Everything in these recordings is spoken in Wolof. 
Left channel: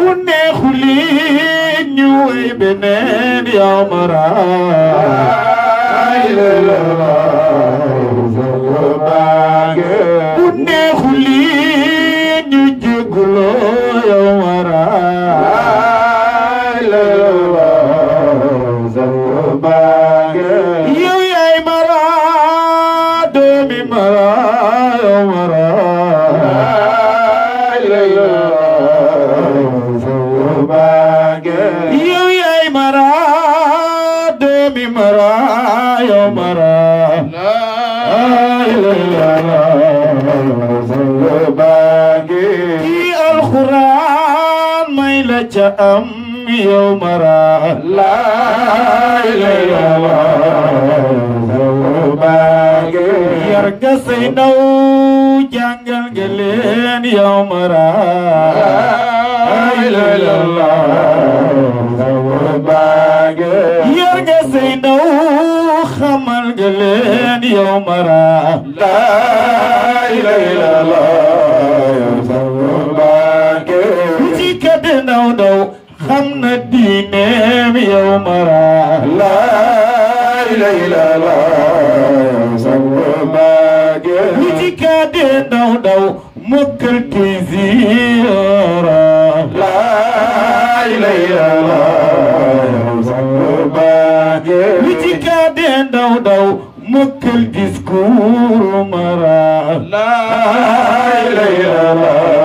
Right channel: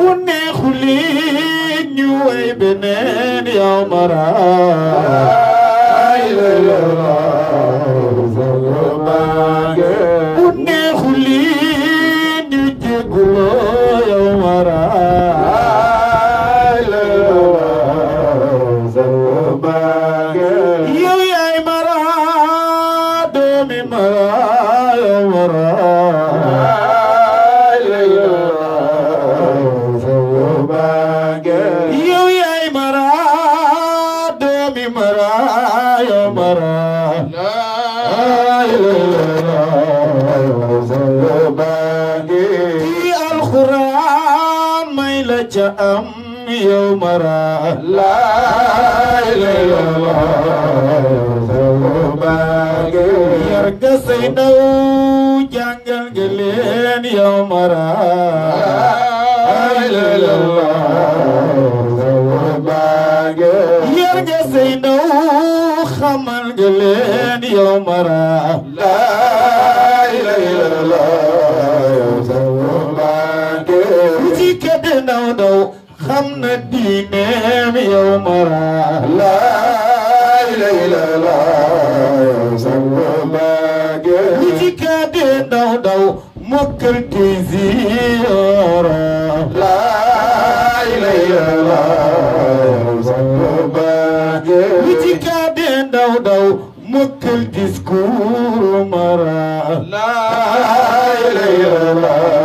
ونخلي نوي بنين يا مرا ونخلي نجيكلو يا مرا يا مرا دومي مرا يا مرا أم يوم را لا إله إلا الله يرجع سينو جانجل جلين يوم را لا إله إلا الله يرجع سينو خمل جلين يوم را لا إله إلا الله نو خمنا الدين يوم را لا إله إلا الله نجيك دينو مكر كزيرا لا إله إلا الله نجيك دينو مكر ديسكور مرا لا إله إلا الله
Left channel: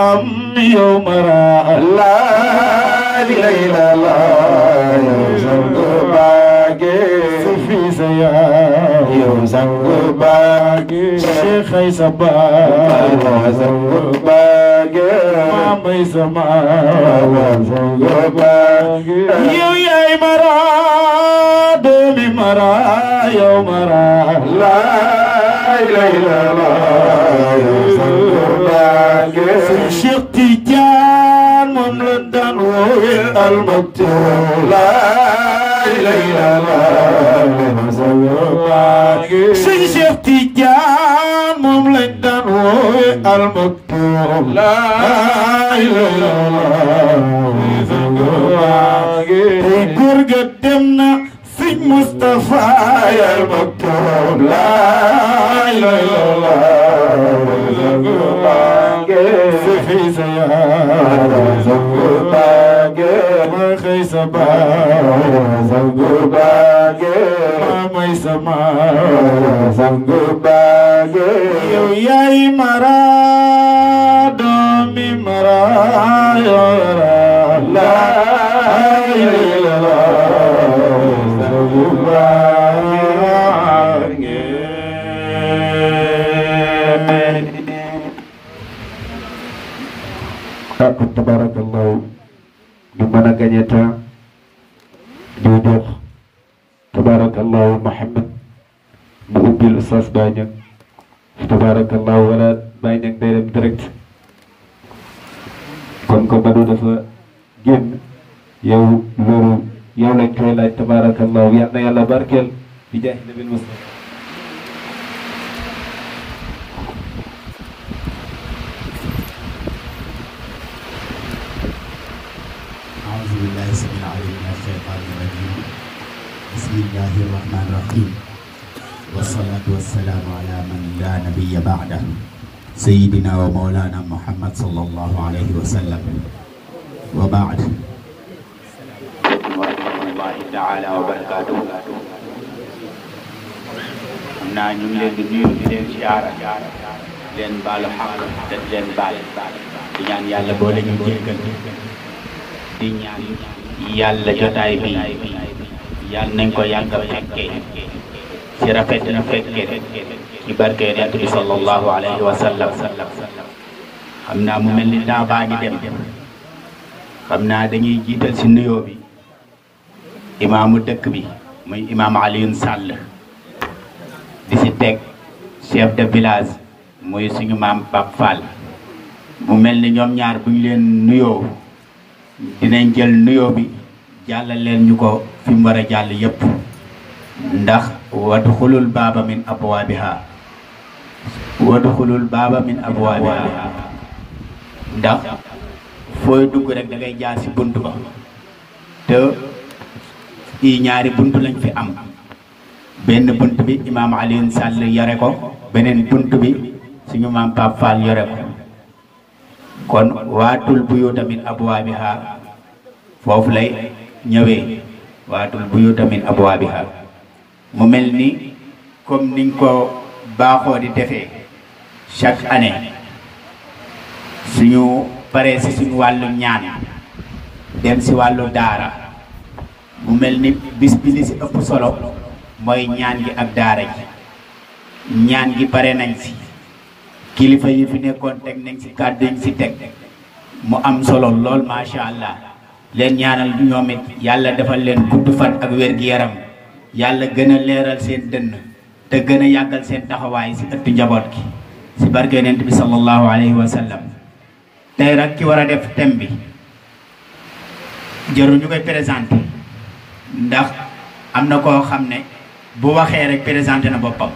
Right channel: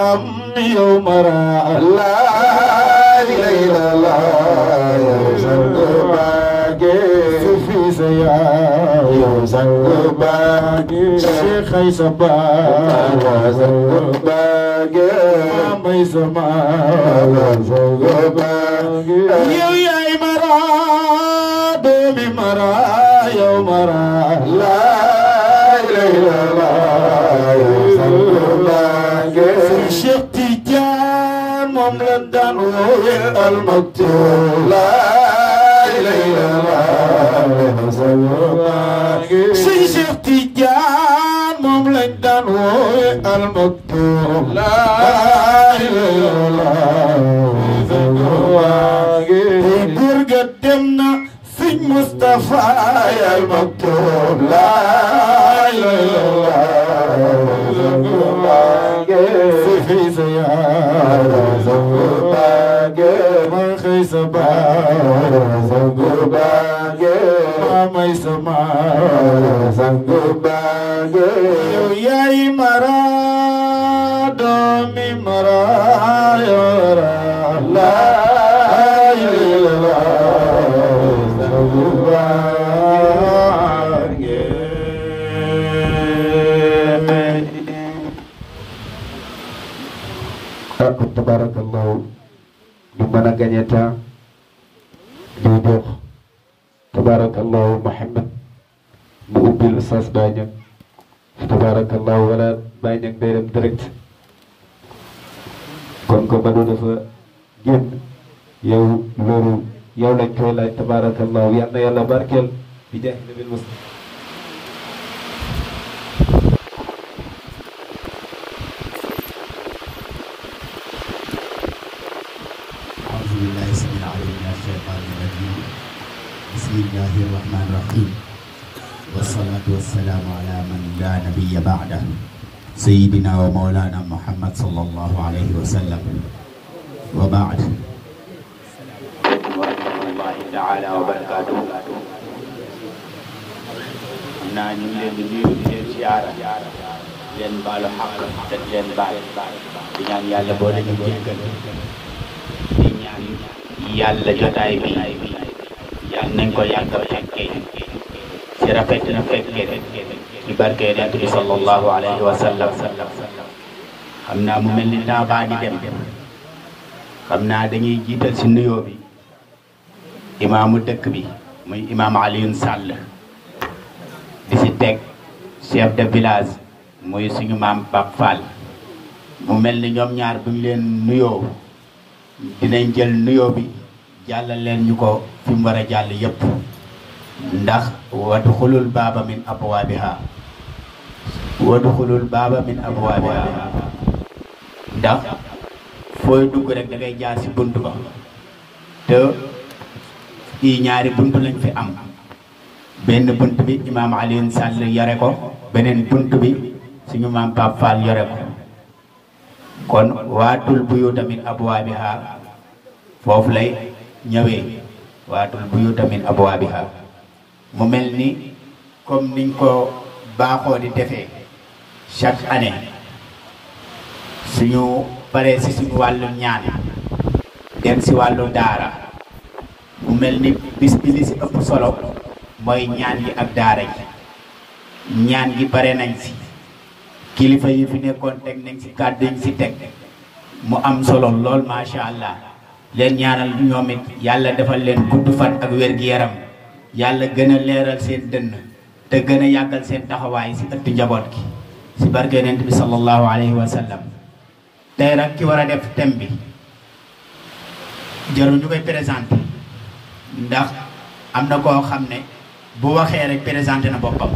أم يوم را لا إله إلا الله في سيا يوم زنباق شيخ سبا زنباق مامي سما زنباق يا مرا دومي مرا يوم را لا إله إلا الله الشيخ تيجان مملدان وويل المكتوب لا إله إلا الله الشيخ تيجان مملدان وويل المكتوب لا إله إلا الله تيجور قدمنا في مصطفى يا المكتوب لا إله إلا الله في سيارة زنباق ما خيس زنباق ما يسمع زنباق يا مرا دومي مرا يورا لا إله إلا tabarakallahu ñu mën a gagné temps ñu jox tabarakallahu Muhammad mu ubbil Oustaz Baye Niang tabarakallahu wala Baye Niang day dem direct kon ko Badou dafa génn yow loolu yow lañ koy laaj tabarakallahu yal na yàlla barkeel bi jaay nabil Mustafa بسم الله الرحمن الرحيم والصلاة والسلام على من لا نبي بعده سيدنا ومولانا محمد صلى الله عليه وسلم وبعد ورحمة الله تعالى وبركاته نانيو لين نيو لين زيارة لين بالو حق لين بال di ñaan yàlla boole ñu jéggal di ñaan yàlla jotaay bi yàlla nañ ko yàgg a fekkee ci rafet na fekkee ci barke Yonent bi sallallahu alayhi wa sallam xam naa mu mel ni daa baa di dem xam naa dañuy jiital ci nuyoo bi imaamu dëkk bi muy imaam Alioune Sall di ci teg chef de village muy suñu maam Pape Fall mu mel ni ñoom ñaar bu ñu leen nuyoo dinañ jël nuyoo bi jàllal leen ñu ko fi mu war a jàll yépp ndax wadxulul baaba min abwaabiha wadxulul baaba min abwaabiha ndax fooy dugg rek da ngay jaar ci bunt ba te i ñaari bunt lañ fi am benn bunt bi imaam Alioune Sall yore ko beneen bunt bi suñu maam Pape Fall yore ko kon waatul buyuuta min abwaabiha foofu lay ñëwee waatul buyuuta min abwaabiha mu mel ni comme niñ ko baaxoo di defee chaque année suñu paree si suñu wàllu ñaan dem si wàllu daara mu mel ni bis bi li si ëpp solo mooy ñaan gi ak daara ji ñaan gi pare nañ si kilifa yi fi nekkoon teg nañ si kàddu yi si teg mu am solo lool macha allah leen ñaanal ñoom it yàlla defal leen gudd fan ak wér-gi-yaram yàlla gën a leeral seen dënn te gën a yàggal seen taxawaay si ëttu njaboot gi si barke Yonent bi sallallahu alayhi wa sallam tey rek ki war a def thème bi jarul ñu koy présenté ndax am na koo xam ne bu waxee rek présenté na boppam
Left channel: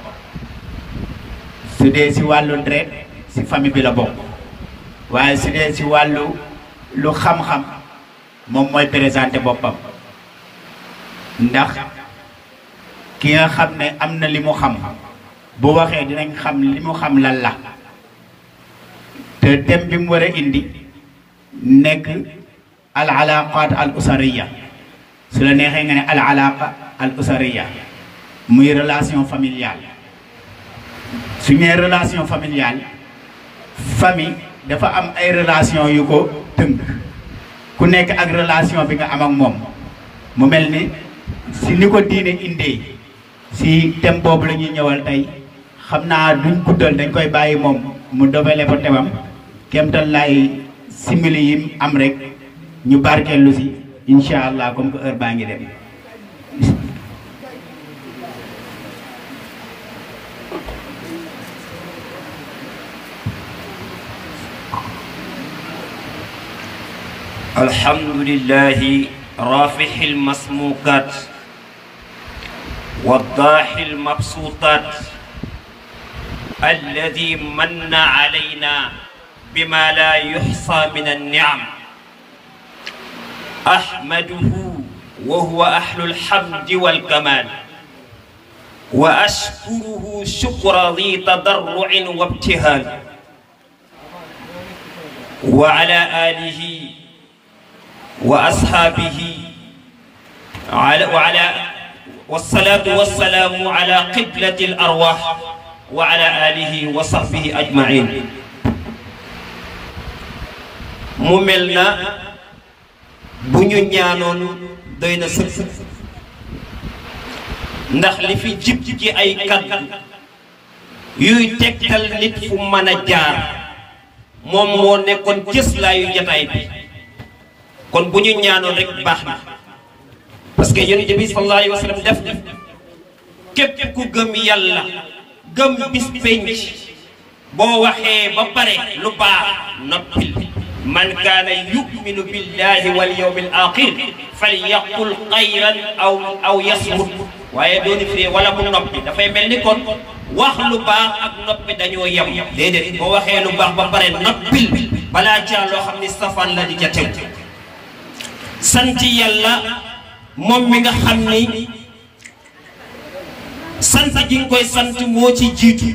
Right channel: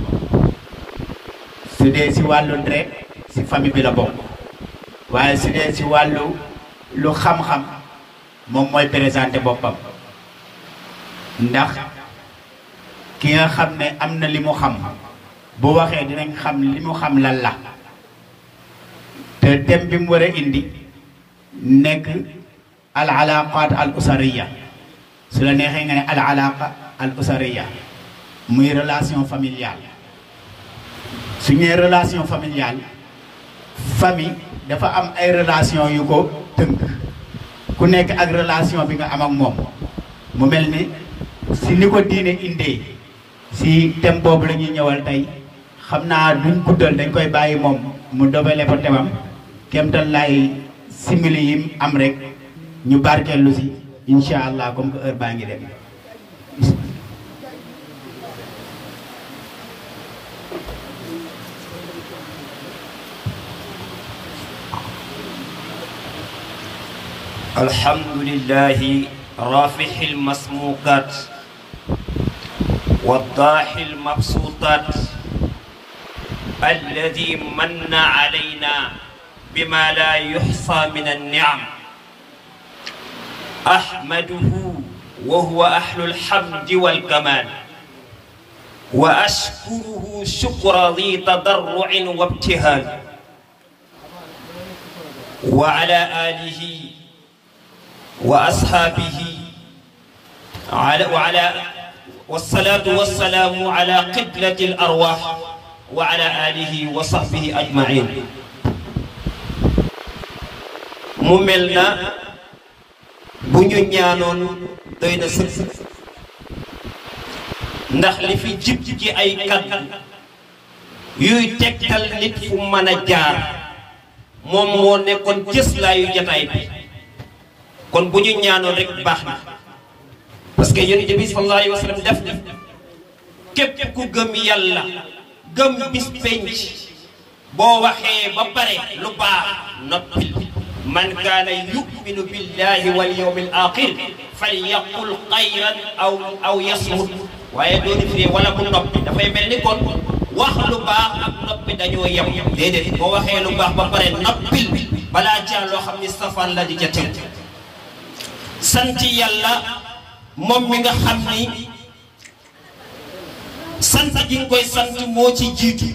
su dee si wàllu deret si famille bi la bokk waaye su dee si wàllu lu xam-xam moom mooy présenté boppam ndax ki nga xam ne am na li mu xam bu waxee dinañ xam li mu xam lan la te thème bi mu war a indi nekk al alaqat al usariya su la neexee nga ne al alaqa al usariya muy relation familiale su ñëwee relation familiale famille dafa am ay relation yu ko tënk ku nekk ak relation bi nga am ak moom mu mel ni si ni ko diine indee si thème boobu la ñuy ñëwal tey xam naa duñ guddal dañ koy bàyyi moom mu dobale ko temam kemtal lay simili yi am rek ñu barkeelu si incha allah comme que heure baa ngi dem alhamdulillahi rafihi almasmukat والضاحي المبسوطات الذي من علينا بما لا يحصى من النعم أحمده وهو أهل الحمد والكمال وأشكره شكر ذي تضرع وابتهال وعلى آله وأصحابه والصلاة والسلام على قبلة الأرواح وعلى آله وصحبه أجمعين مملنا بنيو ñaanon doyna seuk ndax li fi jib ci ay kaddu yuy tektal nit fu mëna jaar mom mo nekkon cëslaayu jotaay bi kon buñu ñaanon rek baxna parce que yonent bi sallallahu alayhi wa sallam def na képp ku gëm yàlla gëm bis penc boo waxee ba pare lu baax noppil man kaana yuminu billahi wal yawmil axir falyaqul xayran aw yasmut waaye doo defee wala mu noppi dafay mel ni kon wax lu baax ak noppi dañoo yem déedéet boo waxee lu baax ba pare noppil balaa caa loo xam ni safaan la di ca tew sant yàlla moom mi nga xam ni sant gi nga koy sant moo ci jiitu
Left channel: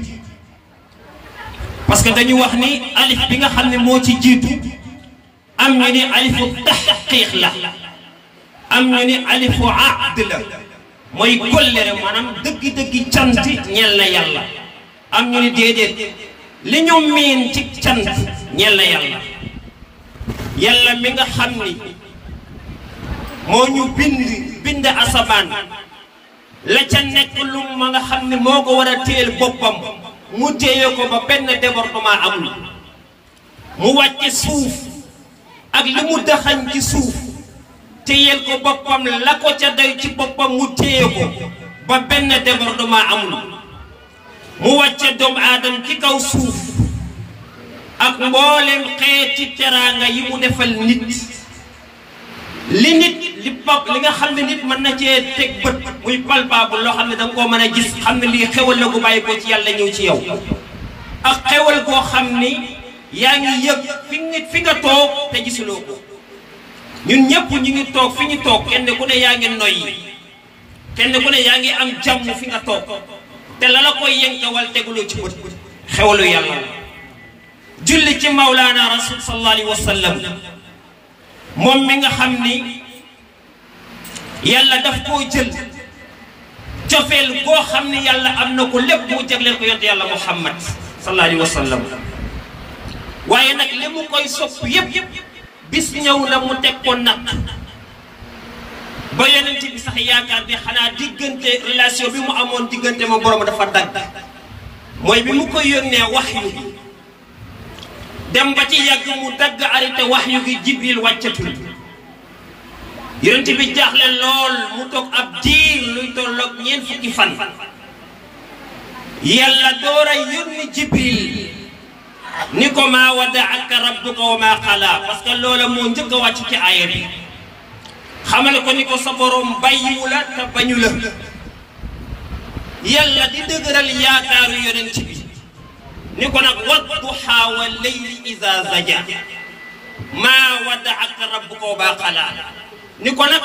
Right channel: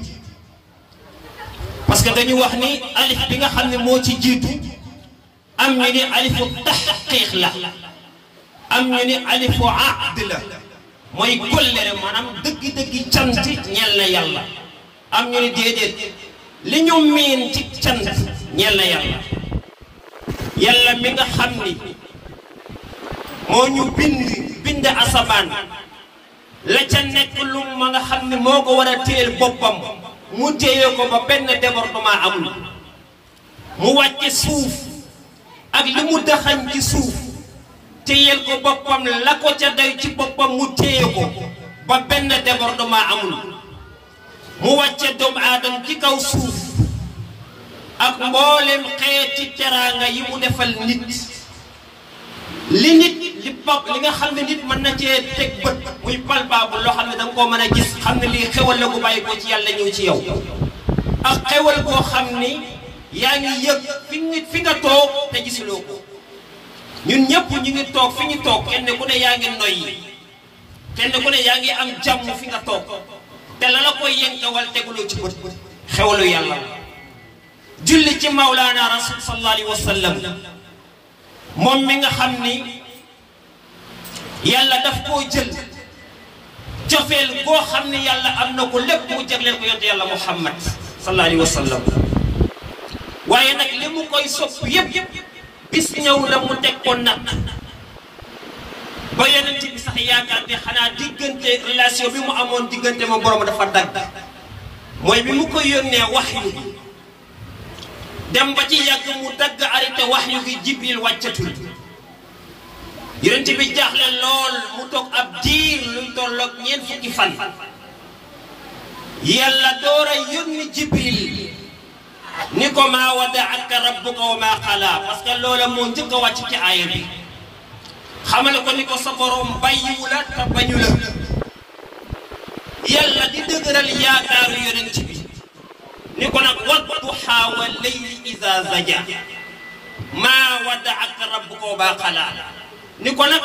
parce que dañu wax ni alif bi nga xam ne moo ci jiitu am ñu ni alifu taxqiq la am ñu ni alifu aqd la mooy kollere maanaam dëgg-dëgg cant ñeel na yàlla am ñu ni déedéet li ñu miin ci cant ñeel na yàlla yàlla mi nga xam ni moo ñu bind asamaan la ca nekk lu ma nga xam ne moo ko war a téyel boppam mu téye ko ba benn débordement amul mu wàcce suuf ak li mu daxañ ci suuf téyel ko boppam la ko ca doy ci boppam mu téye ko ba benn débordement amul mu wàcce doomu aadama ci kaw suuf ak mboolem xeeti teraanga yi mu defal nit li nga xam ne nit mën na cee teg bët muy palpable loo xam ne da nga koo mën a gis xam ne lii xewal la gu bàyyi ko ci yàlla ñëw ci yow ak xewal koo xam ni yaa ngi yëg fi nga toog te gisuloo ko ñun ñëpp ñu ngi toog fi ñu toog kenn ku ne yaa ngi noyyi kenn ku ne yaa ngi am jàmm fi nga toog te la la koy yenkewal teguloo ci bët xewalu yàlla julli ci Mawlaana Rasul sallallahu alayhi wa sallam moom mi nga xam ni yàlla daf koo jël cofeel boo xam ni yàlla am na ko lépp mu jagleel ko yonent yàlla Muhammad sallallahu alayhi wa sallam waaye nag li mu koy sopp yëpp bis ñëw la mu teg ko nag ba yonent bi sax yaakaar bi xanaa diggante relation bi mu amoon diggante ma borom dafa dagg mooy bi mu koy yónnee waxyu bi dem ba ci yàgg mu dagg arrêté waxyu gi Jibril wàccatul yonent bi jaaxle lool mu toog ab diir luy tolloog 4 fukki fan yàlla door a yónni Jibril ni ko maa wadaaka rabbuka wa maa xalaa parce que loola moo njëkk a wàcc ci aaya bi xamale ko ni ko sa borom bàyyiwu la te bañu la yàlla di dëgëral yaakaaru yonent bi ni ko nag wadduhaa wa layli iza zaja maa wadaaka rabbuka wa maa xalaa ni ko nag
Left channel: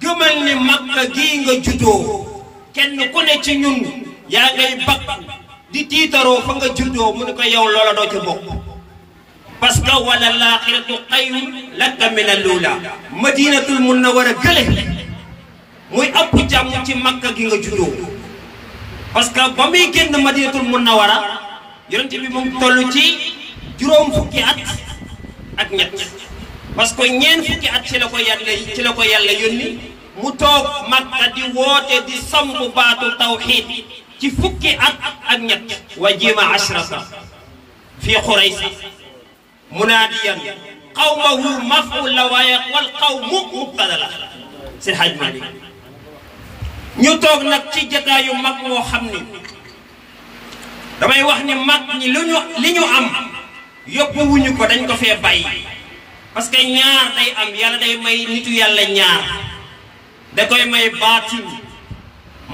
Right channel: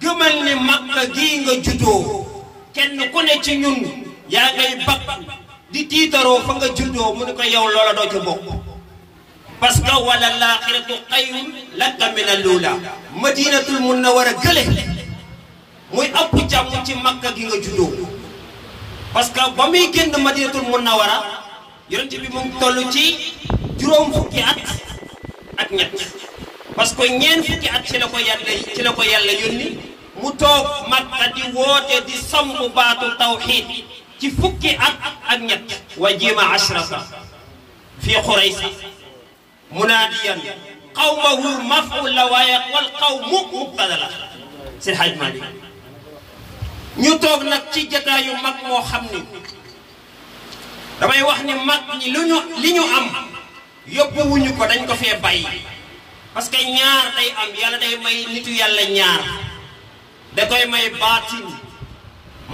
gëmal ni Makka gii nga juddoo kenn ku ne ci ñun yaa ngay bakk di tiitaroo fa nga juddoo mu ni ko yow loola doo ca bokk parce que wala laaxiratu xayrun laka min al-uula madinatul munawwara gële muy ëpp jàmm ci Makka gi nga juddoo parce que ba muy génn madinatul munawwara yonent bi mu toll ci juróom fukki at ak ñett parce que 4 fukki at ci la ko yàlla yónni mu toog Makka di woote di samp baatu tawxiid ci fukki at ak ñett wa jima ashrata fi Quraysh munaadiyan qawmahu maf'ul la waaye wal qawmu mubtada la si Hajj Maalik ñu toog nag ci jataayu mag moo xam ni damay wax ni mag ñi li ñu am yóbbuwuñu ko dañ ko fee bàyyi parce que ñaar day am yàlla day may nitu yàlla ñaar da koy may baatin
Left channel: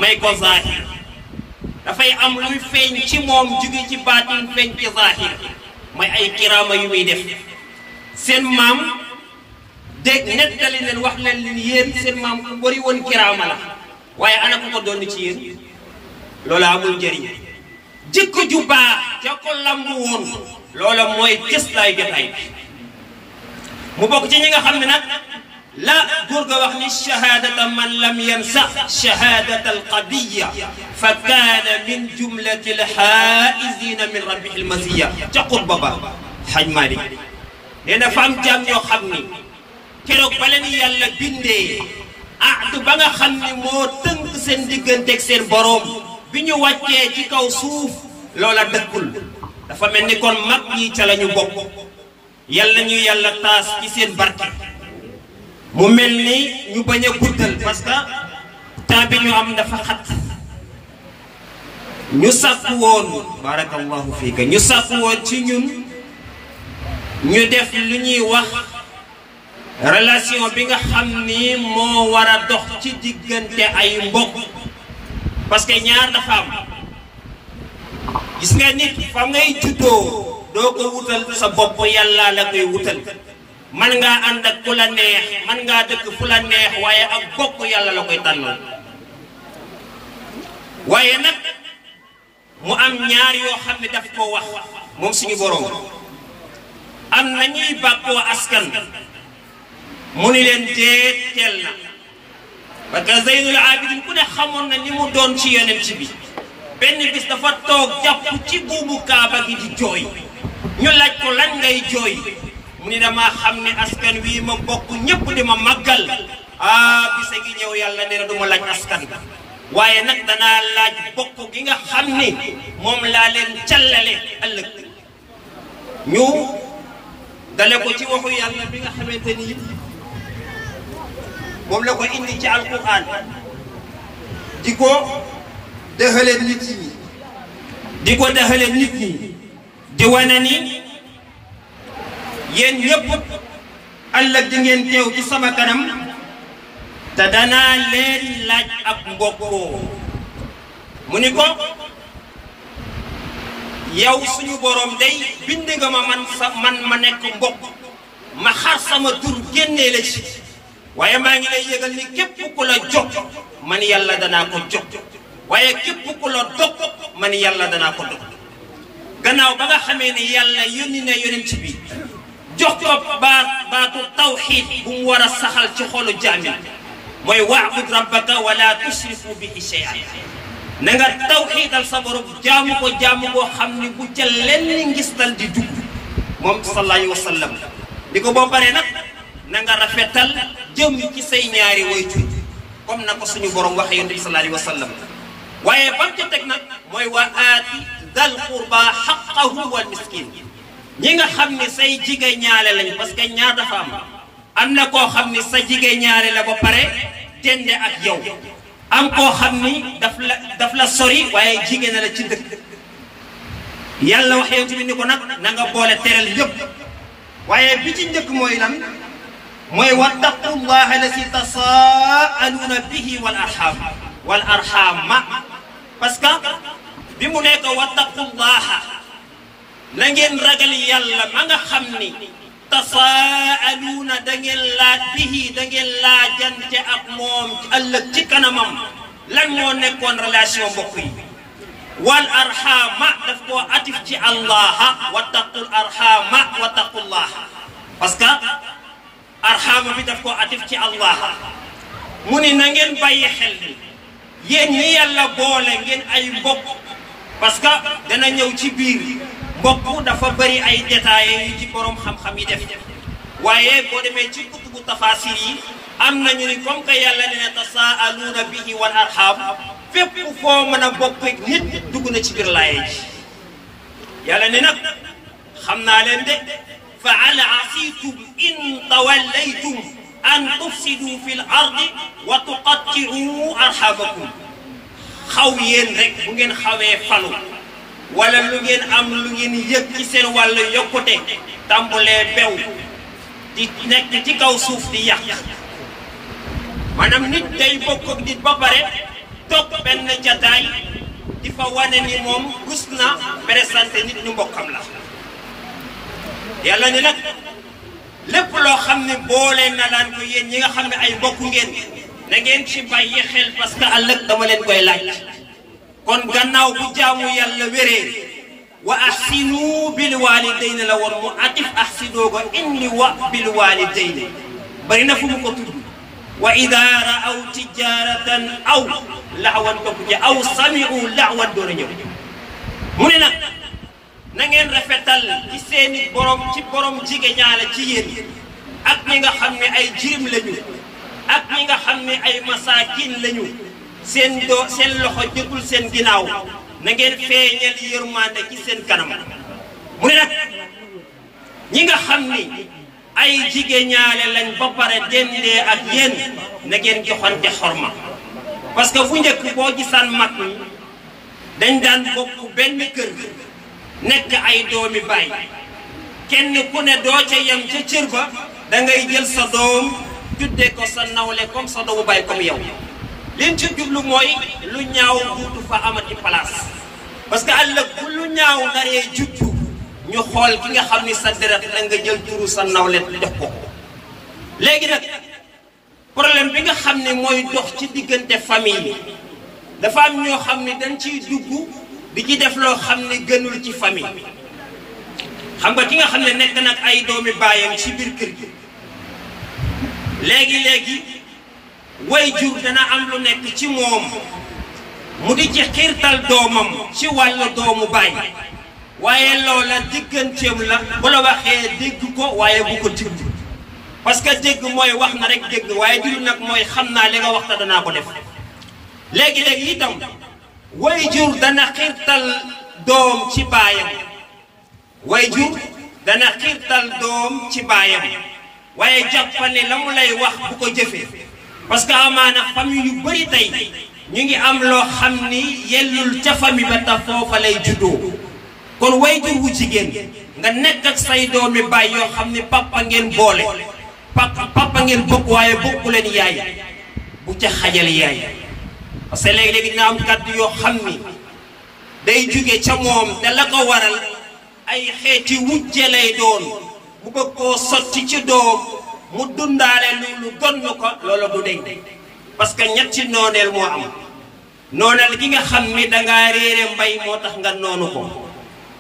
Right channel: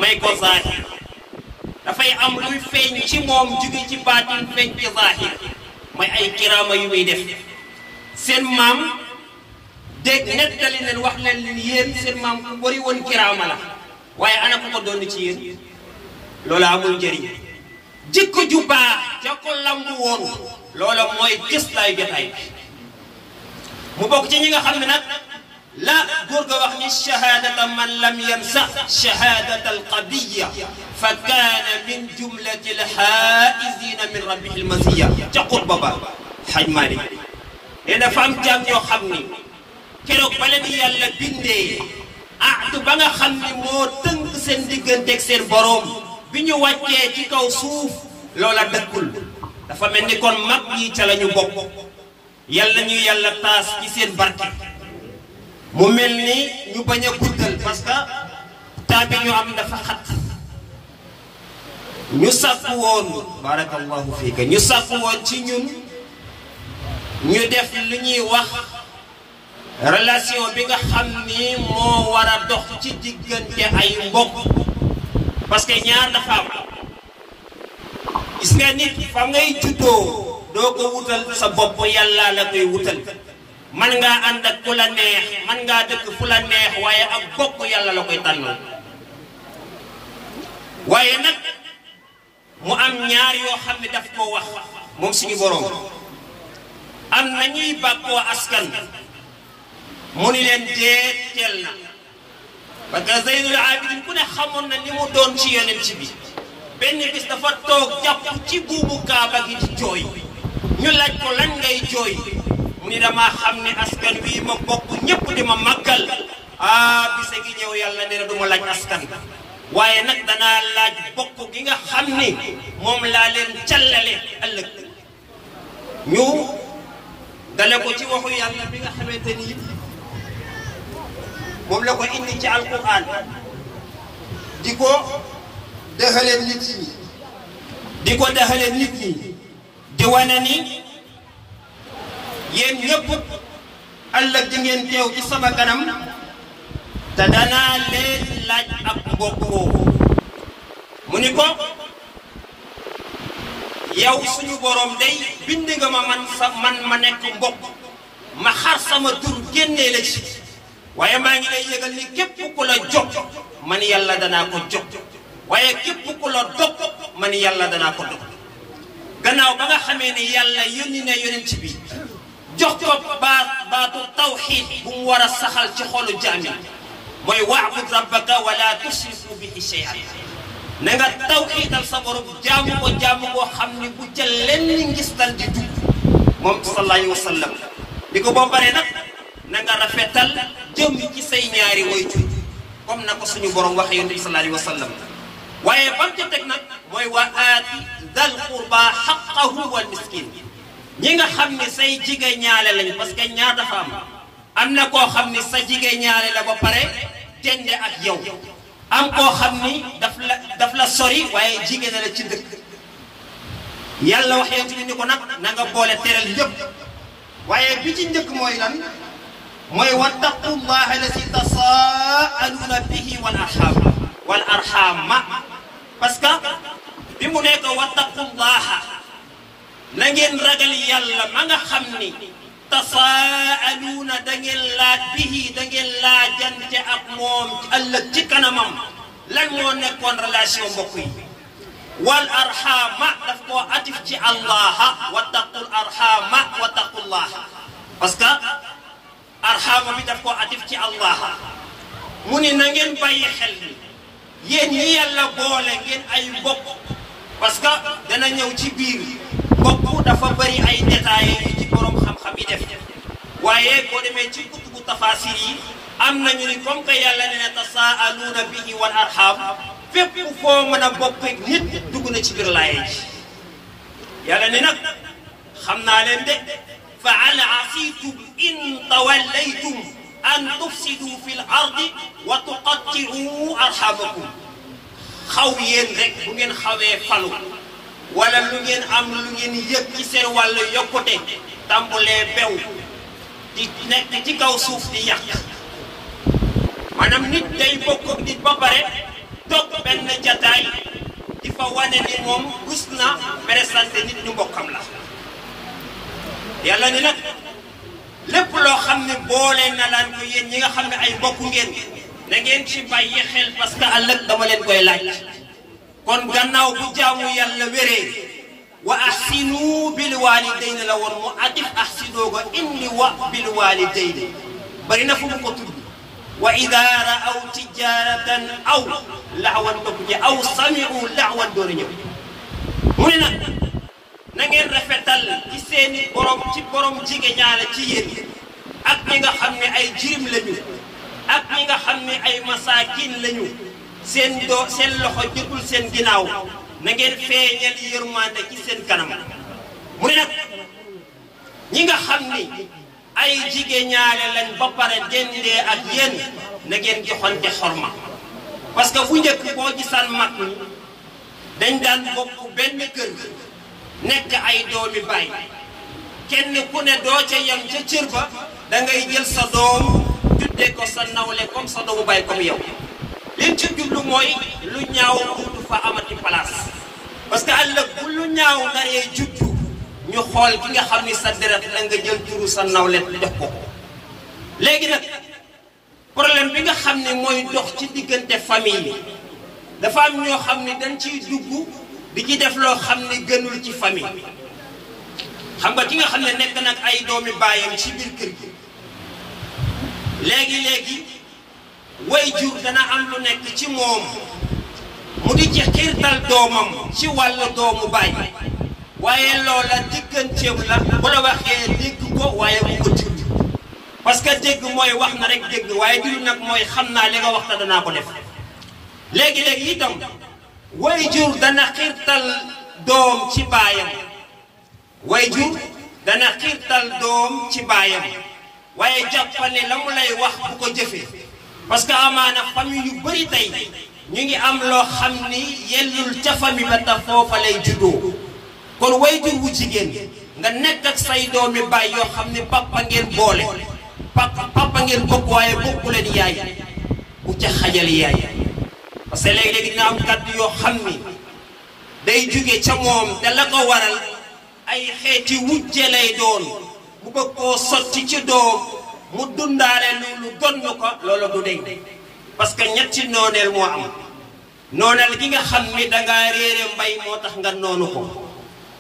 may ko zaahir dafay am luy feeñ ci moom jóge ci baatin feeñ ci zaahir mooy ay kiraama yu muy def seen maam dégg nettali leen wax leen yéen seen maam ku bari woon kiraama la waaye ana ko ko doon ci yéen loolu amul njëriñ jikko ju baax ja ko lambu woon loola mooy gëstaay jotaay mu bokk ci ñi nga xam ne nag la góor ga wax ni shahadata man lam yansa shahadata alqadiya fa kaana min jumlati alxaa'izina min rabbihi almasiya ca xutba ba Haj Maalik nee na fa am jaam ñoo xam ni keroog ba leen yàlla bindee ahd ba nga xam ni moo tënk seen digganteeg seen boroom bi ñu wàccee ci kaw suuf loola dëkkul dafa mel ni kon mag ñi ca la ñu bokk yàlla ñu yàlla taas ci seen barke mu mel ni ñu bañ a guddal parce que temps bi ñu am dafa xat ñu sàkku woon barakallahu fiika ñu sàkku woon ci ñun ñu def lu ñuy wax relation bi nga xam ni moo war a dox ci diggante ay mbokk parce que ñaar dafa am gis nga nit fa ngay juddoo doo ko wutal sa bopp yàlla la koy wutal man ngaa ànd ak ku la neex man ngaa dëkk fu la neex waaye ak bokk yàlla la koy tànnal waaye nag mu am ñaar yoo xam ne daf koo wax moom suñu boroom am na ñuy bàkkoo askan mu ni leen déet teel na parce que Zeynul Abidin ku ne xamoon na ni mu doon ci yonent bi benn bis dafa toog jàpp ci buubu kaaba gi di jooy ñu laaj ko lan ngay jooy mu ni damaa xam ne askan wii ma bokk ñëpp di ma màggal bisa ngi ñëw yàlla nee na du ma laaj askan waaye nag danaa laaj bokk gi nga xam ni moom laa leen callale ëllëg ñu dale ko ci waxu yàlla bi nga xamante ni moom la ko indi ci alquran di ko dexale nit ñi di ko dexale nit ñi di wane ni yéen ñëpp ëllëg di ngeen teew ci sama kanam te danaa leen laaj ak mbokkoo mu ni ko yow suñu borom day bind nga ma man ma nekk mbokk ma xar sama tur génnee la ci waaye maa ngi lay yëgal ni képp ku la jog man yàlla danaa ko jog waaye képp ku la dog man yàlla danaa ko dog gannaaw ba nga xamee ni yàlla yónni na yonent bi jox ko baatu tawxiid bu mu war a saxal ci xolu jaami mooy wa'bud rabbaka wala tushriku bihi shay'an na nga tawxiidal sa borom jaamu boo xam ni bu ca lenn ngistal di dugg moom sallallahu alayhi wa sallam ni ko boo paree nag na nga rafetal jëm ci say ñaari wayjur comme na ko suñu borom waxee yonent bi sallallahu alayhi wa sallam waaye bam ca teg nag mooy wa aati dal qurba haqqahu wal miskin ñi nga xam ne say jigéen ñaale lañ parce que ñaar dafa am na koo xam ne sa jigéen ñaale la ba pare tende ak yow am koo xam ni daf la sori waaye jigéen la ci dëkk yàlla wax yow tamit ni ko nag na nga boole teral ñëpp waaye bi ci njëkk mooy lan mooy wattaqullaha allati tasaaluuna bihi wal arhama parce que bi mu nekk wattaqullaha na ngeen ragal yàlla ma nga xam ni tasaaluuna da ngeen laaj bihi da ngeen laajante ak moom ëllëg ci kanamam lan moo nekkoon relation mbokk yi wal arhama daf koo atif ci allaha wattaqul arhama wattaqullaha parce que arhama bi daf koo atif ci allaha mu ni na ngeen bàyyi xel ni yéen ñi yàlla boole ngeen ay mbokk parce que dana ñëw ci biir mbokk dafa bëri ay détails yu ci borom xam-xam yi def waaye boo demee ci kutubu tafasir yi am nañu ni comme que yàlla nee na tasaaluuna bihi wal arham fépp foo mën a bokk nit dugg na ci biir laaye ji yàlla ne nag xam naa leen de fa hal asiitum in tawallaytum an tufsidu fil ardi wa tuqatti'u arhamakum xaw yéen rek bu ngeen xawee falu wala lu ngeen am lu ngeen yëg ci seen wàllu yokkute tàmbulee bew di nekk ci kaw suuf di yàq maanaam nit day bokk ak nit ba pare toog benn jataay di fa wane ni moom rus na présenté nit ñu mbokkam la yàlla ni nag lépp loo xam ne boole na laan ko yéen ñi nga xam ne ay mbokk ngeen na ngeen ci bàyyi xel parce que ëllëg dama leen koy laaj kon gannaaw bu jaamu yàlla wéree wa ahsinu bil walidayni la woon mu atif ahsinoo ko inni wa bil walidayni bari na fu mu ko tudd wa ida raaw tijaratan aw laxwan topp ci aw samiu laxwan doon a ñëw mu ne nag na ngeen rafetal ci seeni borom ci borom jigéen ñaale ci yéen ak ñi nga xam ne ay jirim lañu ak ñi nga xam ne ay masaakin lañu seen loxo jotul seen ginnaaw na ngeen feeñal yërmande ci seen kanam mu ne nag ñi nga xam ni ay jigéen ñaale lañ ba pare dendee ak yéen na ngeen joxante xorma parce que bu njëkk boo gisaan mag ñi dañ daan bokk benn kër nekk ay doomi baay kenn ku ne doo ca yem ca cër ba da ngay jël sa doom tuddee ko sa nawle comme sa doomu baay comme yow liñ ci jublu mooy lu ñaaw duutu fa amati place parce que ëllëg bu lu ñaaw naree juddu ñu xool ki nga xam ni sa deret da nga jël turu sa nawle jox ko léegi nag problème bi nga xam ne mooy dox ci diggante famille dafa am ñoo xam ne dañ ciy dugg di ci def loo xam ne gënul ci famille xam nga ki nga xam ne nekk nag ay doomi baayam ci biir kër gi léegi way jur dana am lu nekk ci moom mu di ci xiirtal doomam ci wàllu doomu baay waaye loola digganteem la bu la waxee dégg ko waaye bu ko dégg parce que dégg mooy wax na rek dégg waaye dégg nag mooy xam naa li nga wax te danaa ko def léegi itam way jur dana xiirtal doom ci baayam way jur dana xiirtal doom ci baayam waaye jàppane la mu lay wax bu ko jëfee parce que amaana famille yu bëri tey ñu ngi am loo xam ni yellul ca famille ba ta foofa lay juddoo kon way jur wu jigéen nga nekk ak say doomi baay yoo xam ne papa ngeen boole papa ngeen bokk waaye bokku leen yaay bu ca xajal yaay parce que léegi-léegi dina am kàddu yoo xam ni day jóge ca moom te la ko waral ay xeeti wujje lay doon mu bëgg koo sotti ci doom mu dundaale loolu donn ko loolu du deñ parce que ñetti nooneel moo am nooneel gi nga xam ni dangaa réere mbay moo tax nga noonu ko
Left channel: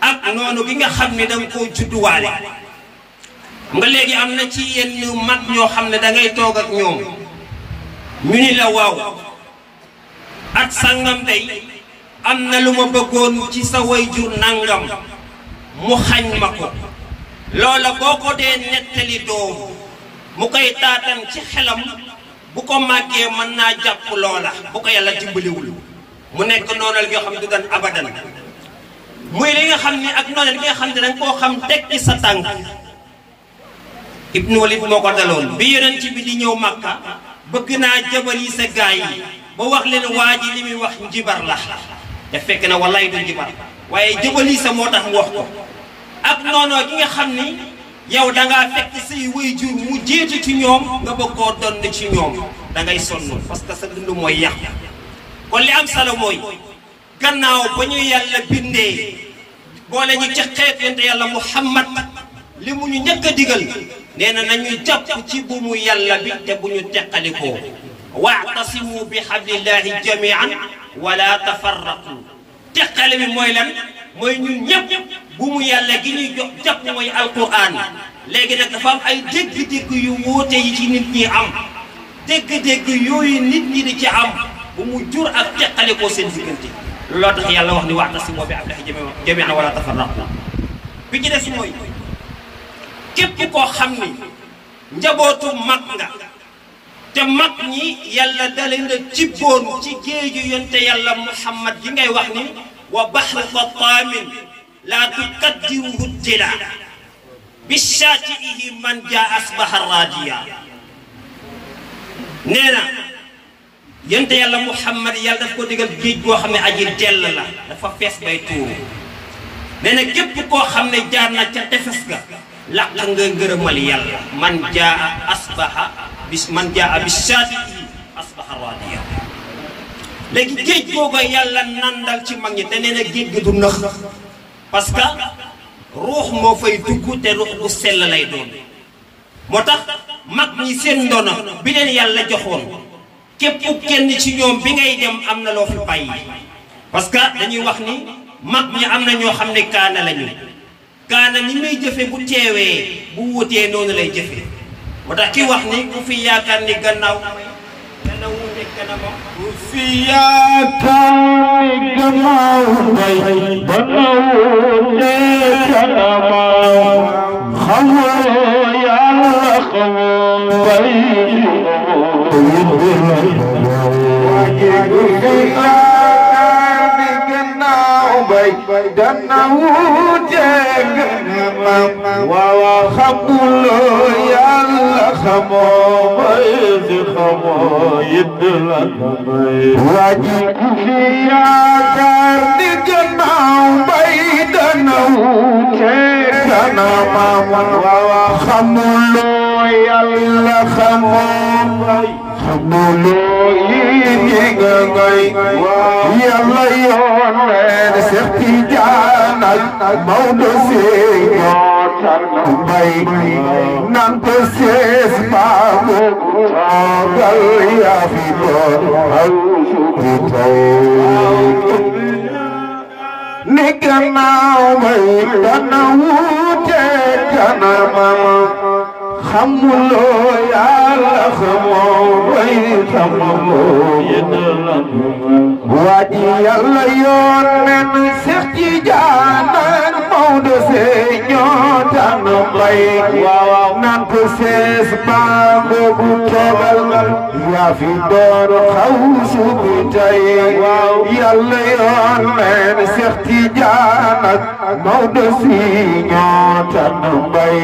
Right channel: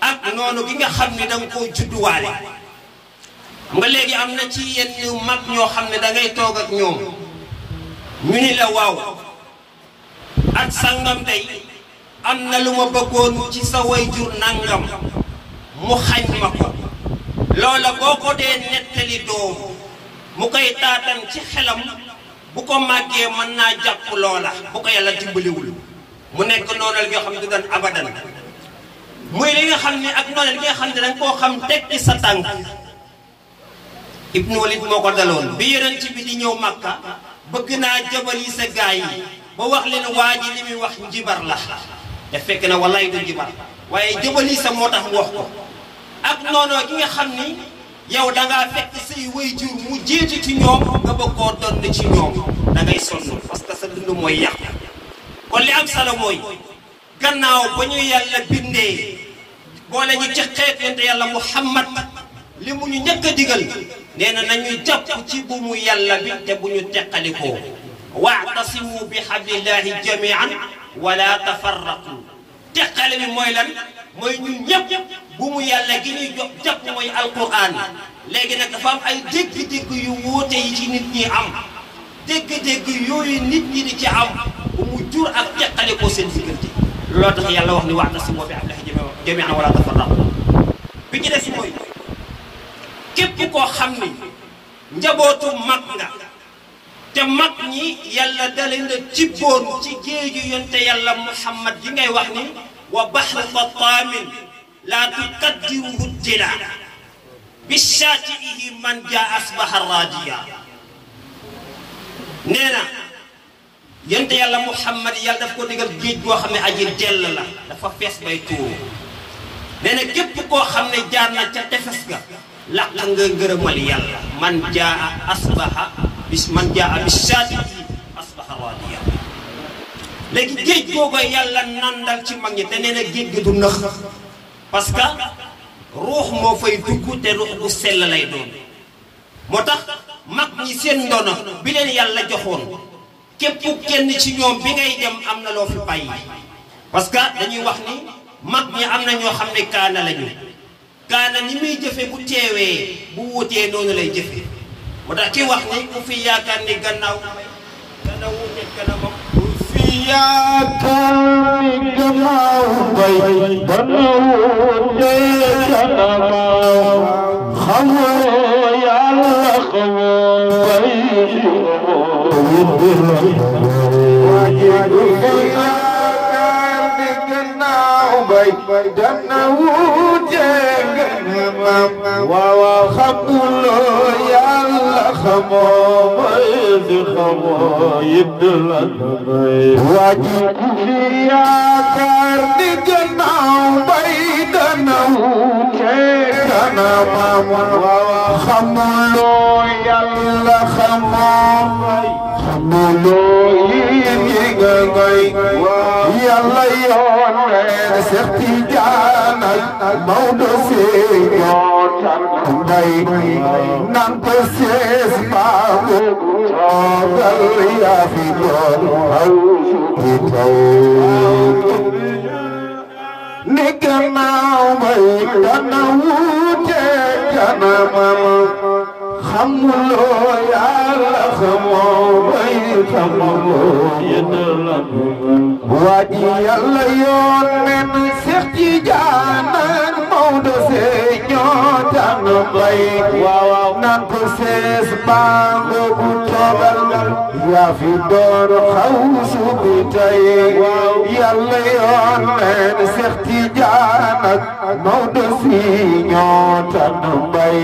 ak noonu gi nga xam ni danga koo judduwaale nga léegi am na ci yenn mag ñoo xam ne dangay toog ak ñoom ñu ni la waaw ak sangam tey am na lu ma bëggoon ci sa wayjur nangam mu xañ ma ko loola boo ko dee nettali doom mu koy taatan ci xelam bu ko màggee mën naa jàpp loola bu ko yàlla dimbaliwul mu nekk noonal gi nga xam ne du doon abadan muy li nga xam ne ak noonal gi nga xam ne danga koo xam tekki sa tànk Ibnu Walid moo ko daloon bi yonent bi di ñëw Makka bëgg naa jabal yi sa gaay yi ba wax leen waa ji li muy wax njibar la te fekk na wallaay du njibar waaye jabal yi sa moo tax wax ko ak noonoo gi nga xam ni yow dangaa fekk say waajur mu jiitu ci ñoom nga bëgg koo donn ci ñoom da ngay sonn parce que sa dund mooy yàq kon li am solo mooy gannaaw ba ñu yàlla bindee boole ñu ci xeet yonent yàlla Muhammad li mu ñu njëkk a digal nee na nañu jàpp ci bu mu yàlla bi te bu ñu teqalikoo wa'tasimu bi hablillahi jami'an wala tafarraqu teqale bi mooy lan mooy ñun ñëpp bu mu yàlla gi ñuy jox jàpp mooy alquran léegi nag dafa am ay dégg-dégg yu wuute yi ci nit ñi am dégg-dégg yooyu nit ñi di ci am bu mu jur ak teqalikoo seen diggante loolu tax yàlla wax ni wa'tasimu bi hablillahi jami'an wala tafarraqu bi ci des mooy képp koo xam ni njabootu mag nga te mag ñi yàlla dale na jibboon ci géeju yonte yàlla Muhammad yi ngay wax ni wa bahru xataamin laa tuqaddiruhu tila bi shaati'ihi man jaa asbaha rajiya nee na yonte yàlla Muhammad yàlla daf ko digal géej goo xam ne aji dell la dafa fees bay tuuru nee na képp koo xam ne jaar na ca tefes ga laq nga ngërëmal yàlla man jaa asbaha man jaa bi shaati'ihi asbaha raadiya léegi géej googu yàlla nandal ci mag ñi te nee na géej gi du nëx parce que ruux moo fay dugg te ruux bu sell lay doon moo tax mag ñi seen ndono bi leen yàlla joxoon képp kenn ci ñoom bi ngay dem am na loo fi bàyyi parce que dañuy wax ni mag ñi am na ñoo xam ne kaana lañu kaana ni muy jëfe bu teewee bu wutee noonu lay jëfe moo tax ki wax ni ku fi yaakaar ni gannaaw dana wute kanamam ku fi yaakaar ni gannaaw bay dana wute kanamam xamoo yàlla xamoo bay dana wute kanamam waaw xamuloo yàlla xamoo bay di xamoo yëdd la bay waaji ku fi yaakaar ni gannaaw bay dana wute kanamam waaw xamuloo yàlla xamoo bay xamuloo yi nga bay yàlla yoon leen Seex Tijaan ak Maodo Sey ñoo tànn mbay nan ko sees baabu toogal yaa fi doon aw bi tey ni gannaaw bay dana wuute kanamam xamuloo yàlla xamoo bay xamuloo yéen la waaji yàlla yoon nen Seex Tijaan ak Maodo Sey ñoo tànn mbay waaw nan ko sees baabu toogal yaa fi doon xawsu bi tey yàlla yoon nen Seex Tijaan ak Maodo Sey ñoo tànn mbay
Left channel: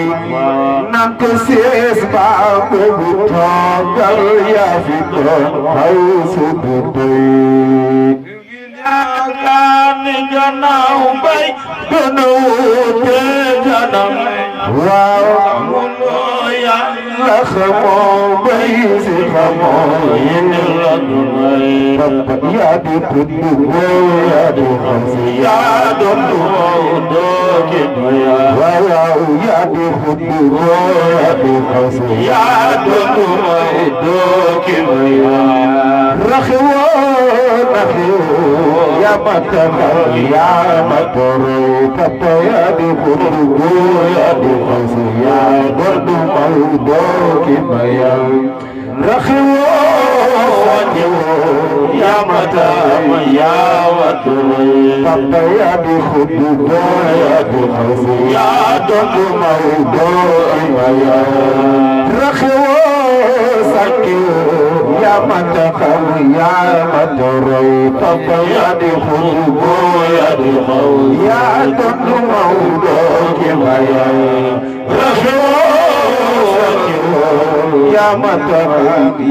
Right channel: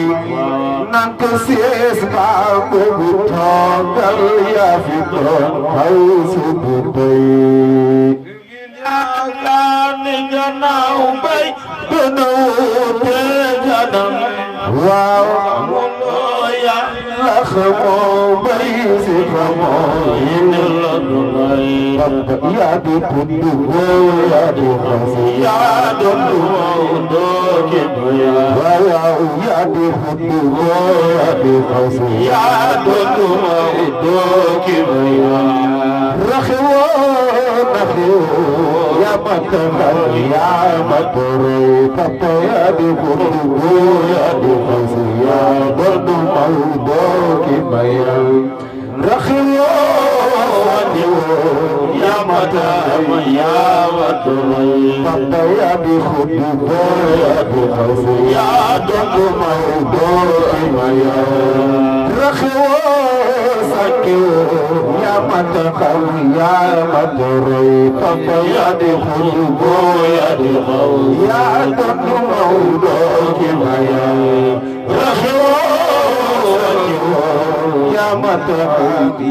nan ko sees baabu toogal yaa fi doon xawsu bi tey kaani gannaaw bay gën a wuute kanam waaw moo yàlla xamoo bay si xamoo yi la du may yaa di tudd yaa di xasi yaa doon du maw dooki waaw yaa di tudd yaa di xasi yaa doon du maw dooki يا متكر يا متر كتا يا دي خطو يا دي خسي يا برد موضوك ميال رخو يا متر يا متر كتا يا دي خطو يا دي خسي يا برد موضوك ميال رخو يا متكر يا متر كتا يا دي خطو يا دي خسي يا برد موضوك ميال رخو يا متر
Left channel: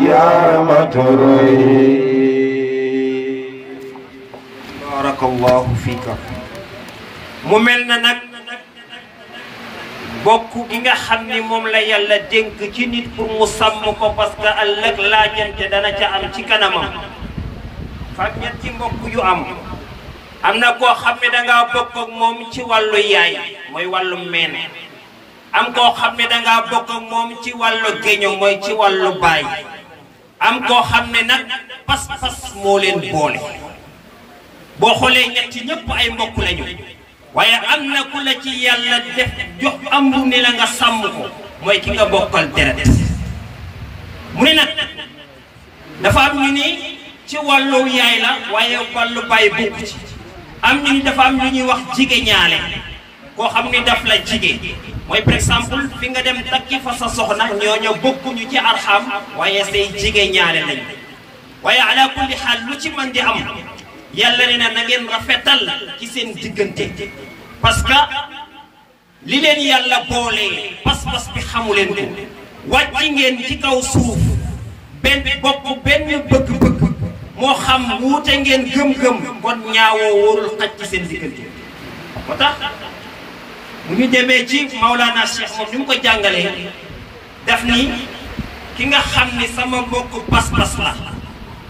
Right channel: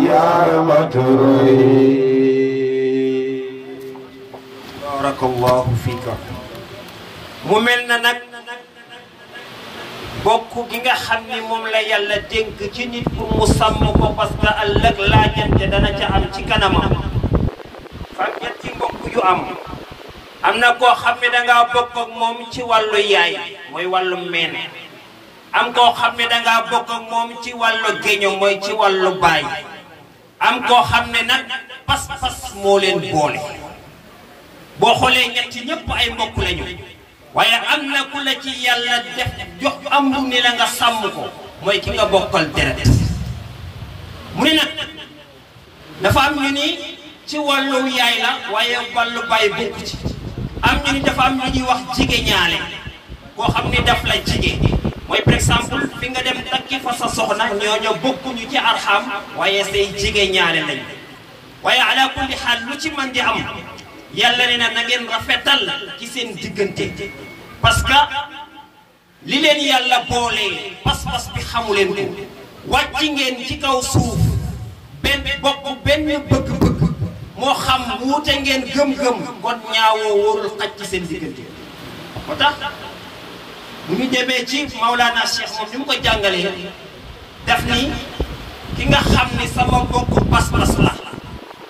يا متر بارك الله فيك mu mel na nag bokk gi nga xam ni moom la yàlla dénk ci nit pour mu sàmm ko parce que ëllëg laajante dana ca am ci kanamam fam ñetti mbokk yu am na koo xam ne dangaa bokk ak moom ci wàllu yaay mooy wàllu meen am koo xam ne dangaa bokk ak moom ci wàllu géño mooy ci wàllu baay am koo xam ne nag pas-pas moo leen boole boo xoolee ñetti ñëpp ay mbokk lañu waaye am na ku la ci yàlla def jox am ni la nga sàmm ko mooy ki nga bokkal deret mu ne nag dafa am ñu ni ci wàllu yaay la waaye wàllu baay bokk ci am ñu ni dafa am lu ñuy wax jige ñaale koo xam ni daf la jige mooy par exemple fi nga dem takki fa sa soxna ñooñu bokkuñu ci arxam waaye say jige ñaale lañu waaye ala kulli xaal lu ci mën di am yàlla ne na ngeen rafetal ci seen diggante parce que li leen yàlla boolee pas-pas bi xamu leen ko wàcc ngeen ci kaw suuf benn bokk benn bëgg-bëgg moo xam wuute ngeen gëm-gëm kon ñaawoo wóorul xaj ci seen diggante moo tax mu ñu demee ci Maulana Cheikh moom ni mu ko jàngalee daf ni ki nga xam ni sama bokk pas-pas la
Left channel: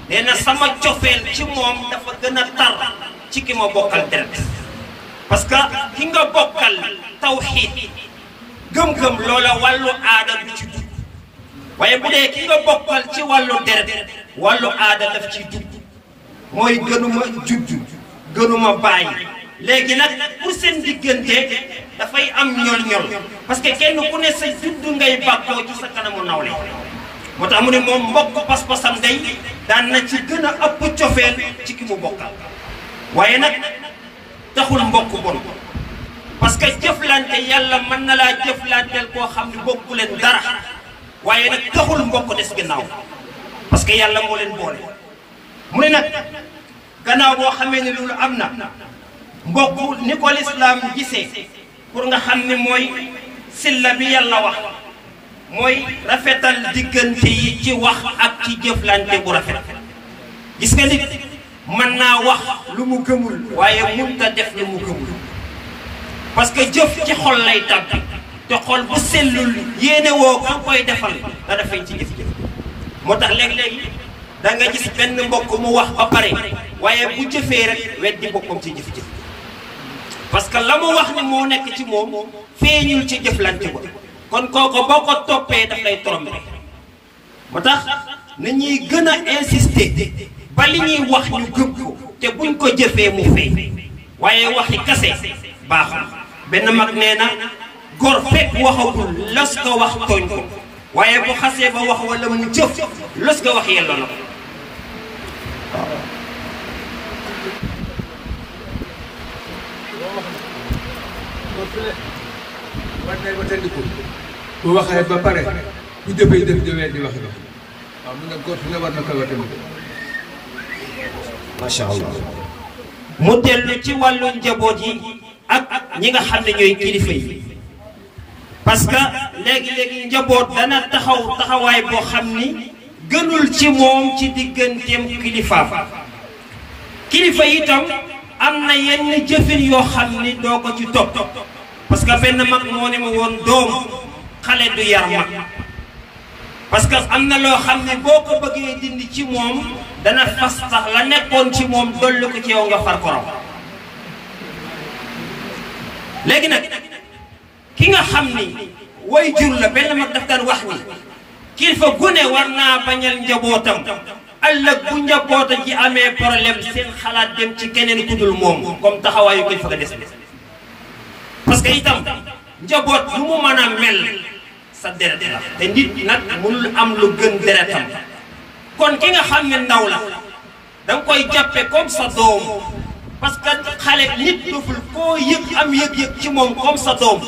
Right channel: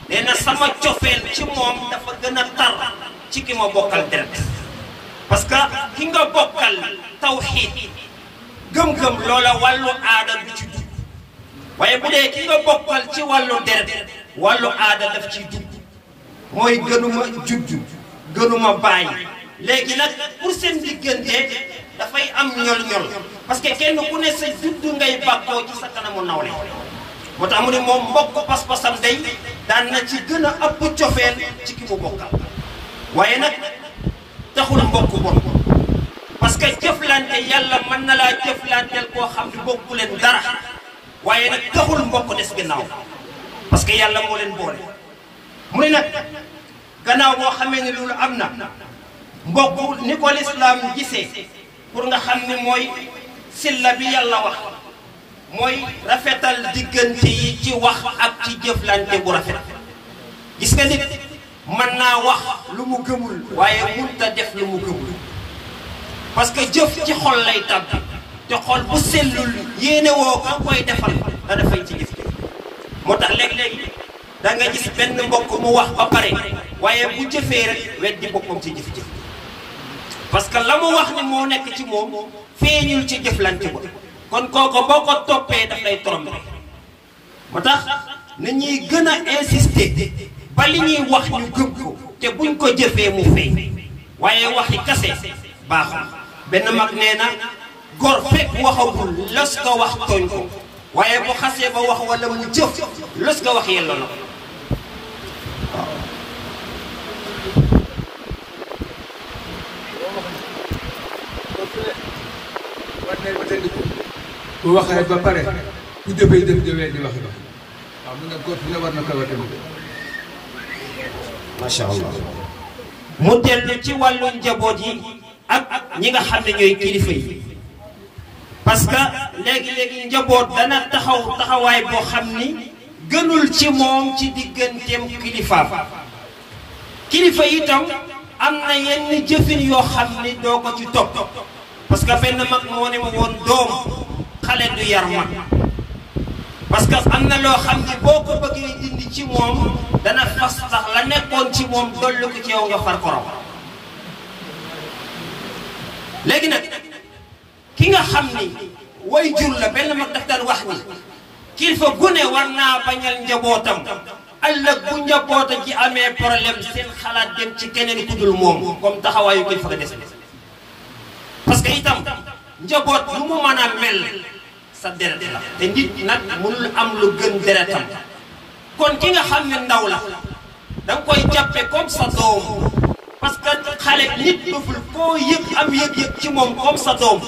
nee na sama cofeel ci moom dafa gën a tar ci ki ma bokkal deret parce que ki nga bokkal tawxiid gëm-gëm loola wàllu aada du ci dugg waaye bu dee ki nga bokkal ci wàllu deret wàllu aada daf ciy dugg mooy gënuma judd gënuma bàyyi léegi nag pour seen diggante dafay am ñol-ñol parce que kenn ku ne sa judd ngay bàkkoo ci sa kanamu nawle moo tax mu ne moom mbokk pas-pasam day daan na ci gën a ëpp cofeel ci ki mu bokkal waaye nag taxul mbokk bon parce que jëflante yàlla mën na laa jëflanteel koo xam ne bokku leen dara waaye nag taxul mbokk des gannaaw parce que yàlla moo leen boole mu ne nag gannaaw boo xamee ne loolu am na mbokk ni ko lislaam gisee pour nga xam ne mooy silla bi yàlla wax mooy rafetal diggante yi ci wax ak ci jëflante bu rafet gis nga nit mën naa wax lu mu gëmul waaye mënta def lu mu gëmul parce que jëf ci xol lay tàbbi te xol bu sellul yéene woo ka koy defal nga dafay ci jëf-jëf moo tax léeg-léegi da nga gis benn mbokk mu wax ba pare waaye bu jëfee rek weddi boppam ci jëf-jëf parce que la mu wax ni moo nekk ci moom feeñul ci jëflante ba kon kooku boo ko toppee daf lay trompé moo tax na ñuy gën a insister ba li ñuy wax ñu gëm ko te buñ ko jëfee mu feeñ waaye waxi kase baaxul benn mag nee na góor fekk waxagul los ko wax tooñ ko waaye bu xasee ba wax wala mu jëf los ko wax yelloo na ko bu waxee ba pare bu jëfee jëf jëfee di waxi wax waaw mu ne góor la war na koy wattandiku macha allah mu dellu ci wàllu njaboot yi ak ñi nga xam ne ñooy kilifa yi parce que léegi-léegi njaboot dana taxaw taxawaay boo xam ni gënul ci moom ci digganteem kilifaam kilifa itam am na yenn jëfin yoo xam ni doo ko ci topp parce que benn mag moo ni ma woon doom xale du yar mag parce que am na loo xam ne boo ko bëggee dindi ci moom dana fas tax la nekkoon ci moom dolli ko ci yow nga far ko raw léegi nag ki nga xam ni way jur la benn mag daf daan wax ni kilifa gu ne war naa bañal njabootam ëllëg bu njaboota ji amee problème seen xalaat dem ci keneen ku dul moom comme taxawaayu kilifa ga des parce que itam njaboot lu mu mën a mel sa deret la te nit nag mënul am lu gën deretam kon ki nga xam ne ndaw la danga koy jàppe comme sa doom parce que xale nit doful koo yëg am yëg-yëg ci moom comme sa doom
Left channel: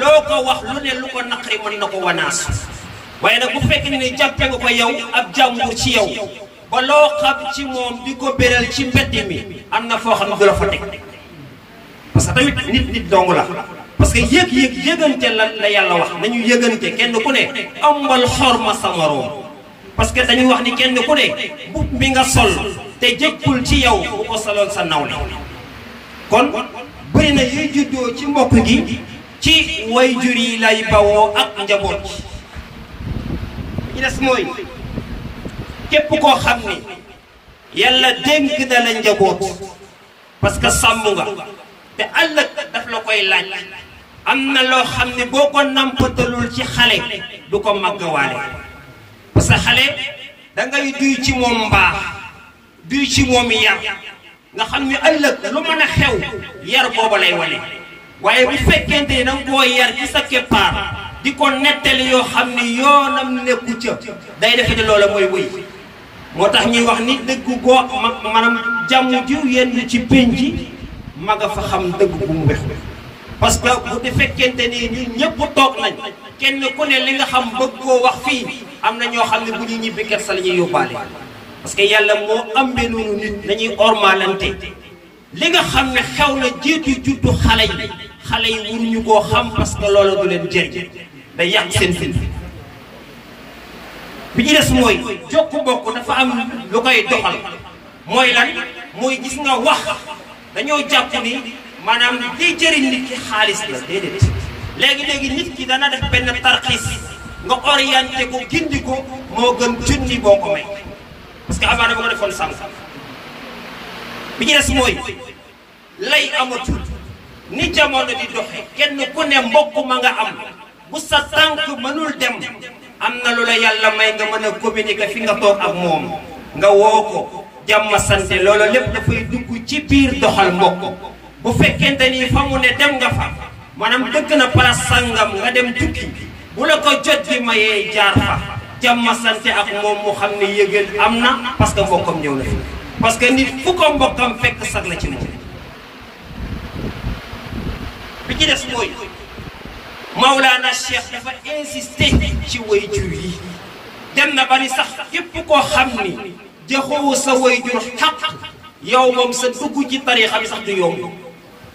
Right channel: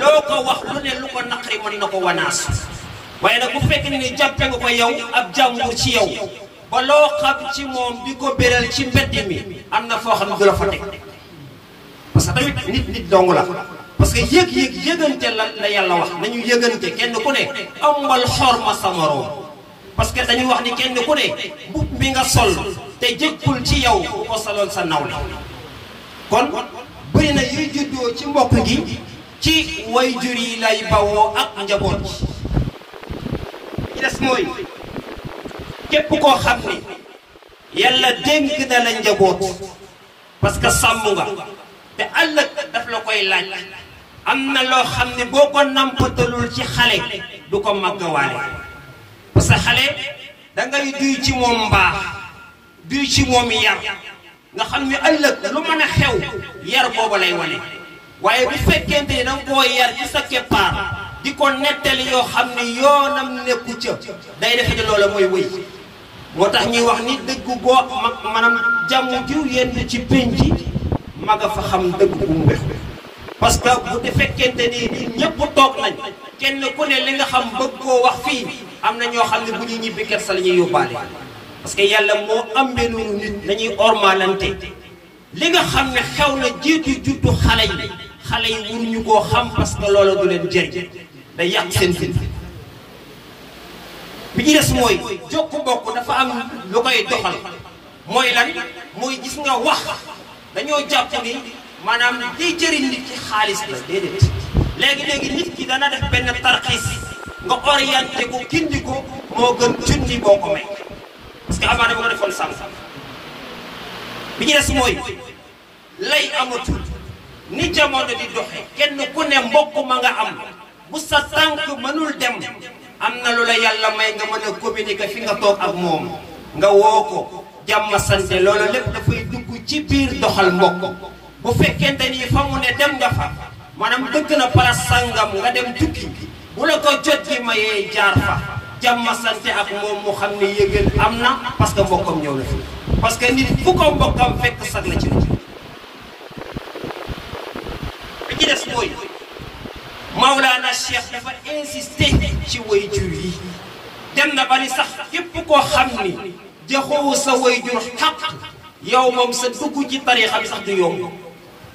loo ko wax lu ne lu ko naqari mën na ko wanaas waaye nag bu fekk ni jàppe nga ko yow ab jàmbur ci yow ba loo xam ci moom di ko béral ci mbedd mi am na foo xam ne du la fa teg parce que tamit nit dong la parce que yëgante la yàlla wax nañu yëgante kenn ku ne amal xorma sa moroom parce que dañuy wax ni kenn ku ne mbubb mi nga sol te jëkkul ci yow bu ko soloon sa nawle kon bëri na yuy juddoo ci mbokk gi ci way jur yi lay bawoo ak njaboot gi des mooy képp koo xam ni yàlla dénk na la njaboot parce que sàmm nga te ëllëg daf la koy laaj am na loo xam ne boo ko nampatalul ci xale du ko màggawaale parce que xale dangay duy ci moom mbaax duy ci moom yar nga xam ne ëllëg lu mën a xew yar boobu lay wane waaye bu fekkente ni danga koo yar ci sa keppaar di ko nettali yoo xam ne yoonam nekku ca day defe ne loola mooy wëy moo tax ñuy wax ni dëgg goo maanaam jàmm jiw yenn ci pénc maga fa xam dëgg bu mu wex parce que bu de fekkente ni nit ñëpp toog nañ kenn ku ne li nga xam bëgg koo wax fii am na ñoo xam ne bu ñu ñibbi kersa la ñuy yóbbaale parce que yàlla moo ambee noonu nit nañuy ormalante li nga xam ne xew na jiitu juddu xale yi wuruñu koo xam parce que loola du leen jëriñ day yàq seen fin bi ci des mooy jokku bokk dafa am lu koy doxal mooy lan mooy gis nga wax dañoo jàpp ni maanaam liy jëriñ nit ki xaalis la déedéet léegi nit ki dana def benn tarxiis nga orienté ko gindi ko moo gën junni boo ko may parce que amaana ba nga defoon sànq bi ci des mooy lay amatul ni jamono di doxe kenn ku ne mbokk ma nga am bu sa tànk mënul dem am na lu la yàlla may nga mën a communiquer fi nga toog ak moom nga woo ko jàmm sante loolu lépp dafay dugg ci biir doxal mbokk bu fekkente ni fa mu ne dem nga fa maanaam dëkk na place sangam nga dem tukki bu la ko jot gi mayee jaar fa jàmm sante ak moom mu xam ne yëgën am na parce que mbokkam ñëw na fi parce que nit fu ko mbokkam fekk sag la ci moom bi ci des mooy Mawlana Cheikh dafa insister ci way jur yi dem na ba ni sax képp koo xam ni joxowu sa way jur xaq yow moom sa dugg ci tariixa bi sax du yomb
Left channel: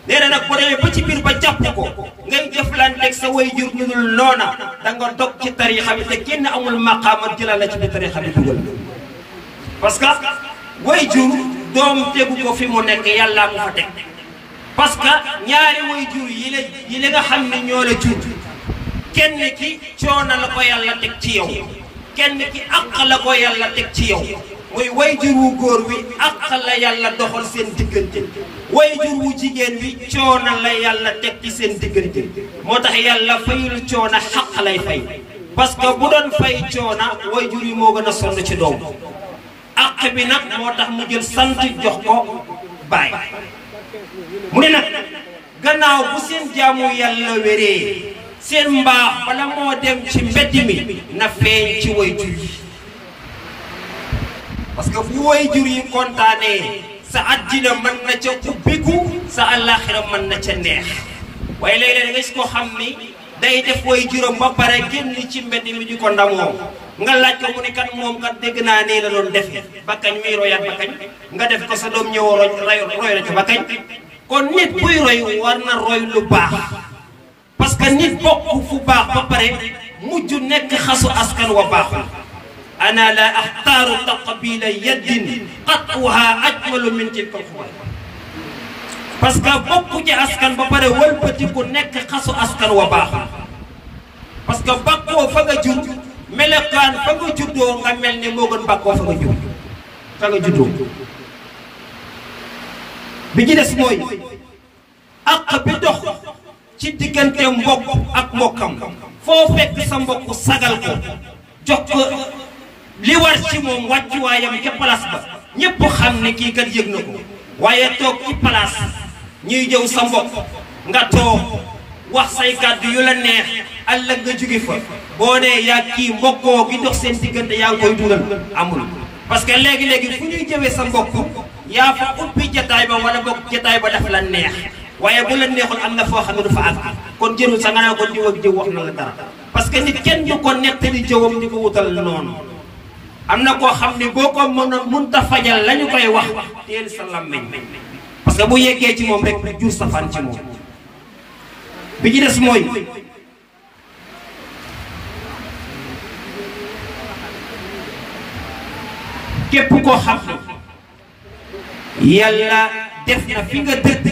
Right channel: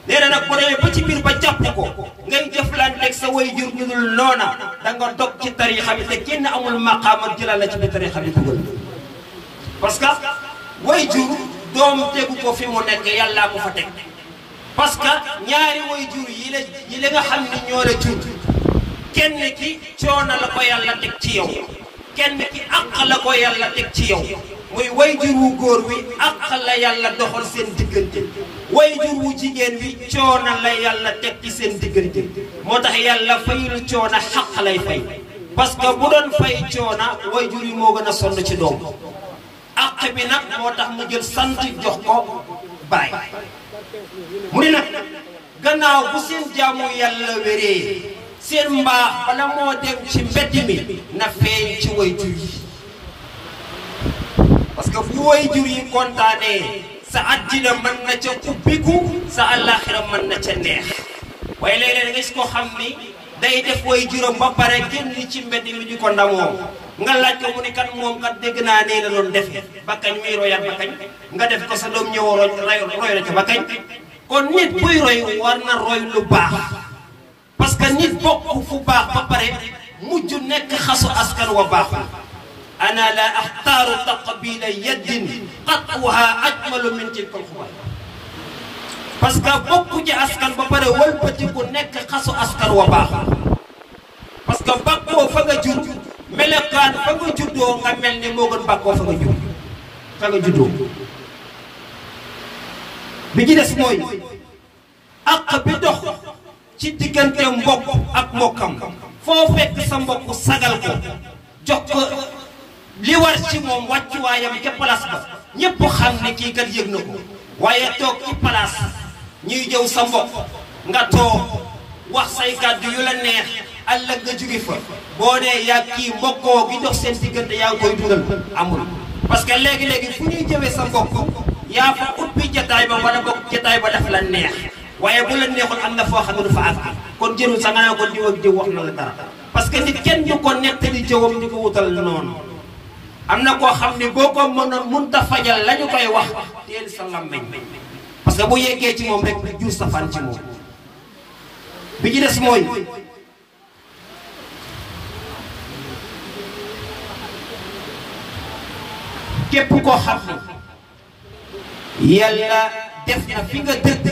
nee na nag bu demee ba ci biir ba jàpp ko ngay jëflanteeg sa way jur ñu dul noona da nga dog ci tariixa bi te kenn amul maqaama jëlal la ci biir tariixa bi dugal parce que way jur doom tegu ko fi mu nekk yàllaa ko fa teg parce que ñaari way jur yi la nga xam ne ñoo la jur kenn ki coono la ko yàlla teg ci yow kenn ki àq la ko yàlla teg ci yow muy way jur wu góor wi àq la yàlla doxal seen diggante way jur wu jigéen wi coono la yàlla teg ci seen diggante moo tax yàlla fayul coono xaq lay fay parce que bu doon fay coono way jur yi moo gën a sonn ci doom àq bi nag moo tax mu jël sant jox ko baay mu ne nag gannaaw bu seen jaamu yàlla wéree seen mbaax bala moo dem ci mbedd mi na feeñ ci way jur yi parce que fu way jur yi kontaanee sa àddina mën na ca ubbiku sa àllaaxira mën na ca neex waaye léeg-léeg nga gis ko xam ni day def way juram ba pare génn ci mbedd mi di ko ndamoo nga laaj ko mu ni kat moom kat dégg naa nii la doon defe ba kañ muy royaat ba kañ nga def ko sa doom ñëw roy la ci ba kañ kon nit buy roy war na roy lu baax parce que nit bokk fu baax ba pare mujj nekk xasu askan wa baaxul ana la axtaaru taqbila yaddin qat'uha ajmalu min tilka alxubal parce que bokku ci askan ba pare wëlbatiku nekk xasu askan wa baax parce que bakkoo fa nga jur melekaan fa nga juddoo nga mel ne moo gën bakkoo fa nga jur fa nga juddoo bi ci des mooy àq bi dox ci diggante mbokk ak mbokkam foo fekk sa mbokk sagal ko jox ko li war ci moom wàccuwaayam ca place ba ñépp xam ne kii kat yëg na ko waaye toog ci place ñuy jëw sa mbokk nga toog wax say kàddu yu la neex ëllëg nga jóge fa boo dee yaa kii mbokkoo gi dox seen diggante yaa ngi koy dugal amul parce que léegi-léegi fu ñuy jëwee sa mbokk yaa fa ubbi jataay ba wala bokk jataay ba daf la neex waaye bu la neexul am na foo xam ne du fa àgg kon jërul sa nga naa ko diw ak jëw wax na la dara parce que nit kenn du ko nettali jëwam di ko wutal noonu am na koo xam ne boo ko mënta fajal la ñu koy wax teel sa làmmiñ parce que bu yeggee ci moom rek jur sa fan ci moom bi ci des mooy képp koo xam ne yàlla def na fi nga dëkk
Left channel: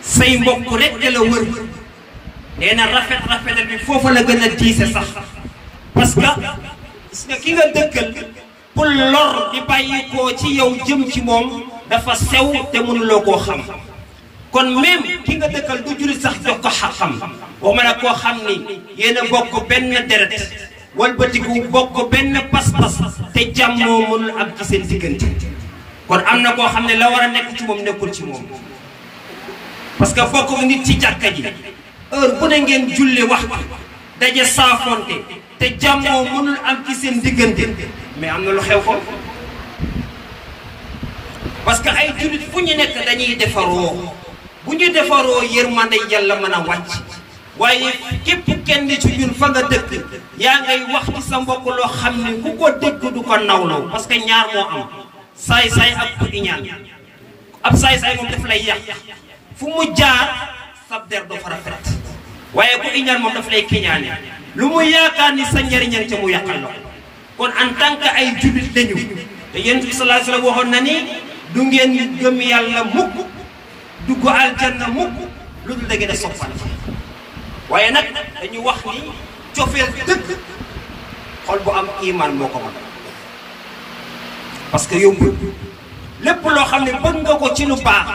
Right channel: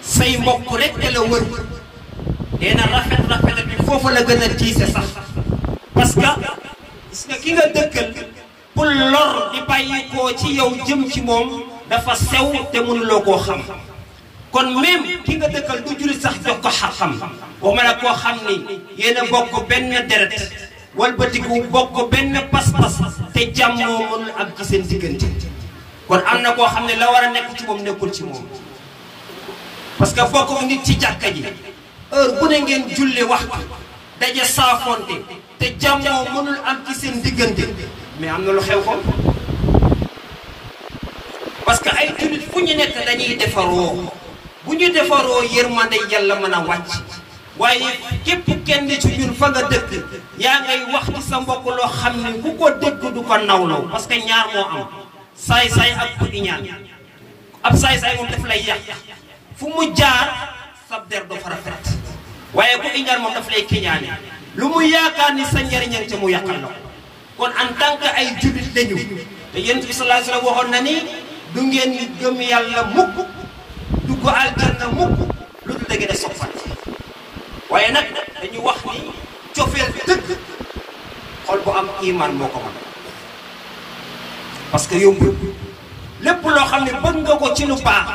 say mbokk rek te la wër nee na rafet bi foofu la gën a tiise sax parce que gis nga ki nga dëkkal pour lor di bàyyi koo ci yow jëm ci moom dafa sew te mënuloo koo xam kon même ki nga dëkkal du juri sax jox ko xam waxuma la koo xam ni yéen a bokk benn deret walbatiku bokk benn pas-pas te jàmmoo mënul am ci seen diggante kon am na koo xam ne la war a nekk ci moom nekkul ci moom parce que bokk nit ci jàkka ji heure bu ne ngeen julli wax daje saafonte te jàmmoo mënul am ci seen diggante mais am na lu xew ko parce que ay jullit fu ñu nekk dañuy defaroo bu ñu defaroo yërmande yàlla mën a wàcc waaye képp kenn ci ñun fa nga dëkk yaa ngay wax ci sa mbokk loo xam ne ku ko dëkk du ko nawlaw parce que ñaar moo am saay-saay ak ku iñaan ab saay-saay moom daf lay yàq fu mu jaar sab der do fa rafet waaye ku iñaan moom daf lay kiñaane lu mu yaakaar ni sa njariñal ca mu yàqal la kon en tant que ay jullit lañu te yonent bi sallallahu alayhi wasallam waxoon na ni du ngeen gëm yàlla mukk dugg aljanna mukk lu dul da ngeen a soppante waaye nag dañu wax ni cofeel dëgg xol bu am iman moo ko mën parce que yombul lépp loo xam ne bëgg nga ko ci lu baax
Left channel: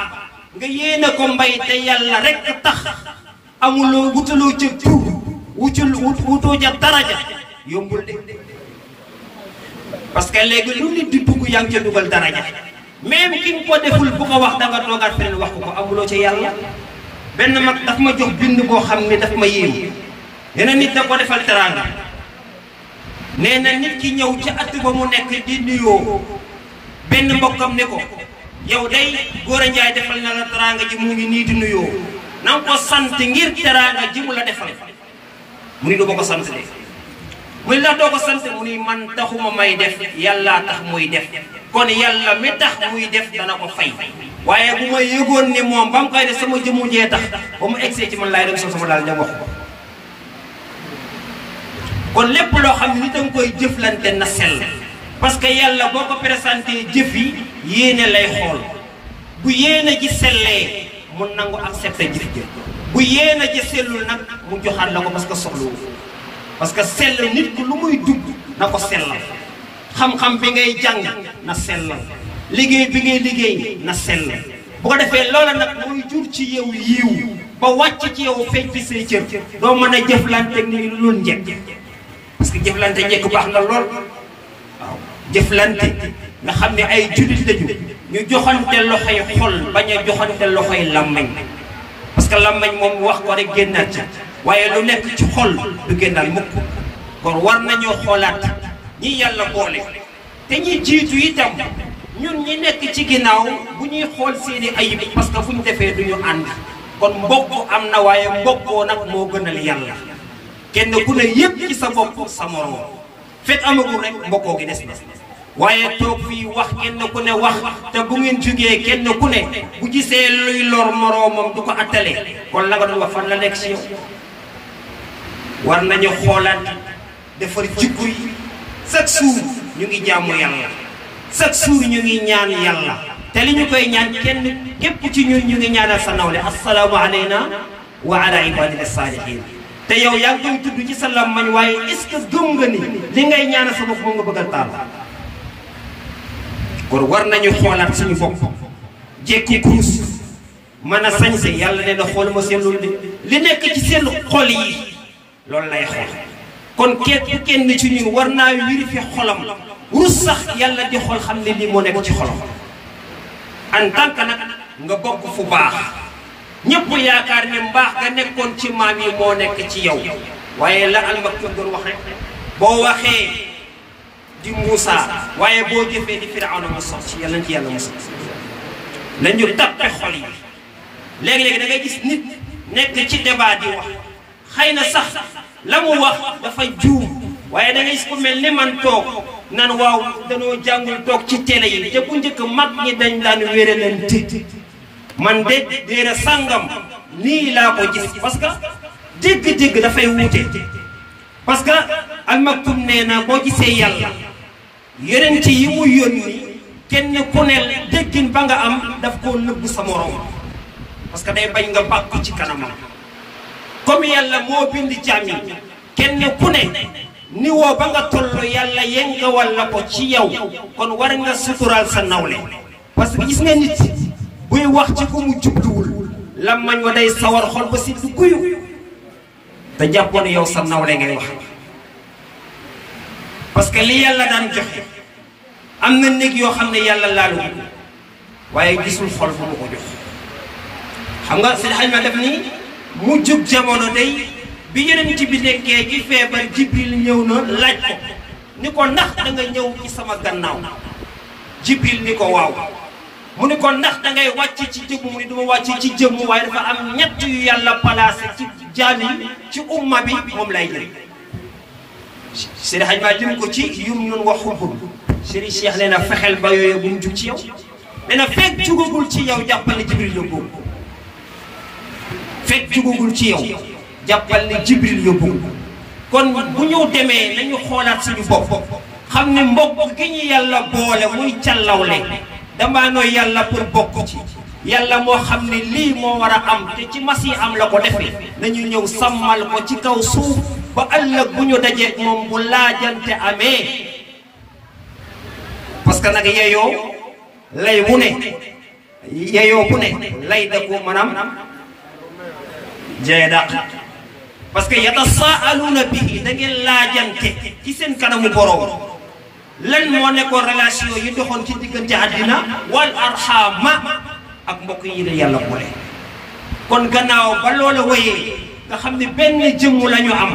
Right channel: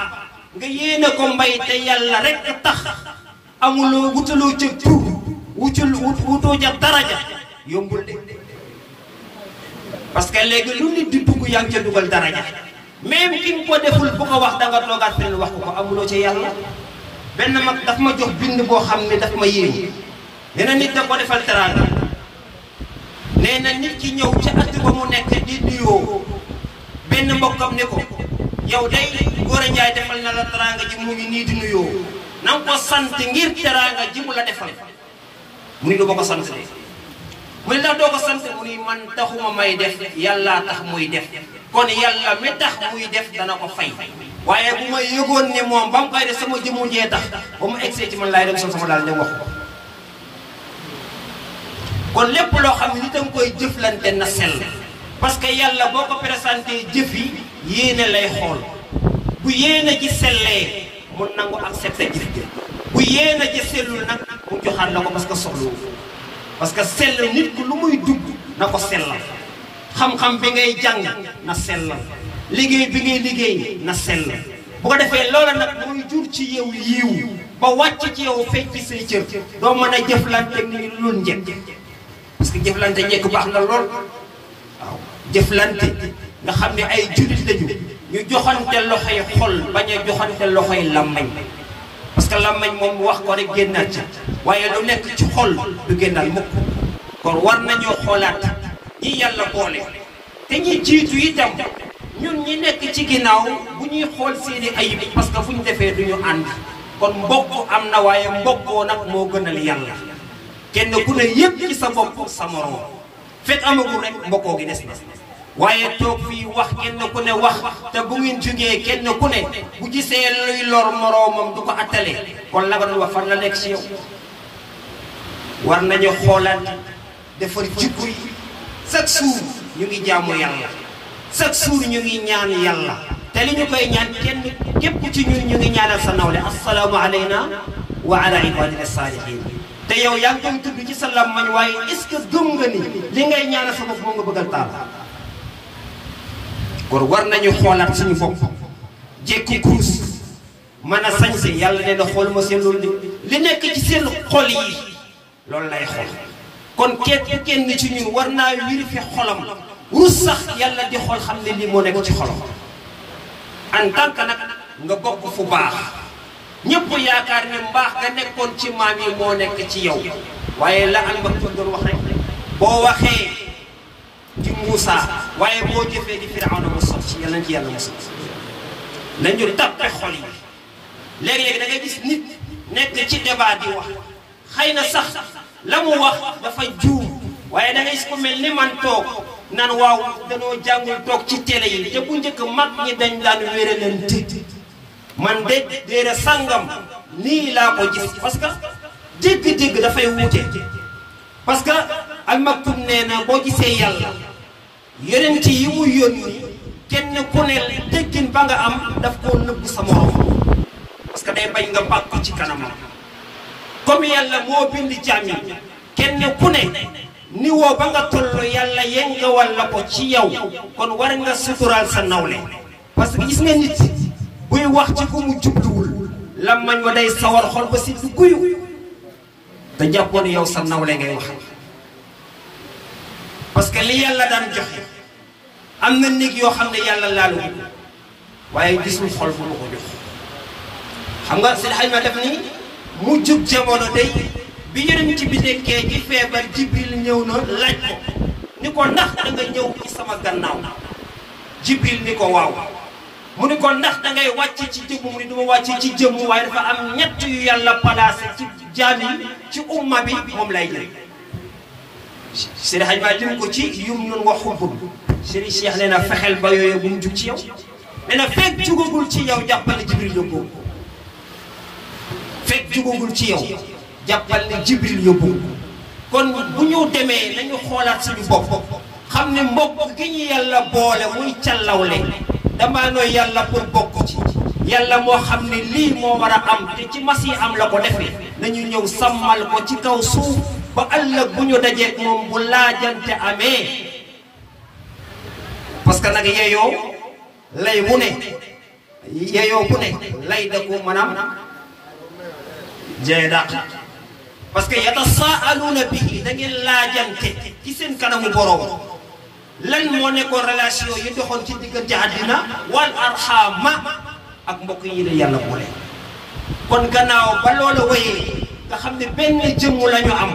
nga yéene ko mbay te yàlla rek tax amuloo wutaloo ca tur wutoo ca daraja yombul de parce que léegi lu nit di dugg yaa ngi ca dugal daraja même ki nga ko deful bu ko wax danga toogaat feneen wax ko amuloo ca yàlla benn mag daf ma jox bind boo xam ne daf ma yéem nee na nit da ko defal teraanga nee na nit ki ñëw ca at ba mu nekk di nuyoo benn mbokkam ne ko yow day Gora Ndiaye defal na la teraanga ji mu ngi nii di nuyoo na nga ko sant ngir teraanga ji mu la defal mu ni du ma ko sant de mu ni ndax doo ko sant mu ni man taxuma may def yàllaa tax muy def kon yàlla mi tax muy def dana ko fay waaye bu ma yëgoon ni moom ba mu koy def sama jëmu jee tax ba mu egsee ci man laay dem sol sama daal ñoom wax ko kon lépp loo xam ne nit a nga koy jëflante na sell parce que yàlla boo ko présenté jëf yi yéene lay xool bu yéene ji sellee mu nangu accepté jëf ji bu yéene ji sellul nag mu joxaat la ko parce que soxlawu parce que sell nit ku lu muy dugg na ko sellal xam-xam bi ngay jàng na sellal liggéey bi ngay liggéey na sellal bu ko defee loola nag mooy jur ci yow yiiw ba wàcc ci yow feeñ ci say cër doo mën a jëflante ni lu njëkk parce que jëflante njëkk baax na lool waaw jëflante nga xam ne ay jullit lañu ñu joxante loxoy xol bañ a joxante loxoy làmmañ parce que làmmañ moom wax ko rek génnaat ci waaye lu nekk ci xol du génnaal mukk kon war nañoo xoolaat ñi yàlla boole te ñi jiitu itam ñun ñi nekk ci ginnaaw bu ñuy xool seeni ayib parce que fu ñu defee du ñu ànd kon mbokk am na waaye mbokkoo nag moo gënal yàlla kenn ku ne yëpp ci sa bopp sa moroom fekk amagul rek mbokkoo gi des na waaye toog fii wax kenn ku ne wax te bu ngeen jógee kenn ku ne bu gisee luy lor moroomam du ko attale kon la nga doon wax fan la nekk ci yow war nañu xoolaat defar jikko yi chaque jour ñu ngi jaamu yàlla chaque jour ñu ngi ñaan yàlla te li ñu koy ñaan kenn képp ci ñun ñu ngi ñaanal sa nawle assalaamu alayna wa ala ibadina salihin te yow yaa ngi koy tudd ci sa làmmañ waaye est-ce que gëm nga ni li ngay ñaanal sa bopp moom nga bëgg a taal kon war nañu xoolaat suñu bopp jekki kuus mën a sañse yàlla nee na xool ma seen loolu de li nekk ci seen xol yi loolu lay xool kon kenn ci ñun war naa vérifier xolam rus sax yàlla di xool xam ne lii moo nekk ci xolam en tant que nag nga bokk fu baax ñëpp yaakaar ne mbaax nga nekkoon ci maam yi moo nekk ci yow waaye la Al-Maktoum doon wax rek boo waxee di Muusa waaye boo jëfee di Firawna mu sob ci yàlla nañ ci yàlla mu sob nañu tappe xol yi léegi-léegi da ngay gis nit nekk ci débat di wax xëy na sax la mu wax dafa juum waaye da ngay gis ko mel ni man toog nan waaw danoo jàngul toog ci télé yi te bu njëkk mag ñi dañ daan wéralante man de déera sàngam nii laa ko gis parce que dégg-dégg dafay wuute parce que Al-Maktoum nee na boo gisee yàlla yonent yi mu yónni kenn ku ne déggin ba nga am daf koo nëbbu sa morom parce que day bañ nga bàkku ci kanamam comme yàlla moo bind jaam yi kenn ku ne niveau ba nga toll yàlla yengewal la ko ci yow kon war nga suturaal sa nawle parce que gis nga nit buy wax ci ko mu jubluwul làmmañ wa day sawar xol ba si du guyu te jàppoon yow sa nawle ngay wax parce que li yàlla daan joxe am na néeg yoo xam ne yàlla laalu ko waaye gisul xol bu mu ko jox xam nga seen xayma def ni mu jub jamono day bi yonent bi nekkee ci feebar Jibril ñëw na laaj ko ni ko ndax da nga ñëw ci sama gannaaw Jibril ni ko waaw mu ni ko ndax da ngay wàcc ci jëmm mu ni duma wàcc ci jëmm waaye dafa am ñett yu yàlla placé ci jaam yi ci umma bi moom lay jël seen xayma lim ko ci yum nun wa xubbul Serigne Cheikh nee na fexeel ba yooyu bu mu jug ci yow nee na fekk jugagul ci yow jàppale Jibril yóbbu fekk jugagul ci yow jàppal ne Jibril yóbbu kon bu ñu demee nañu xoolaat suñu bopp xam ne mbokk gi ñu yàlla boole muy càllawle damaa nooy yàlla pour bokk ci yàlla moo xam ne lii moo war a am te ci mas yi am la ko defee nañu ñëw sàmmal ko ci kaw suuf ba ëllëg bu ñu dajeek moom bu laajante amee parce que nag yeyoo lay mu ne yeyoo bu ne lay da ko maanaam jee dàq parce que yatasaaluuna bihi da ngeen laajante ci seen kanamu borom lan moo nekkoon relation yi doxoon ci diggante àddina wal arxama ak mbokk yi la yàlla boole kon gannaaw ba loola wéyee nga xam ne benn jëmm la ñu am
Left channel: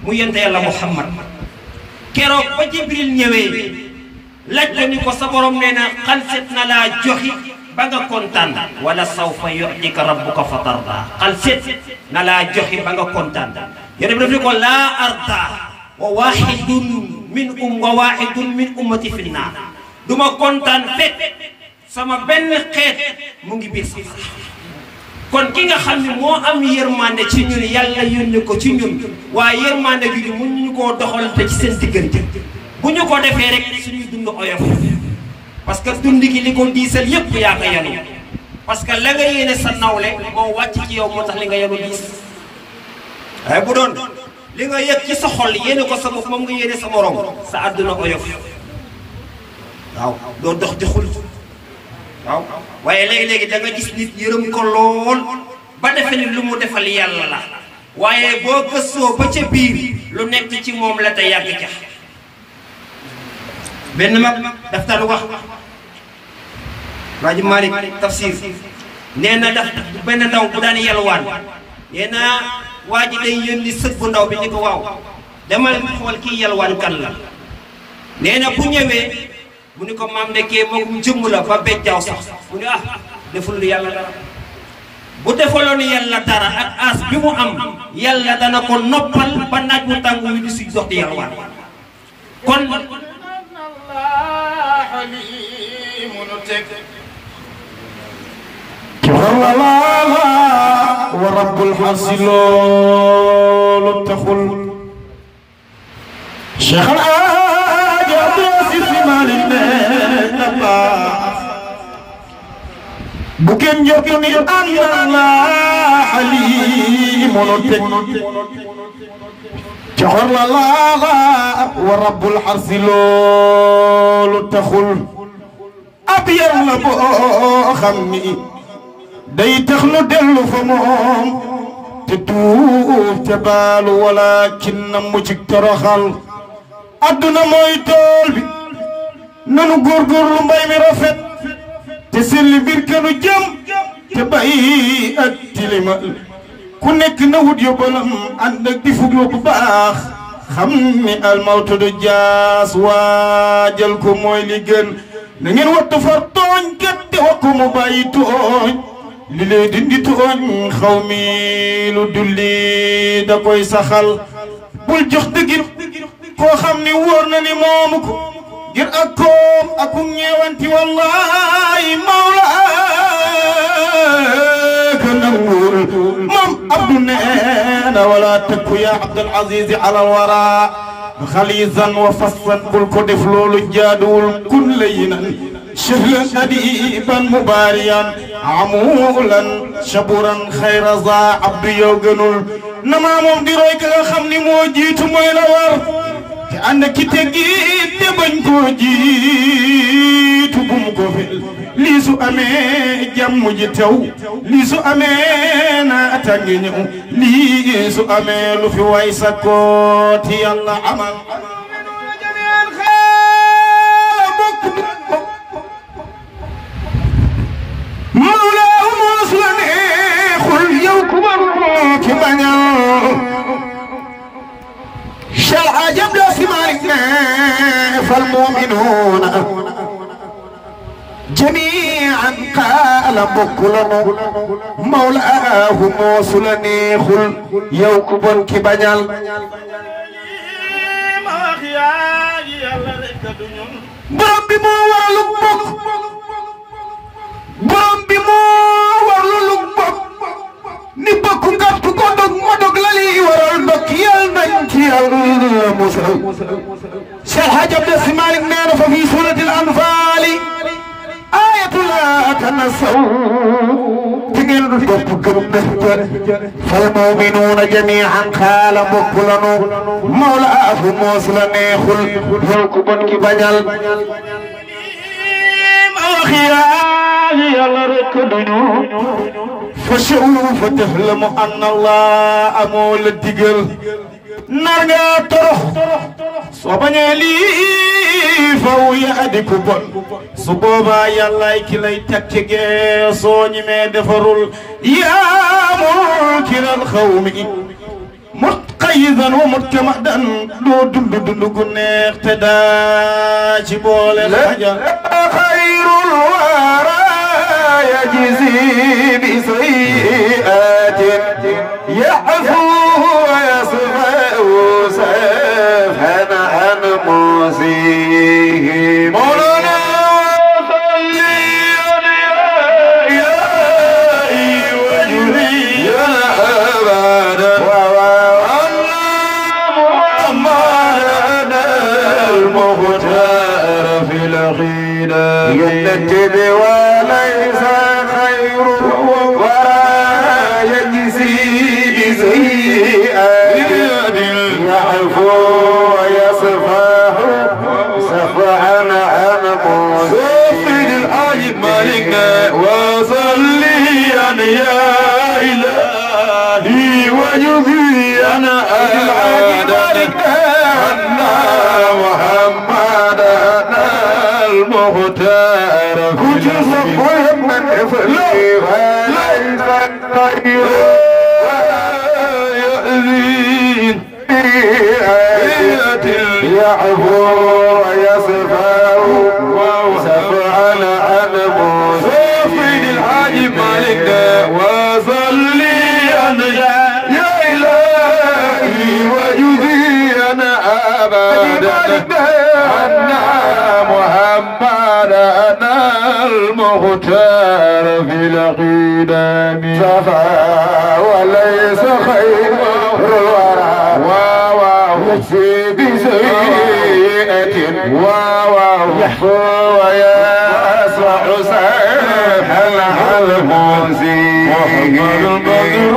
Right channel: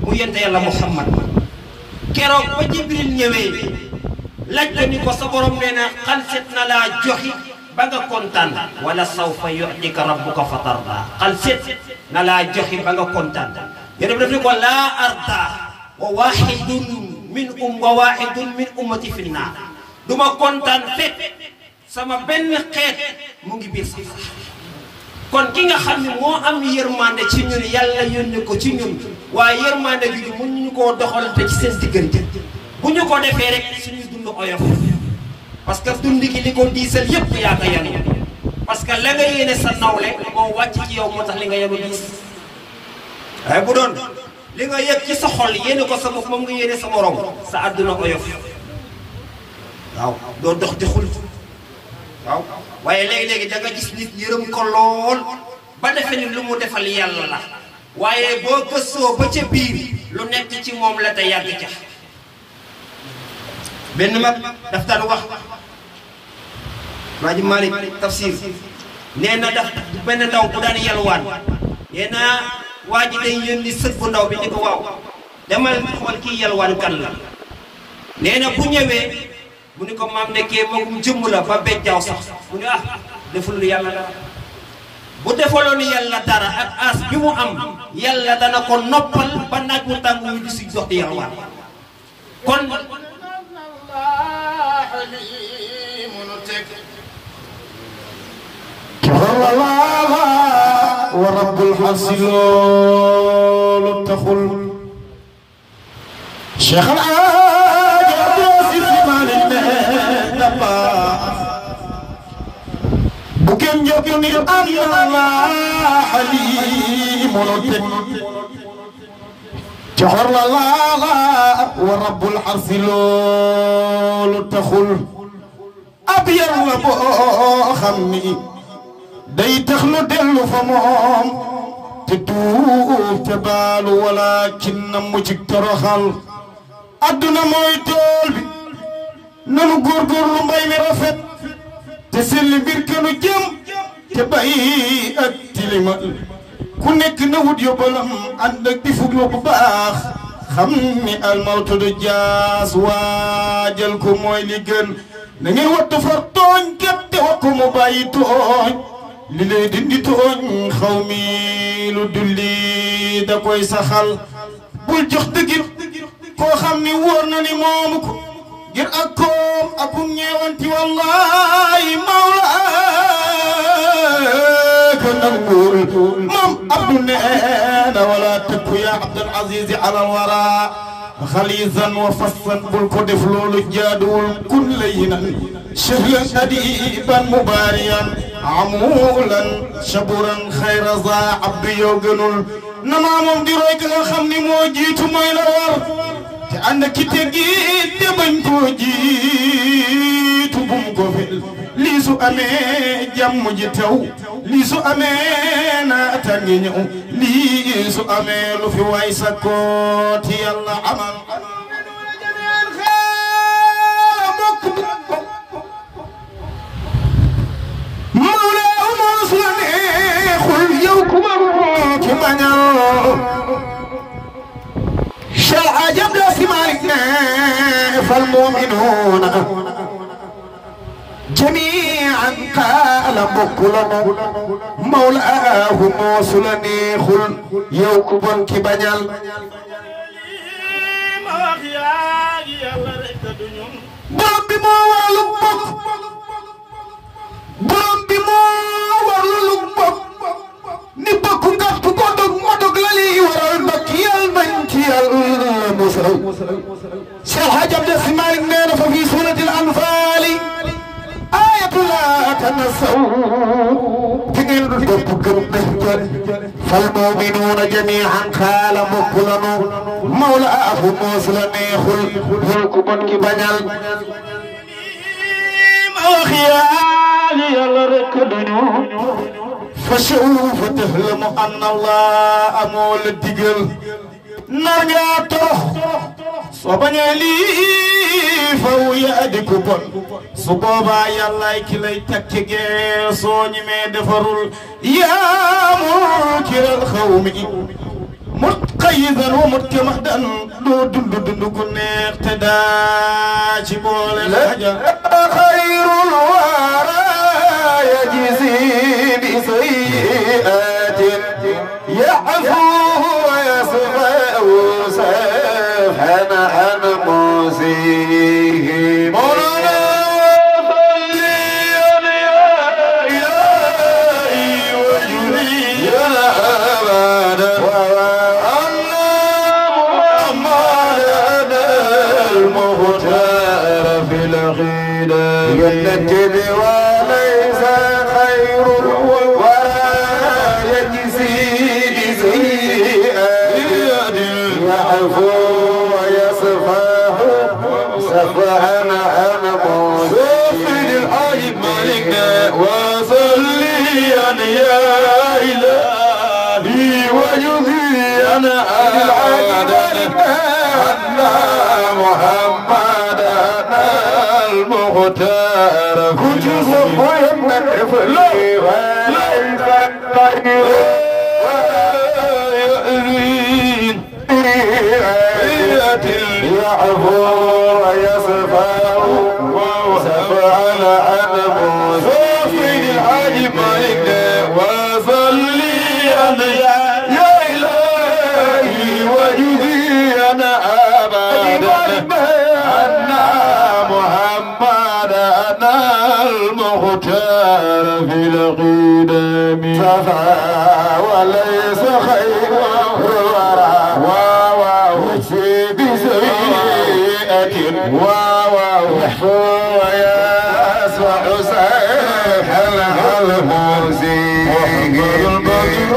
mu yonent yàlla Muhammad keroog ba Jibril ñëwee laaj ko ni ko sa borom nee na xalset na laa joxi ba nga kontaan wala sawfa yu'tika rabbuka fatarda xalset na laa joxi ba nga kontaan yéen daf ni ko laa arda wa waxidun min ummati fi naar du ma kontaan fekk sama benn xeet mu ngi biir si kon ki nga xam ne moo am yërmande ci ñun yàlla yónni ko ci ñun waaye yërmande bi mun ñu koo doxalante ci seen diggante bu ñu ko defee rek suñuy dund oyof parce que dund gi li ko diisal yëpp yaa ko yanu parce que la nga yéene sa nawle moo wàcc ci yow moo tax li nga yenu diis waaye bu doon li nga yëg ci sa xol yéene ko sa bopp moom nga yéene sa morom sa àdduna oyof waaw doo dox di xul waaw waaye léegi-léegi da nga gis nit yërëm ko lool ba defe ni lu mu defal yàlla la waaye boo gëstoo ba ca biir lu nekk ci moom la te yàgg ca benn mag daf daan wax Maaji Malik tafsir nee na daf benn ndaw bu daan yalwaan nee na waa ji day yónni sët bu ndaw bi ni ko waaw demal xool kii yalwaan kan la nee na bu ñëwee mu ni ko maam nekkee moom jëmm la ba bejjaaw sax mu ni deful lu yàlla dara bu defaloon yàlla dara ak as bi mu am yàlla dana ko noppal ba naaj mu tàng wi di si dox di yalwaan kon wa rabbul hasilul taxul Cheikh kenn jotu ni Allah halimun tek joxor la wa rabbul arsi loolu taxul ab yar la boo xam ni day tax lu dellu fa moom te tuub te baalu walakin na mu ci toroxal adduna mooy tool bi nanu góorgóorlu mbay mi rafet te selli mbir kanu jëm te bàyyi ak tilima ku nekk na wut yóbbalam ànd ak di fuglu bu baax xam ni almawtu du jaas waajal ko mooy li gën na ngeen wattu far tooñ kat te wa ko mu bàyyi tooñ li lee dindi tooñ xaw mi lu dulli da koy saxal bul jox dëggit koo xam ni wóor na ni moomu ko ngir ak koom ak ñeewanti wallahi mawla ka nangul moom abdu neena wala tëkku ya abdul aziz ala wara xalisan wa fassan bul ko def loolu jaaduwul kun layinan shahlan adiban mubariyan amulan shaburan xayra za abdu yow gënul namaa moom di roy ka nga xam ni moo jiitu mooy la war te ànd ki teggi te bañ koo jiitu bum ko fel lii su amee jàmm ji tew lii su amee naataange ñëw lii su amee lu fi way sa kooti yàlla amal mawlaa moos la neexul yow ku ma ci bañal شرع جبل سمارك فالمؤمنون جميعا قال بكلنا مولاه موصل نيخل يوكبن كبنيال borom bi moo warlu bokk borom bi moo warlu bokk ni bokk ngàtt ko dog ma dog la li waral ndok yal nañ ci yàlla musal Cheikh Hadj Abdou Sy Malick nee na fa fi suratil anfal ayatu la tanasaw ci ngeen du topp gërëm na fal mu'minuuna jami'an xaala mbokk lanu mawlaahu moos la neexul yow ku bon ki bañal ma wax yàlla rek duñu فسوف تفهم أن الله أمول الدقل نرجع تروح صبنا لي فهو يأدك بون صبابا يلا كلي تكتك صوني ما دفرول يا منكر الخوم متقيدا ومتمدا دو دندو دندو كنا اقتدا جبول الحجر خير الورى يجزي بسيئات يعفو ويصفح سفحا عن موسيه مولانا صلي يا وجهي يا أبدا وأن محمدا المختار في العقيدة ينكد وليس خير ولا يجزي بسيئات يعفو ويصفح صفحا عن موسيه الحاج مالكنا وصليا يا إلهي وجزيا أن محمدا المختار كجز محمد فلي وليس خير ولا يؤذي يعفو ويصفح صفحا عن موسيه الحاج مالكنا وصليا يا إلهي وجزيا أبدا أن محمدا المختار في القدم صفا وليس خير الورى يكفي بسيئة يحفو ويصفح سهلا الموزي محمد البدر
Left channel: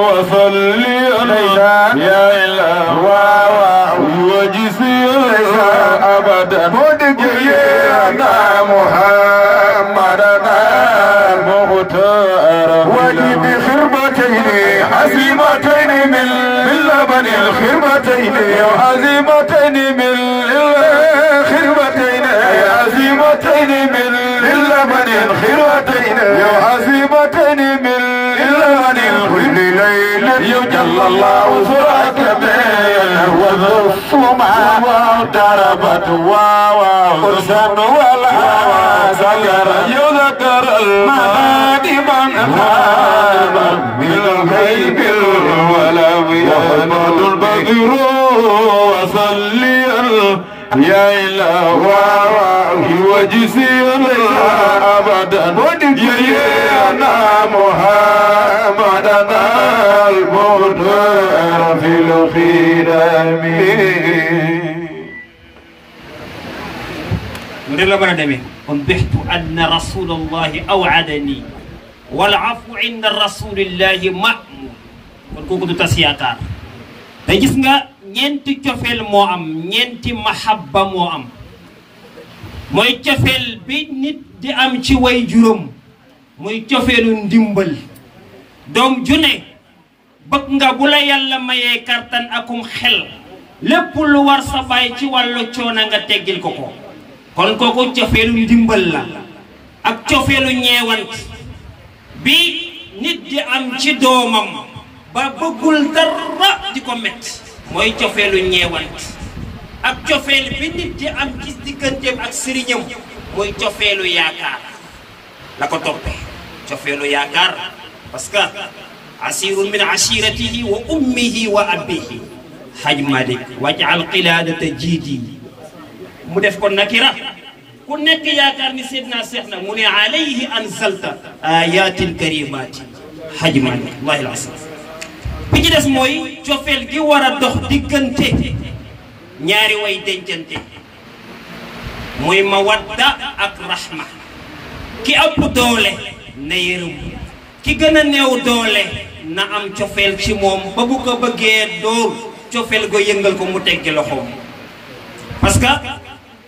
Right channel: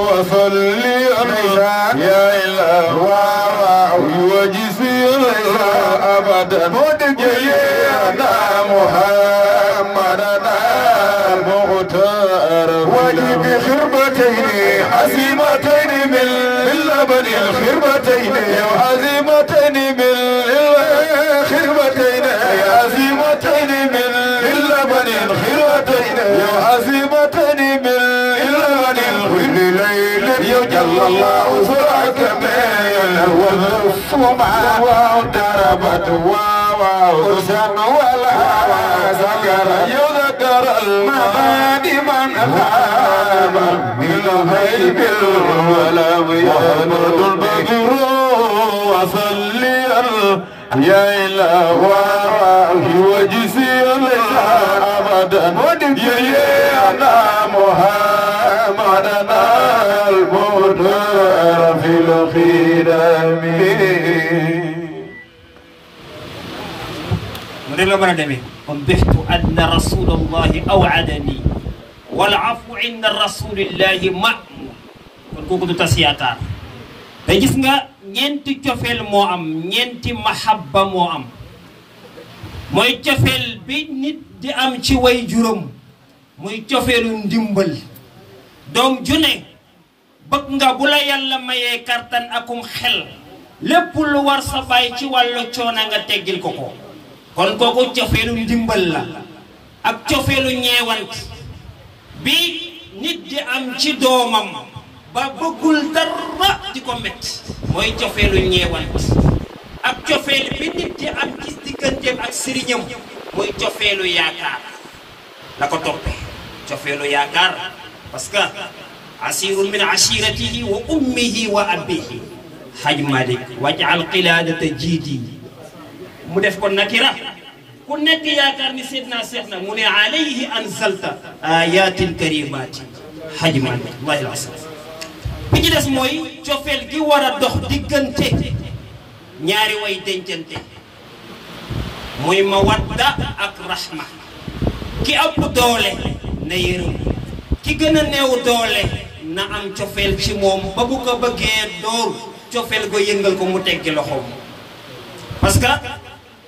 وصلي يا إله وجزي أبدا مدجينا محمدنا المختار وجب خربتين عزيمتين من لبن الخربتين عزيمتين من خربتين عزيمتين من لبن الخربتين عزيمتين من لبن الخربتين يجل الله سراك والصمع وضربت وأرسم ولا ذكر يذكر المغادبا من الغيب ولم يهمل البدر وصلي يا إله وجزي أبدا يا محمدنا المختار في الخدم أنبهت أن رسول الله أوعدني والعفو عند رسول الله مأمون kon kooku du tas yaakaar te gis nga ñeenti cofeel moo am ñeenti mahabba moo am mooy cofeel bi nit di am ci way juróom muy cofeelu ndimbal doom ju ne bëgg nga bu la yàlla mayee kartan akum xel lépp lu war sa baay ci wàllu coono nga teggil ko ko kon kooku cofeelu ndimbal la ak cofeelu ñeewant bi nit di am ci doomam ba bëggul dara di ko metti mooy cofeelu ñeewant ak cofeel bi nit di am ci digganteem ak sëriñam mooy cofeelu yaakaar la ko toppee cofeelu yaakaar parce que asirun min ashiratihi wa ummihi wa abihi haj malik waj'al qiladata jiidi mu def ko nakira ku nekk yaakaar ni seydna seex na mu ne alayhi anzalta ayatin karimati haj malik wallahi al-asim bi ci des mooy cofeel gi war a dox diggante ñaari way dencante muy mawadda ak rahma ki ëpp doole na yërëm ki gën a néew doole na am cofeel ci moom ba bu ko bëggee dóor cofeel go yëngal ko mu teggi loxoom parce que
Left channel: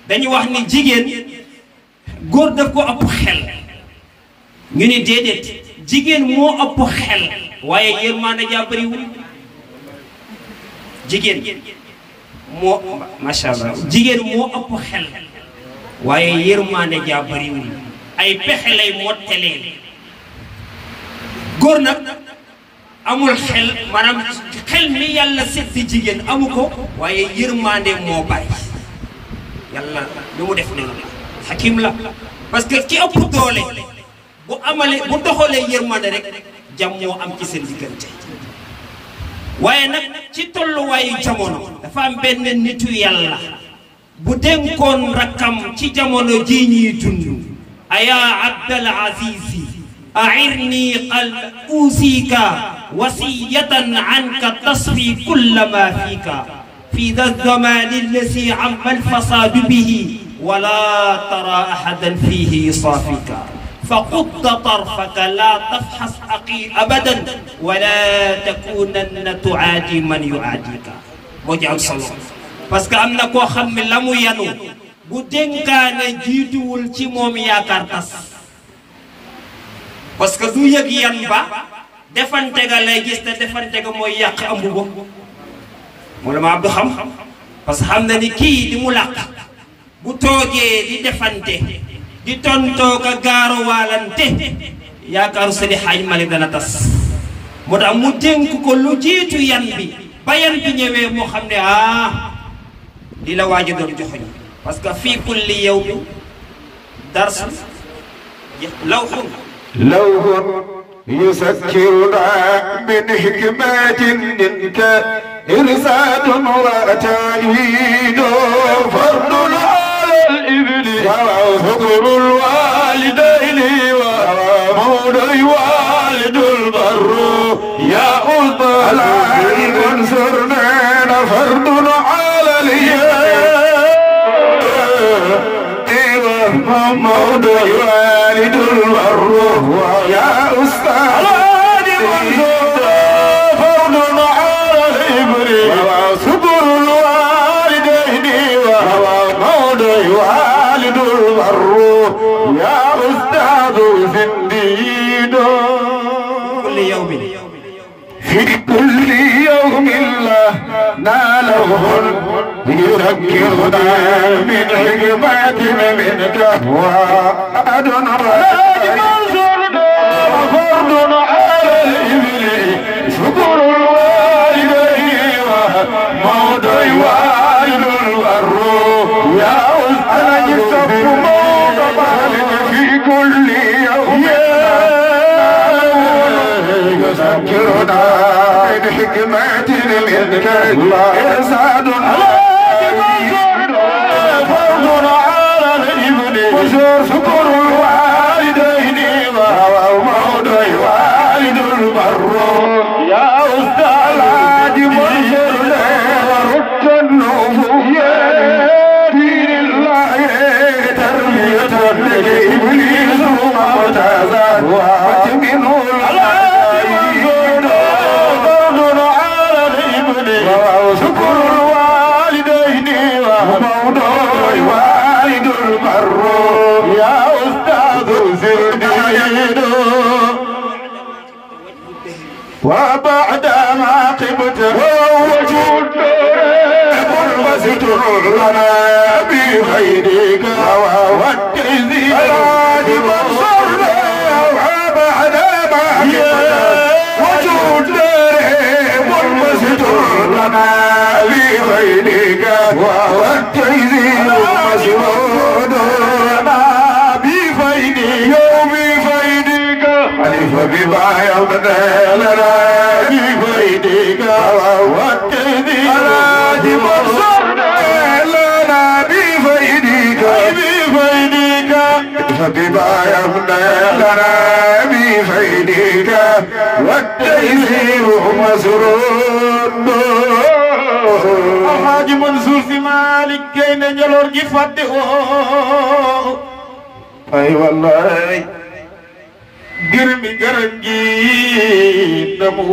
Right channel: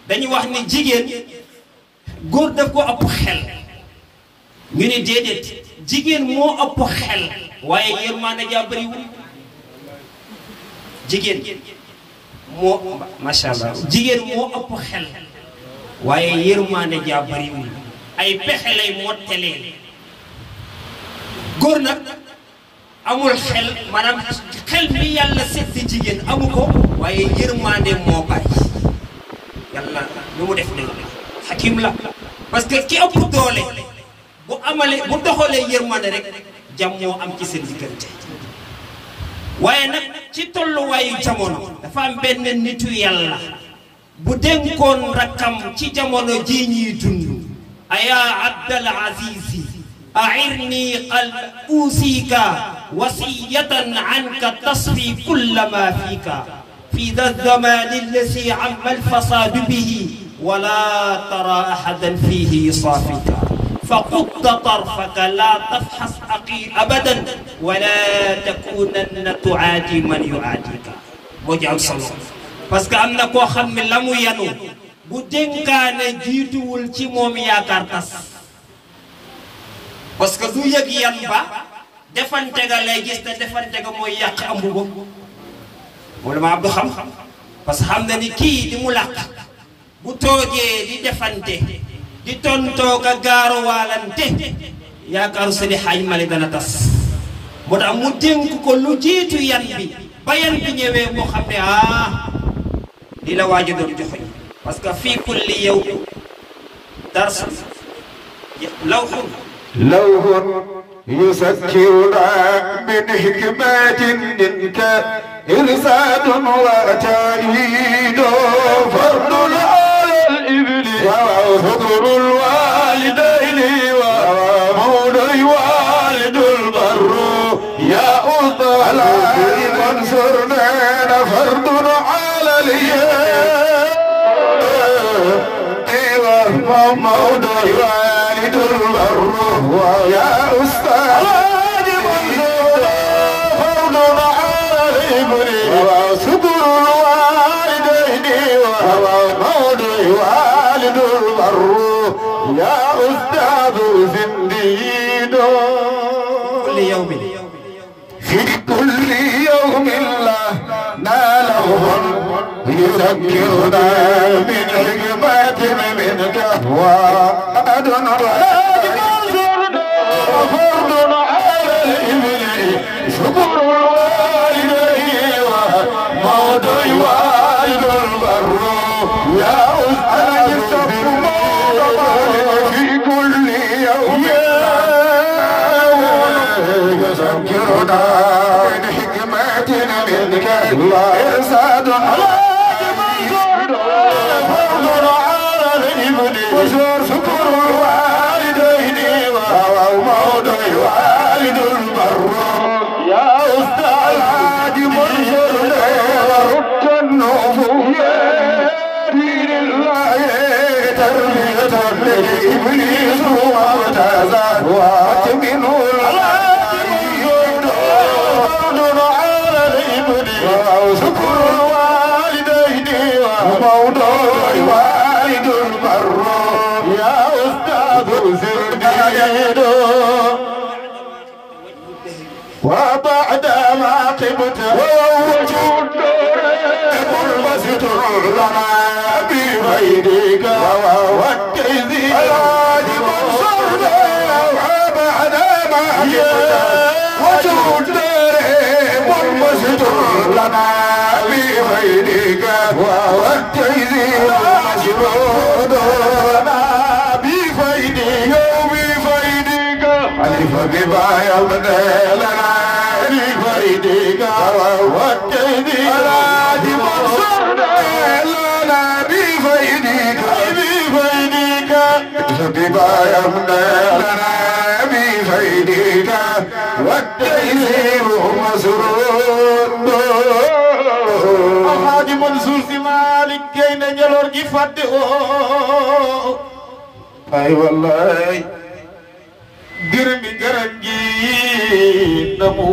dañu wax ni jigéen góor daf ko ëpp xel ñu ni déedéet jigéen moo ëpp xel waaye yërmande jaa bëriwul jigéen moo macha allah jigéen moo ëpp xel waaye yërmande jaa bëriwul ay pexe lay mottaleel góor nag amul xel maanaam xel mi yàlla sedd jigéen amu ko waaye yërmande moo bari yàlla lu mu def noonu la xakim la parce que ki ëpp doole bu amalee bu doxalee yërmande rek jàmm moo am ci seen diggante waaye nag ci tolluwaayu jamono dafa am benn nitu yàlla bu dénkoon rakkam ci jamono ji ñuy dund aya abdal azizi أعرني قلب أوصيك وصية عنك تصفي كل ما فيك في ذا الزمان الذي عم الفساد به ولا ترى أحدا فيه يصافيك فقد طرفك لا تفحص أخي أبدا ولا تكونن تعادي من يعاديك وجعل صلى parce que am na koo xam ne la mu yanu bu dénkaane jiituwul ci moom yaakaar tas parce que du yëg yan ba defante ga lay gis te defante ga mooy yàq ambu ba moo la ma Abdou xam parce que xam na ni kii di mu làq bu toogee di defante di tontoo ka gaaruwaalante yaakaaru Seydi Hadji Malick dana tas moo tax mu dénk ko lu jiitu yan bi ba yan bi ñëwee moo xam ne li la waaji doon joxoñ parce que fii kulli yawmin darsu lawhun لوح يسكرنا من حكمات منك إرسال وتأييد فرد على الإبل وذكر الوالدين ومولى والد البر يا أطال انصرنا فرد على اليد ومولى والد البر يا أستاذ فوض على الإبر وصبر الوالدين وموضع والد البر يا أستاذ زنديد كل يوم في كل يوم لا ناله يذكرنا من حكمات منك وأدنى فرد على الإبل شكر الوالدين وموضع والد البر يا أنا جسد موضع في كل يوم يذكرنا من حكمات منك إرساد على فرد على الإبل وشكر الوالدين وموضع والد البر يا أستاذ العادي منشر ورد النفوس دين الله تربية لإبليس ومعتزا واتمنه وشكر الوالدين وموضوع والد البر يا أستاذ زرديد وبعد ما قبت ووجود قربت لنا بغيرك والتهذيب وبعد ما قبت وجود مستر لنا بغيرك والتهذيب مسرور لنا بفيدك وبفيدك ألف بما يبدأ لنا بفيدك والتهذيب مسرور لنا بفيدك بفيدك ألف بما يبدأ لنا بفيدك والتهذيب مسرور الحاج منصور في مالك جينا جلور جي فاتي اي والله گرمي گرنجي نمو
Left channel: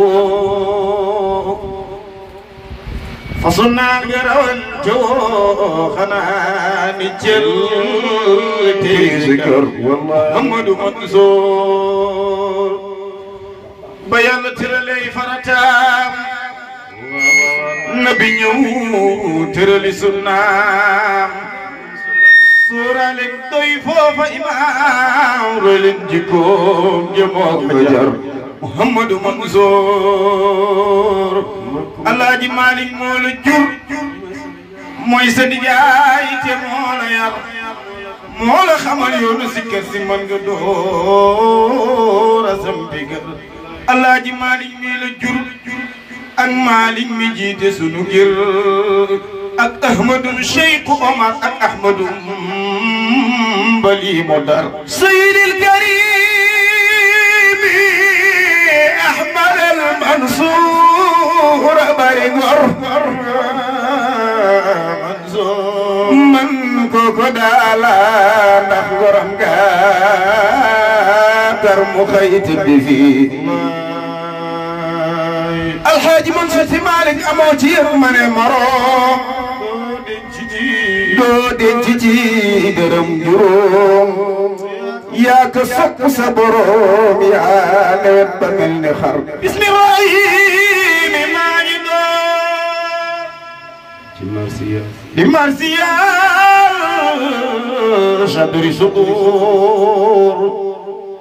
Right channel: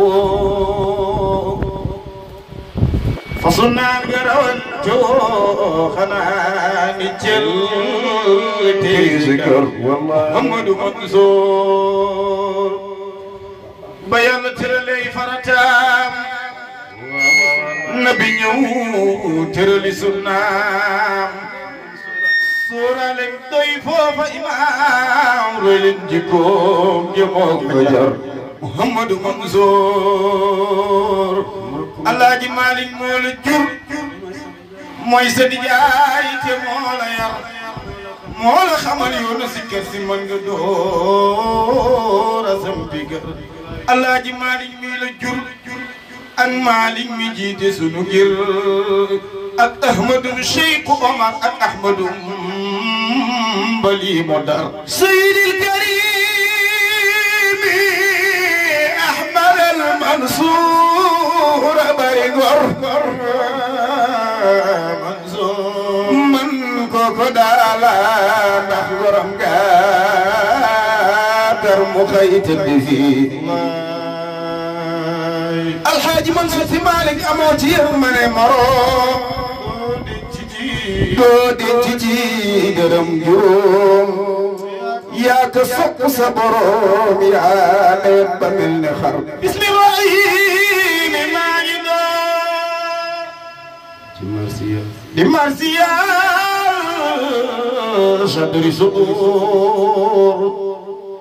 فصلنا الگرون جو خناني جل تذكر والله محمد منصور بيان ترلي فرتام نبي نيو ترلي سنام سورة لن ضيفو فإمام رلن جيكوم جموك بجر محمد منصور الله جي مالك مول جور موي سدي جاي تي مولا يار مولا خمال يونو سكر سي من nga door asam digal الله جي مالك ميل جور ak Malik mi jiite sunu ngir ak Ahmadu Cheikh Omar ak Ahmadu Mbali Modar Seydil Karim Ahmad al Mansour bari ngor Mansour man koko daala ndax ngoram ga dar mu xëy tëdd fii الحاج منصور في مالك أموتي من مرام دودين تجي درم جروم يا كسب صبروم يا لب من خرب بسم الرحيم ماجدو دمارسيا شدري صدور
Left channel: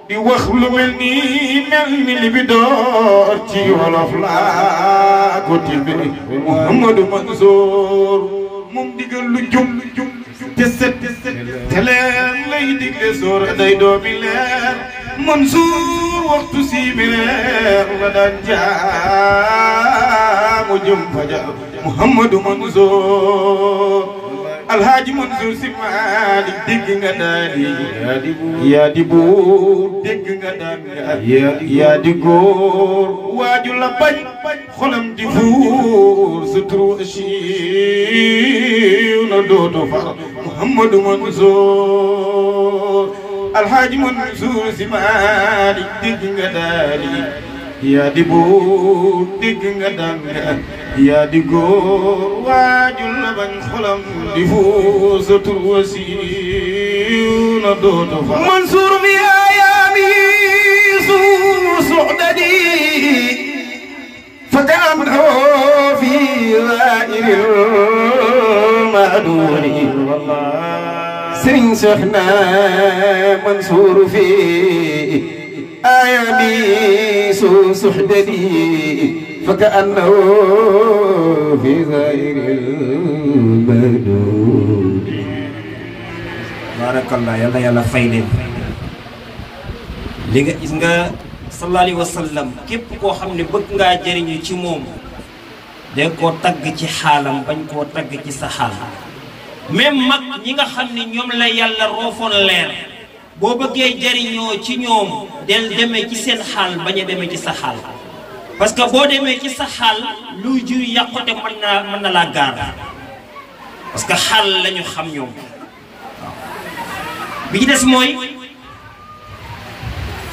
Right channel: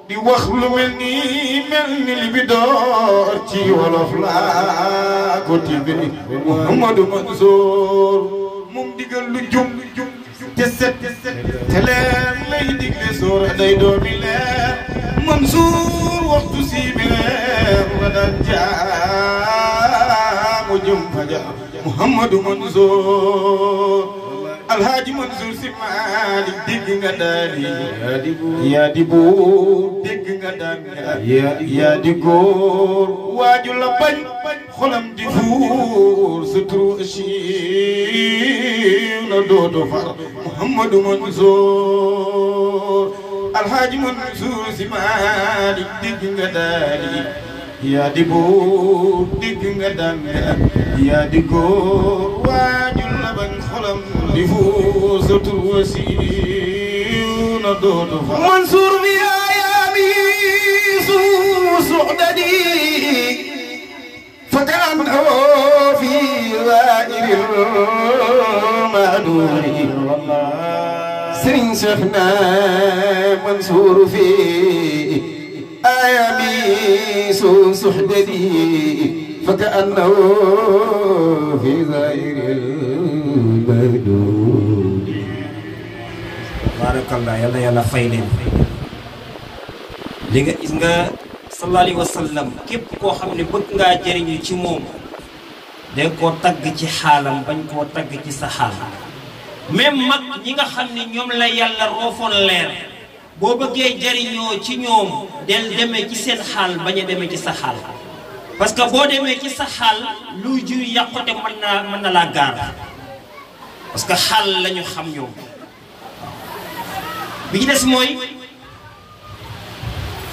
di wax lu mel ni li bi door ci wolof laa ko tibbee Mouhamadou Mansour moom digal lu jum te set te leer lay digle soora day doomi leer Mansour waxtu si bi leer wa daan jaamu jum fajar Mouhamadou Mansour Alhaji Mansour si Malik dégg nga daani yaa di buur dégg nga daan yaa di góor waaju la bañ xolam di fuur sa turu siiw na dooto far Mouhamadou Mansour الحاج منصور سمالي دق دالي يا دبو دق دنگ يا دغور واجل لبن خلم دفوزة الوسيل دوت منصور بآيامي سعددي فكأنه في ظاهر المعدول سرين شيخنا منصور في آيامي سحددي فكأنه في ظاهر المعدول بارك الله يلا يلا فايلين li nga gis nga sallallahu alayhi wa sallam képp koo xam ne bëgg ngaa jëriñu ci moom de koo tagg ci xaalam bañ koo tagg ci sa xaal même mag ñi nga xam ne ñoom la yàlla roofoon leer boo bëggee jëriñoo ci ñoom del demee ci seen xaal bañ a demee ci sa xaal parce que boo demee ci sa xaal luy jur yàqute mën na laa gaar parce que xaal lañu xam ñoom bi ci des mooy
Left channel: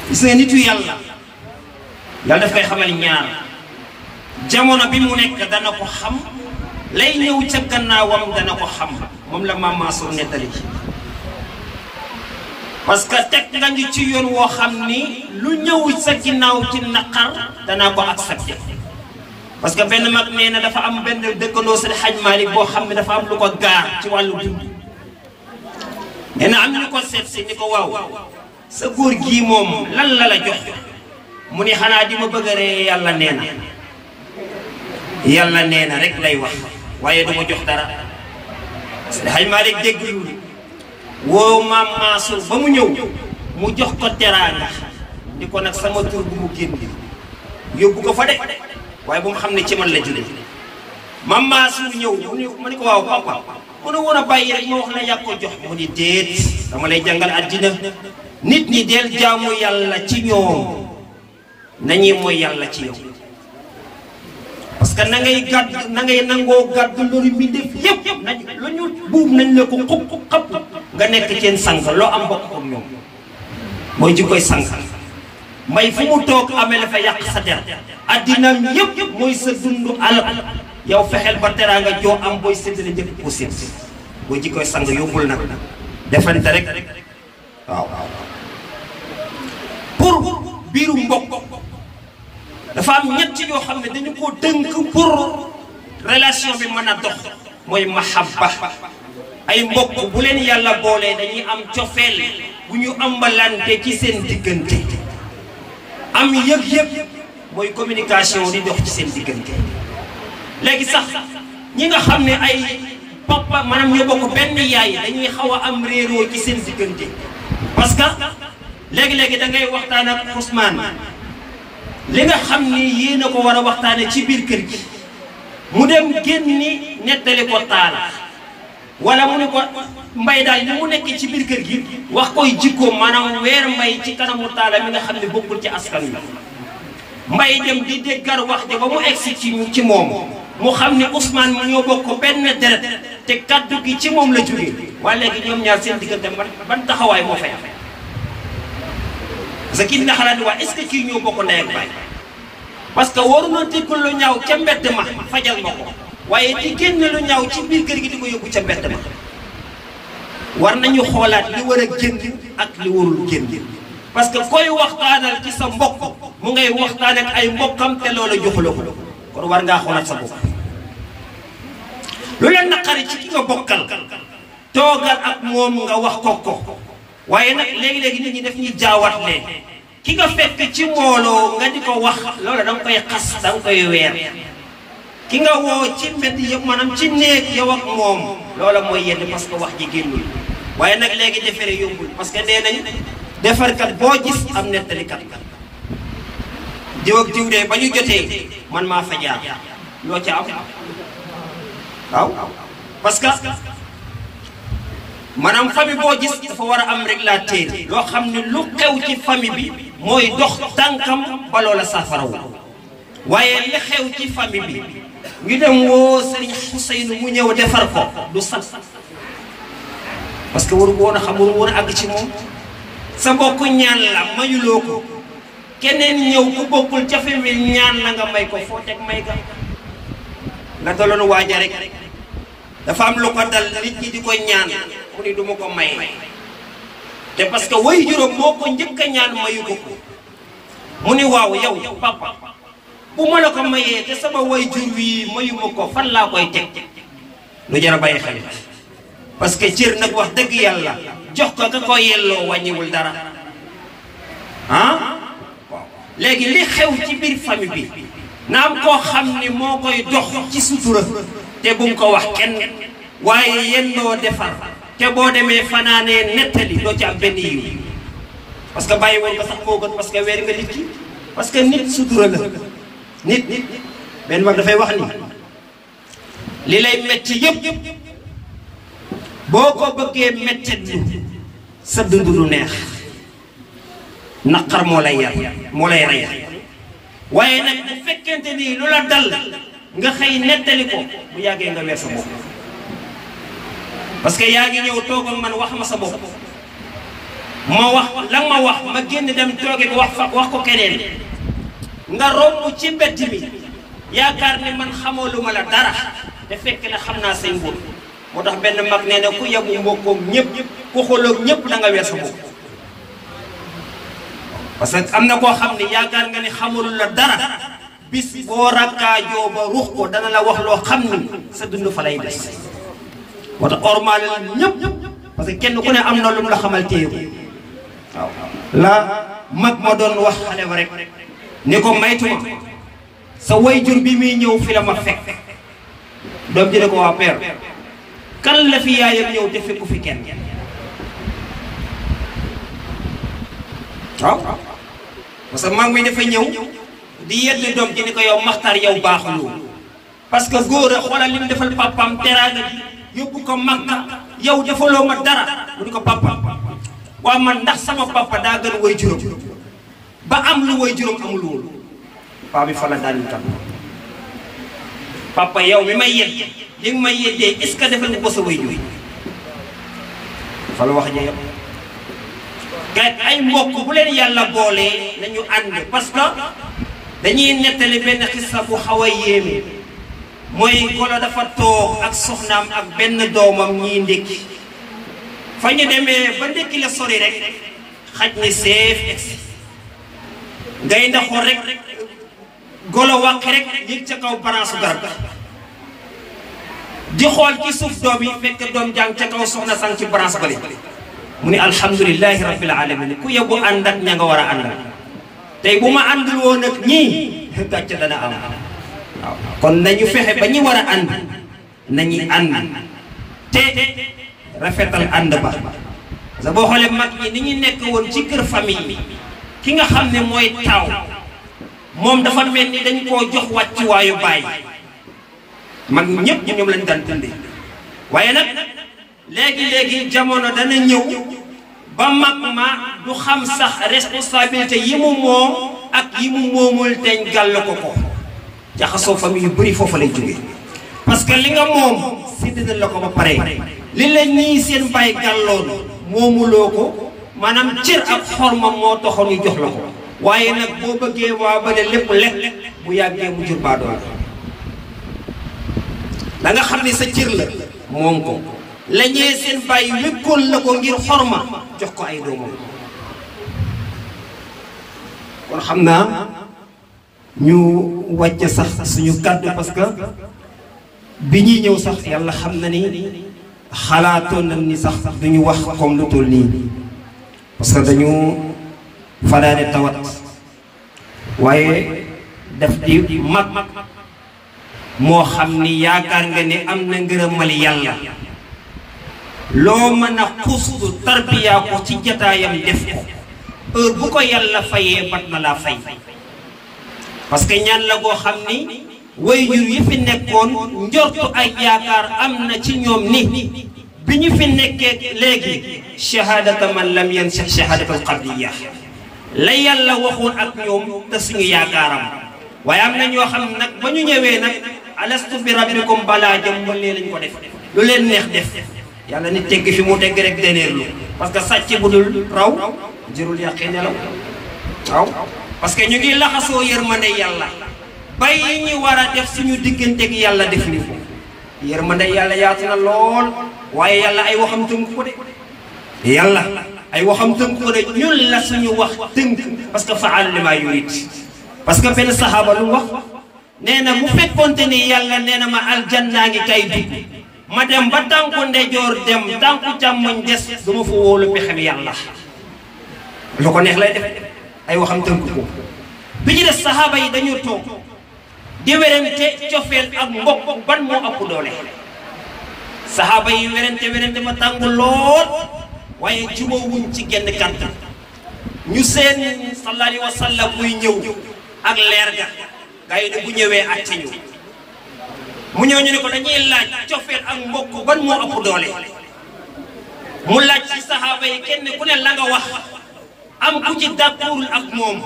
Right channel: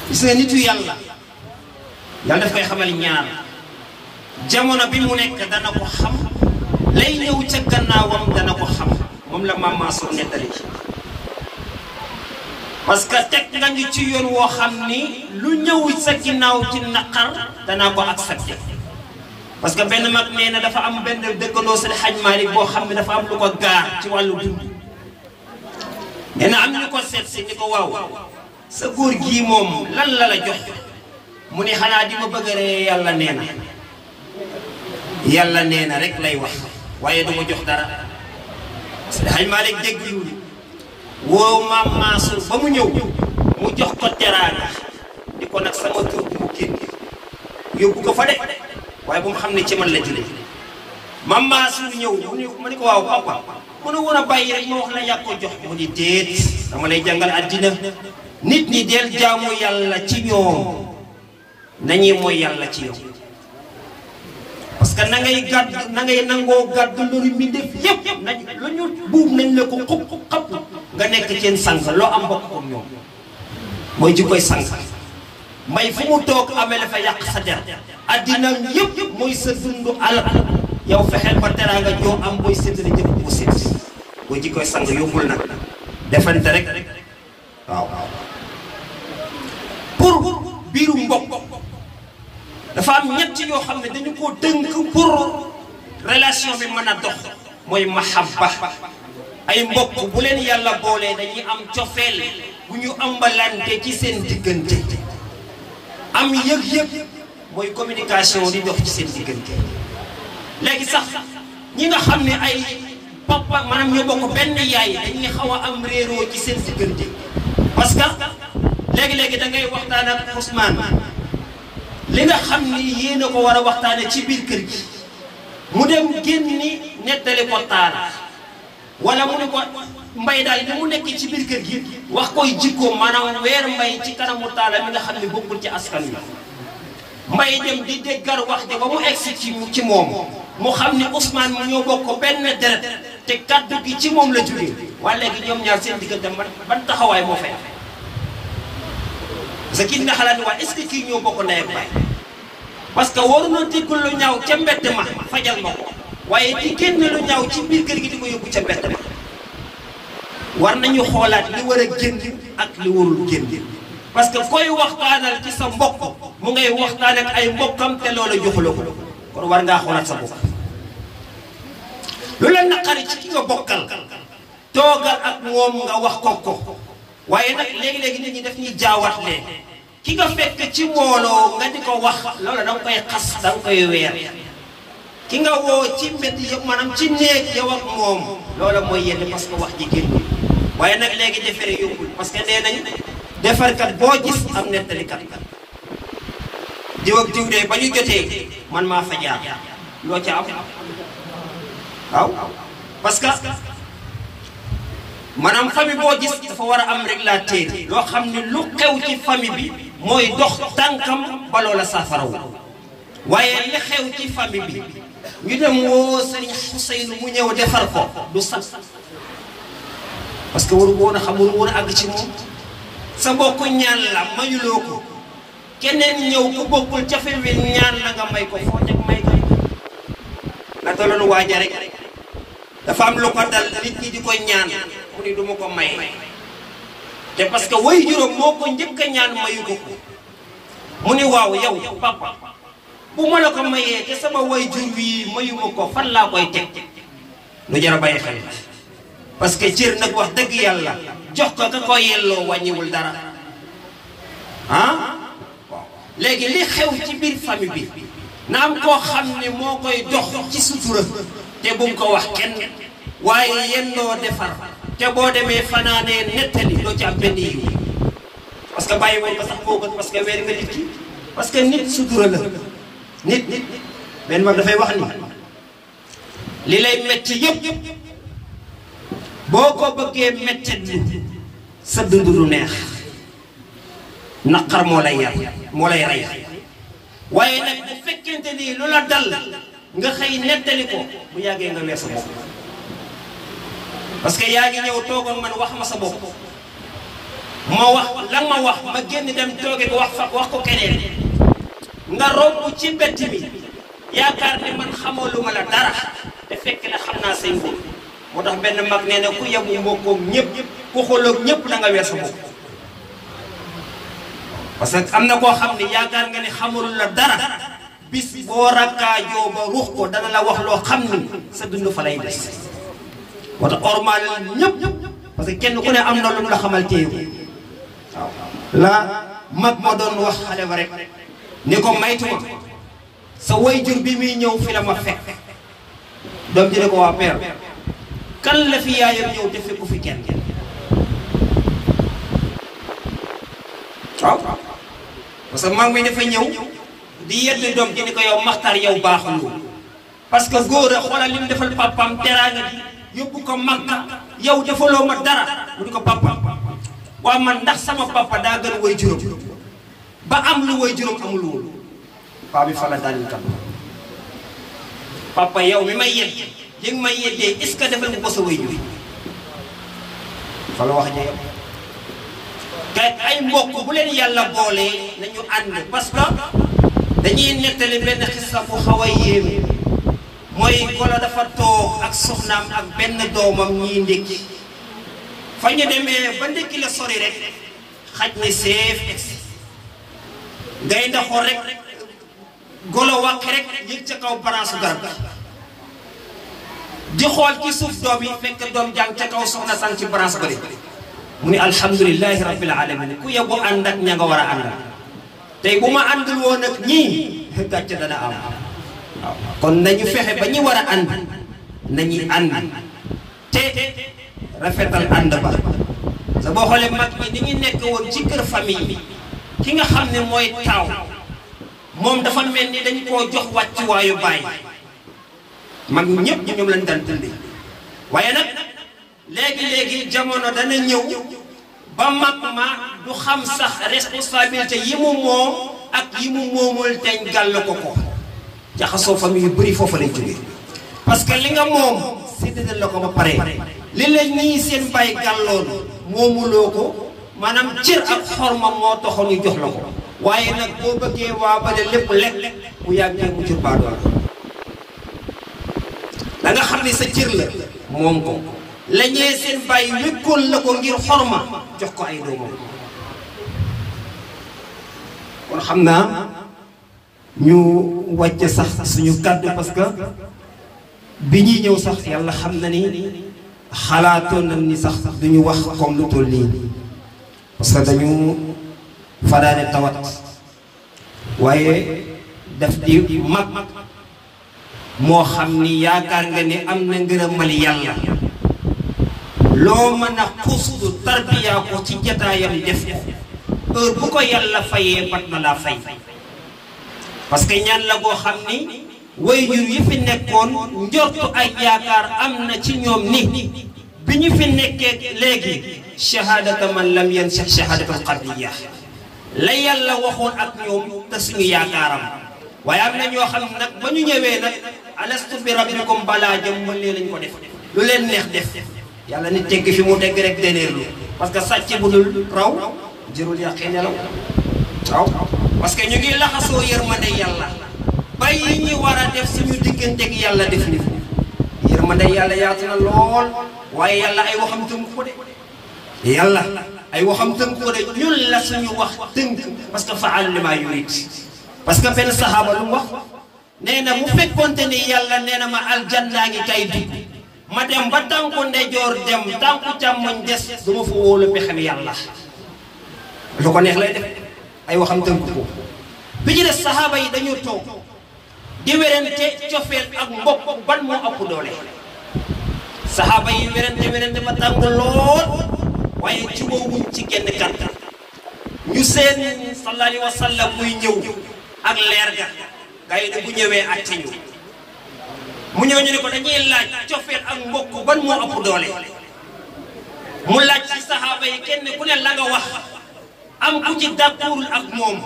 gis nga nitu yàlla daf koy xamal ñaar jamono bi mu nekk dana ko xam lay ñëw ca gannaawam dana ko xam moom la Mame Mansour nettali parce que teg nga ñu ci yoon woo xam ni lu ñëw sa ginnaaw ci naqar danaa ko accepté parce que benn mag nee na dafa am benn dëkkandoo Seydi Hadj Malick boo xam ne dafa am lu ko gaar ci wàllu dund nee na am ñu ko seet si ni ko waaw sa góor gii moom lan la la jox mu ni xanaa di ma bëgg ree yàlla nee na rek lay wax waaye du ma jox dara Seydi Hadj Malick dégg loolu woo Mame Mansour ba mu ñëw mu jox ko teraanga di ko nag sama kër bu mu génn yóbbu ko fa de waaye bu mu xam ne ci man la jóge Mame Mansour ñëw mu ni ko waaw papa mu ne woon a bàyyi rek ma wax la yàq ko jox mu ni déet dama lay jàngal àddina nit ñi del jaamu yàlla ci ñoom nañuy mooy yàlla ci yow parce que na ngay nangoo gàddu loolu mbindeef yëpp nañ lu ñu buub nañ ne ko xub xab nga nekk seen sang loo am bokk ko ñoom mooy ji koy sang mbay fu mu toog amee la fa yàq sa der addinaam yëpp mooy sa dundu alal yow fexeel ba teraanga joo am booy séddale jëpp ko sédd mooy ji koy sang yóbbul nag defante rek waaw pour biiru mbokk dafa am ñett yoo xam ne dañu ko dënk pour relation bi mën a dox mooy mahabba ay mbokk bu leen yàlla boolee dañuy am cofeel bu ñu ambalante ci seen diggante am yëg-yëg mooy communication di dox ci seen diggante léegi sax ñi nga xam ne ay papa maanaam ñoo bokk benn yaay dañuy xaw a am réeroo ci seen diggante parce que léegi-léegi da ngay waxtaan ak Ousmane li nga xam ni yéen a ko war a waxtaane ci biir kër gi mu dem génni nettali ko taala wala mu ne ko mbay daal li mu nekk ci biir kër gi wax koy jikkoom maanaam weer mbay ci kanamu taala mi nga xam ne bokkul ci askan wi mbay dem di déggar wax ji ba mu egsi ci moom mu xam ne Ousmane mu ñoo bokk benn deret te kaddu gi ci moom la jógee waaye léegi ñoom ñaar seen diggante ban taxawaay moo fay parce que kii dina xalaat ni waa est-ce que kii ñoo bokk ndey ak baay parce que waru na dégg lu ñaaw ca mbett ma fajal ma ko waaye di génn lu ñaaw ci biir kër gi di ko yóbbu ca mbett ma war nañu xoolaat li war a génn ak li warul génn parce que koy waxtaanal ci sa mbokk mu ngay waxtaan ak ay mbokkam te loola joxula ko kon war ngaa xoolaat sa bopp lu leen naqari ci ki nga bokkal toogal ak moom nga wax ko waaye nag léegi-léegi nit ñi def ñuy jaawaat leen ki nga fekk ci mbooloo nga di ko wax loolu da nga koy xas da nga koy weer ki nga woo ci mbedd yëpp maanaam ci néeg yow ak moom loola mooy yenn parce que wax ji génnul waaye nag léegi defere yombul parce que nee nañ defarkat boo gis am nettalikat diw ak diw de ba ñu jotee man maa fa jaar loo ca am waaw parce que maanaam famille boo gis dafa war a am régulateur yoo xam ne lu xew ci famille bi mooy dox tànkam ba loola saafarawu waaye li xew ci famille bi ñu dem woo Sëriñ Xuseynu mu ñëw defar ko du sax parce que waru woon a xam waru woon a àgg ci moom sa bokk ñaan la mayuloo ko keneen ñëw ku bokkul ca fi mi ñaan la nga may ko foo teg may ko nga daloon waaja rek dafa am lu ko dal nit ñi di ko ñaan mu ni duma ko may te parce que way juróom moo ko njëkk a ñaan mayu ko mu ni waaw yow papa bu ma la ko mayee te sama way jur wi mayuma ko fan laa koy teg lu jar a bàyyi xel parce que cër nag wax dëgg yàlla jox ko ka ko yelloo wàññiwul dara ah léegi li xew ci biir famille bi na am koo xam ni moo koy dox ci sutura te bu nga ko wax kenn waaye yennoo defar te boo demee fanaanee nettali doo ci am benn yiw parce que bàyyi woon ko sax moo gën parce que weer nga nit ki parce que nit sutura la nit benn mag dafay wax ni li lay metti yëpp boo ko bëggee mettit lu sa dund du neex naqar moo lay yar moo lay rey waaye nag bu fekkente ni lu la dal nga xëy nettali ko bu yàggee nga weer sa bopp parce que yaa ngi ñëw toog ak man wax ma sa bopp ma wax la ma wax ma génn dem tooge bi wax ko keneen nga romb ci mbedd mi yaakaar ne man xamoo lu ma la dara te fekk na xam naa say mbir moo tax benn mag nee na ku yebu mbokkoog ñëpp ku xooloog ñëpp da nga weer sa bopp parce que am na koo xam ne yaakaar nga ne xamul la dara bis boo rakkaajoo ba ruux ko dana la wax loo xam ni sa dund fa lay des moo tax ormaale la ñëpp parce que kenn ku ne am na lu mu la xamal téye waaw la mag ma doon wax xale ba rek ni ko maytuma sa way jur bi muy ñëw fi la ma fekk doom ji ne ko waa père kan la fi yaayam ñëw te fekku fi kenn waaw parce que mag mi dafa ñëw di yedd doom ji ni ko yow maxtar yow baaxuloo parce que góor a xoolal li mu defal papaam teraanga ji yóbbu ko Makka yow defaloo ma dara mu ni ko papa waaw man ndax sama papa daa gën way juróom ba am lu way juróom amul woon paa bi fa la daan tam papa yow mi may yedd li nga may yeddee est-ce que defal nga ko sa way jur fa la wax ji gat ay mbokk bu leen yàlla boolee nañu ànd parce que dañuy nettali benn xissa bu xaw a yéeme mooy golo dafa toog ak soxnaam ak benn doomam ñiy ndékki fa ñu demee ba ndékki la sori rek xaj ni seef egsi ngay ndaxoor rek golo wàq rek yëg ca kaw branche garab di xool ci suuf doom yi fekk doom jàng ca kaw soxna sang ci branche bari mu ni alhamdulilahi rabbil alamin ku yebbu ànd ak ña nga war a àndal tey bu ma àndul woon ak ñii gàcce dana am waaw kon nañu fexe ba ñu war a ànd nañuy ànd te rafetal ànd ba sa boo xoolee mag ñi ni ñu nekk woon ci kër famille ki nga xam ne mooy taaw moom dafa mel ni dañ koo jox wàccuwaayu baay mag ñëpp ñoom lañ daan dundee waaye nag léegi jamono dana ñëw ba mag ma du xam sax responsabilité yi mu moom ak yi mu moomul teñ gàll ko jaxasoo famille yu bëri foofu lay jógee parce que li nga moom séddale la ko ba pare li la ñii seen bàyyi gàlloon moomuloo ko maanaam cër ak xorma moo taxoon ñu jox la ko waaye nag boo bëggee waa ba lépp lekk bu yàggee mu jur baadoo la nga xam ne sa cër la moom ko la ñee seen bàyyi wékkoon la ko ngir xorma jox ko ay doomam kon xam naa ñu wàcc sax suñu kàddu parce que bi ñuy ñëw sax yàlla xam na ni xalaatoon nañ ni sax duñu wax comme lu toll nii parce que dañu fanaane tawat waaye daf di mag moo xam ni yaakaar nga ne am na ngërëmal yàlla loo mën a xustu tarbiya ko ci jataayam def ko heure bu ko yàlla fayee bat na laa fay parce que ñaan la boo xam ni waajur yi fi nekkoon njortu ay yaakaar am na ci ñoom ni bi ñu fi nekkee léegi shahadata man lam yansa shahadatal qadriya la yàlla waxoon ak ñoom te suñu yaakaaram waaye am na ñoo xam nag ba ñu ñëwee nag alastu bi rabbikum balaa jëm lee lañ ko def lu leen neex def yàlla ni tegg fi mu tegg rek deneerlu parce que sàcc bu dul raw jërul yàqee nelaw waaw parce que ñu ngi laxasoo yërmande yàlla bàyyi ñu war a def suñu digganteeg yàlla def ni yërmande yàlla yaatu na lool waaye yàlla ay waxam tënk ko de yàlla ay waxam tënk ko de ñun la suñu wax tënk parce que fa'alu lima yurid parce que benn saxaaba lu wax nee na bu fekkonte ni yàlla nee na ma aljanna ngi kay dugg ma dem ba tànku ndejoor dem tànku càmmoñ des duma fa wóolu pexem yàlla lu ko neex lay def ay waxam tënk ko bi ci des saxaaba yi dañu toog di werante cofeel ak mbokk ban moo ëpp doole saxaaba yi werante ba tàng lool waaye jubóowuñ ci genn kàddu ñu seen sallallahu alayhi wa sallam muy ñëw ak leer ga gaa yi ne bu ñëwee àtte ñu mu ñëw ñu ne ko dañuy laaj cofeel ak mbokk ban moo ëpp doole mu laaj ci saxaaba yi kenn ku ne la nga wax am ku ci d'accordul ak moom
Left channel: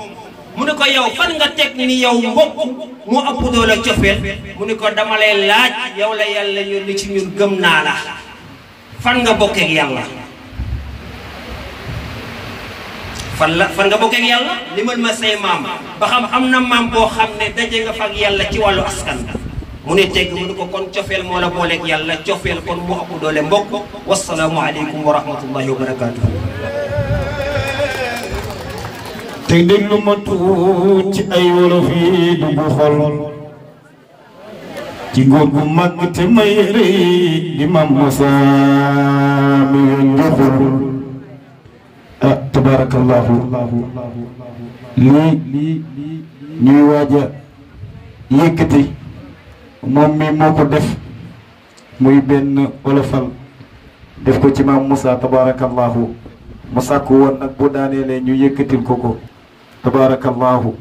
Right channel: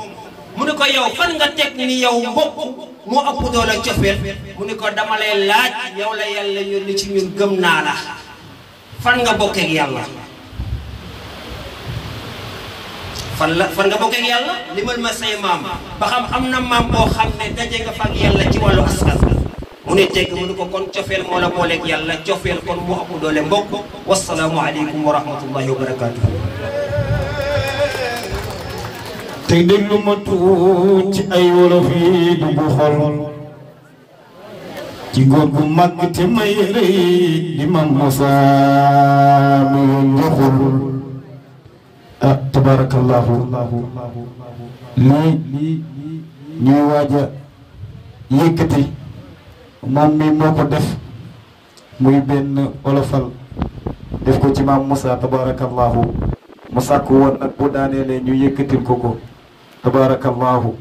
mu ne ko yow fan nga teg ni yow mbokk moo ëpp doole cofeel mu ne ko dama lay laaj yow la yàlla yónni ci ñun gëm naa la fan nga bokkeek yàlla fan nga bokkeek yàlla limal ma say maam ba xam am na maam boo xam ne daje nga fa ak yàlla ci wàllu askan mu ne tegg mu ne ko kon cofeel moo la booleeg yàlla cofeel kon moo ëpp doole mbokk wasalaamu aleykum wa rahmatullahi wa barakatuh te déglu ma tuut ci ay wolof yi dugg xol ci góor gu mag te may rëy di Mame Moussa mi njoxul ah tabarakallahu lii ñuy waaja yëkkati moom mi moo ko def muy benn olofal def ko ci Mame Moussa tabarakallahu mu sàkku woon nag bu daaneele ñu yëkkatil ko tabarakallahu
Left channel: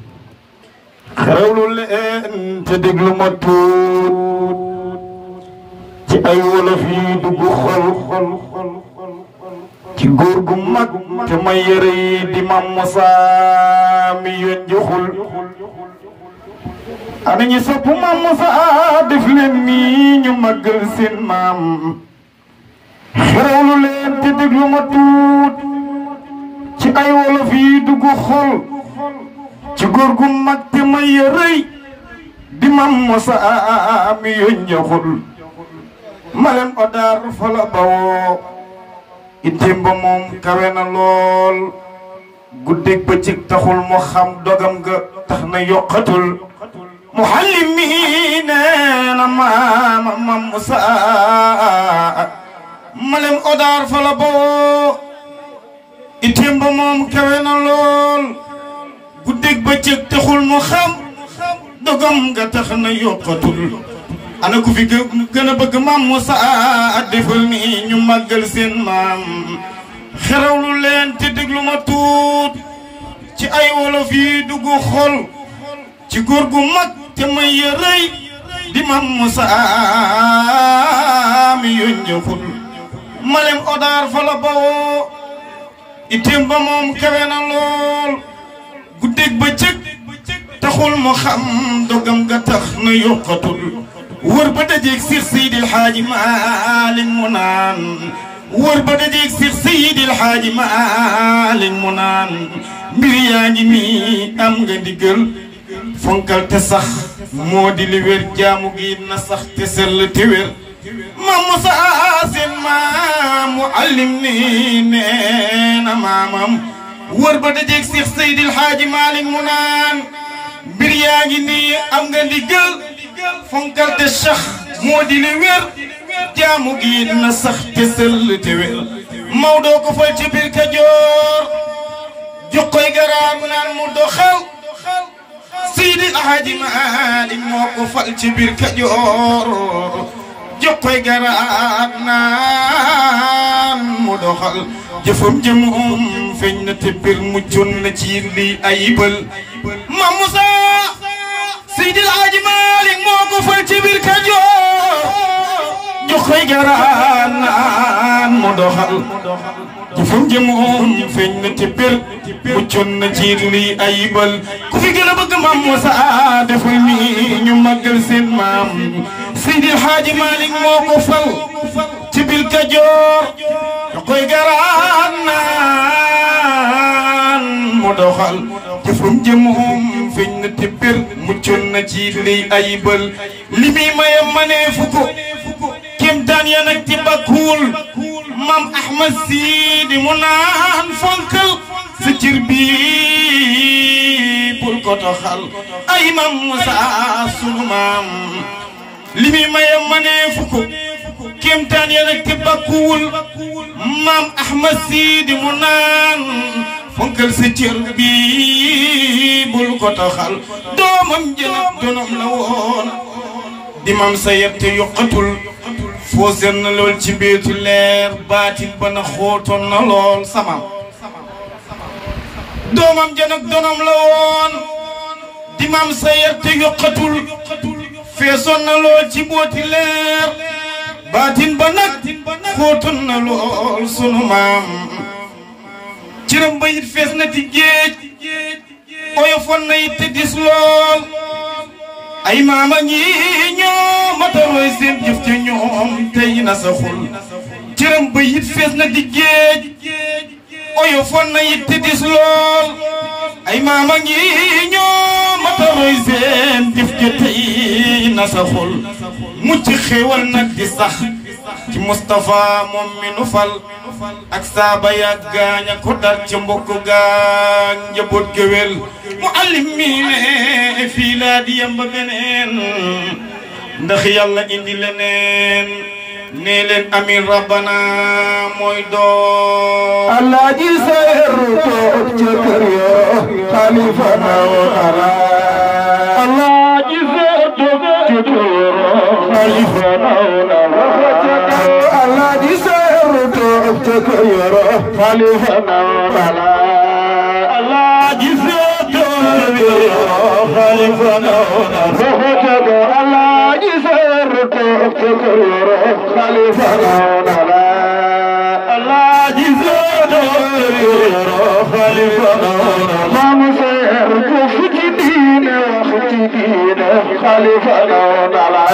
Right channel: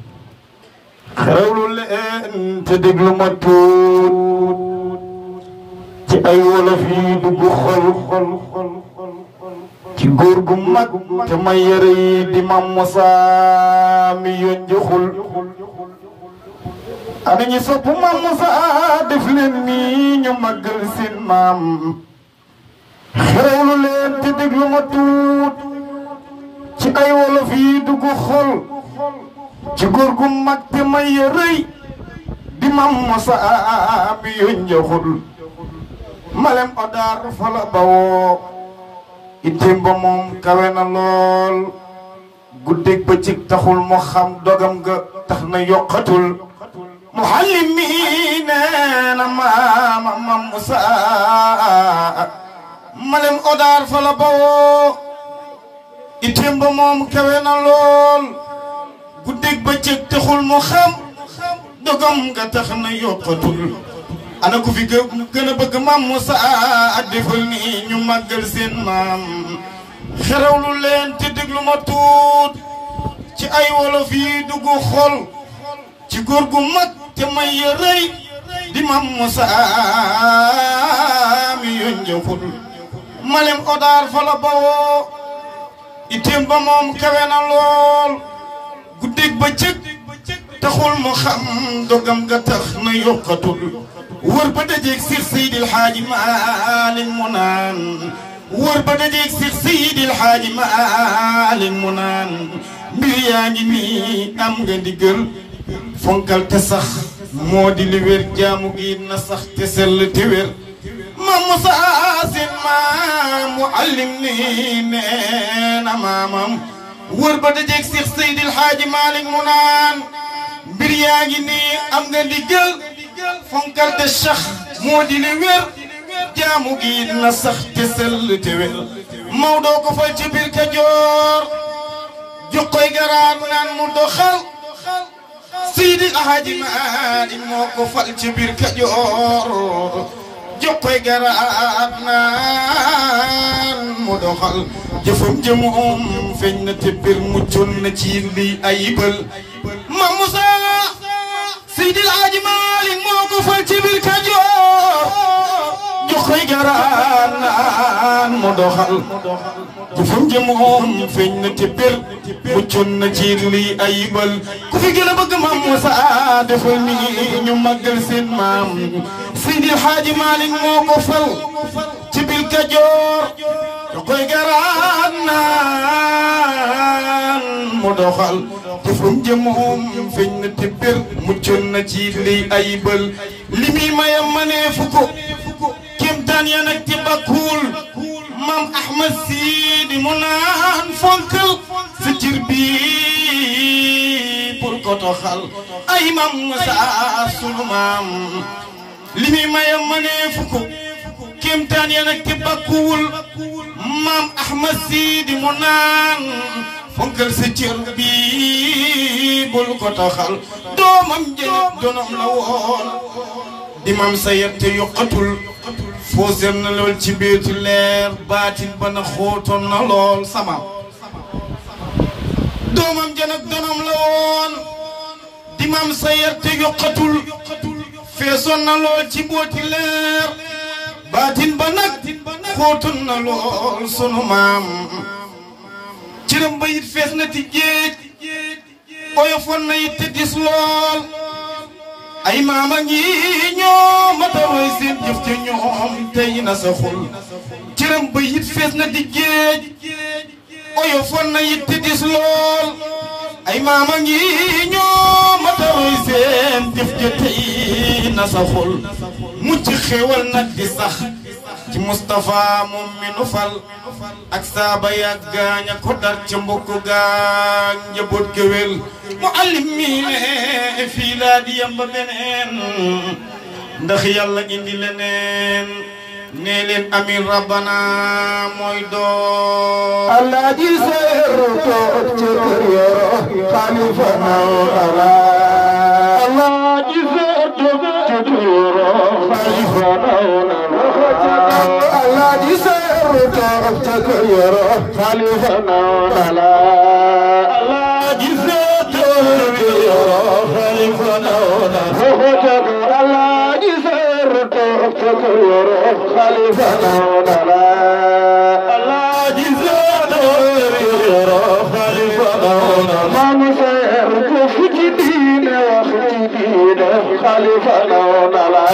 xerawlu leen te déglu ma tuut ci ay wolof yi dugg xol ci góor gu mag te ma yére yi di Mame Moussa mi yoon joxul ana ñi sopp Mame Moussa def leen nii ñu màggal seen maam xerawlu leen te déglu ma tuut ci ay wolof yi dugg xol ci góor gu mag te may rëy di Mame Moussa mi yoon joxul malem odar fa la bawoo itteem ba moom kawe na lool guddeeg bëccëg taxul mu xam dogam ga tax na yokkatul muhallim mi nee na Mame Moussa malem odar fa la bawoo itteem ba moom kawe na lool guddeeg bëccëg taxul mu xam dogam ga tax na yokkatul ana ku fi gën a bëgg Mame Moussa defal ni ñu màggal seen maam xerawlu leen te déglu ma tuut ci ay wolof yi dugg xol ci góor gu mag te may rëy di Mame Moussa mi yoon joxul malem odar fa la bawoo itteem ba moom kawe na lool guddeeg bëccëg taxul mu xam dogam ga tax na yokkatul wër ba dajeeg Seex Seydil Haaji Maalik mu naan wër ba dajeeg Seex Seydil Haaji Maalik mu naan mbir yaa ngi nii am nga ndigal fonkal te sax moo di li wér jaamu gi na sax te sell te wér Mame Moussa seen maam muallim ni nee na maamam wër ba dajeeg Seex Seydil Haaji Maalik mu naan mbir yaa ngi nii am nga ndigal fonkal te sax moo di li wér jaamu gi na sax te sell te wér Maodo ko fal ci biir Kajoor jox koy garaar naan mu doxal Seydi Haaji Maalik moo ko fal ci biir Kajoor jox koy garaar naan mu doxal jëfam jëmoom feeñ na te biir mujjoon na ci lii ayibal Mame Moussa Seydi Haaji Maalik moo ko fal ci biir Kajoor jox koy garaar naan mu doxal jëfam jëmoom feeñ na te biir mujjoon na ci lii ayibal ku fi gën a bëgg Mame Moussa defal ni ñu màggal seen maam Seydi Haaji Maalik moo ko fal ci biir Kajoor jox koy garaar naan mu doxal jëfum jëmoom feeñ na te bir muccoon na ci liy ayibal li muy maye maneefu ko kéemtaan ya nag ci bakkuwul maam Ahmad Sidi mu naan fonkal sa cër bi bul ko toxal ay maam Musa sunu maam li muy maye maneefu ko kéemtaan ya nag ci bakkuwul maam Ahmad Sidi mu naan fonkal sa cër bi bul ko toxal doomam jënab donam la woon di maam sa yette yokkatul foo seen na lool ci biitu leer baatin ba na xóotoon na lool sama doomam jënab donam la woon di maam sa yette yokkatul feesoon na lool ci booti leer baatin ba nag xóotoon na lool sunu maam ciram ba it fees na ti géej oyofoon na it te dis lool ay maama ñi ñoo matarooy seen jëf ca ñoom tey na sa xul ciram ba it fees na ti géej oyofoon na it te dis lool ay maama ñi ñoo matarooy seen jëf ca tey na sa xul mucc xéewal nag di sax ci Moustapha moom mi nu fal ak saaba yàgg gaaña ko dar ca mbokk gaañ njaboot géwél mu allim mi ne fii laa di yamba beneen ndax yàlla indi leneen nee leen amin rabbana mooy doo Allah ji seeru toog ca kër ya xalifa nawara Allah ji seeru toog ca kër ya xalifa nawara Allah ji seeru toog ca kër ya xalifa nawara Allah ji seeru toog ca kër ya xalifa nawara Allah ji seeru toog ca kër ya xalifa nawara Allah ji seeru toog xalifa nawara maam seer ko fu ci diine wax ci diine xalifa nawara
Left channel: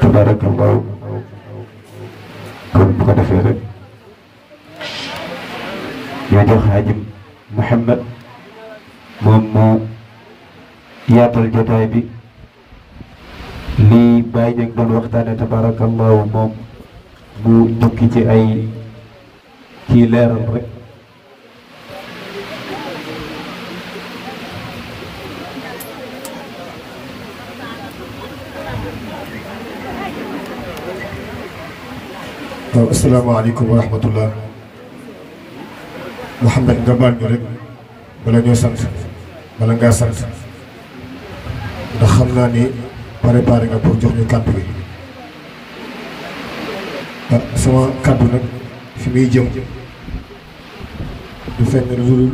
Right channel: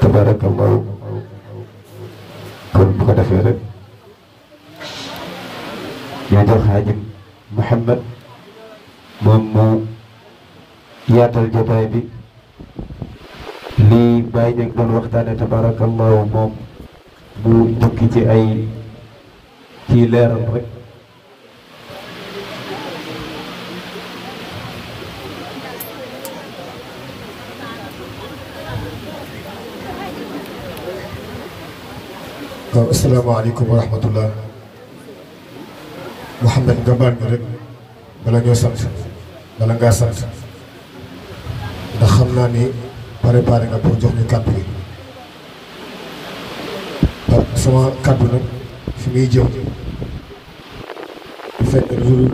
tabarakallahu kon bu ko defee rek ñoo jox Haji Mouhamed moom moo yaatal jotaay bi lii bàyyi ñu doon waxtaane tabarakallahu moom mu jukki ci ay kii leeral rek asalaamaaleykum wa rahmatullah Mouhamed nga baal ñu rek bala ñoo sant bala ngaa sant ndax xam naa ni préparé nga pour jox ñu kàddu gi sama kàddu nag fi muy jëm fenn lu dul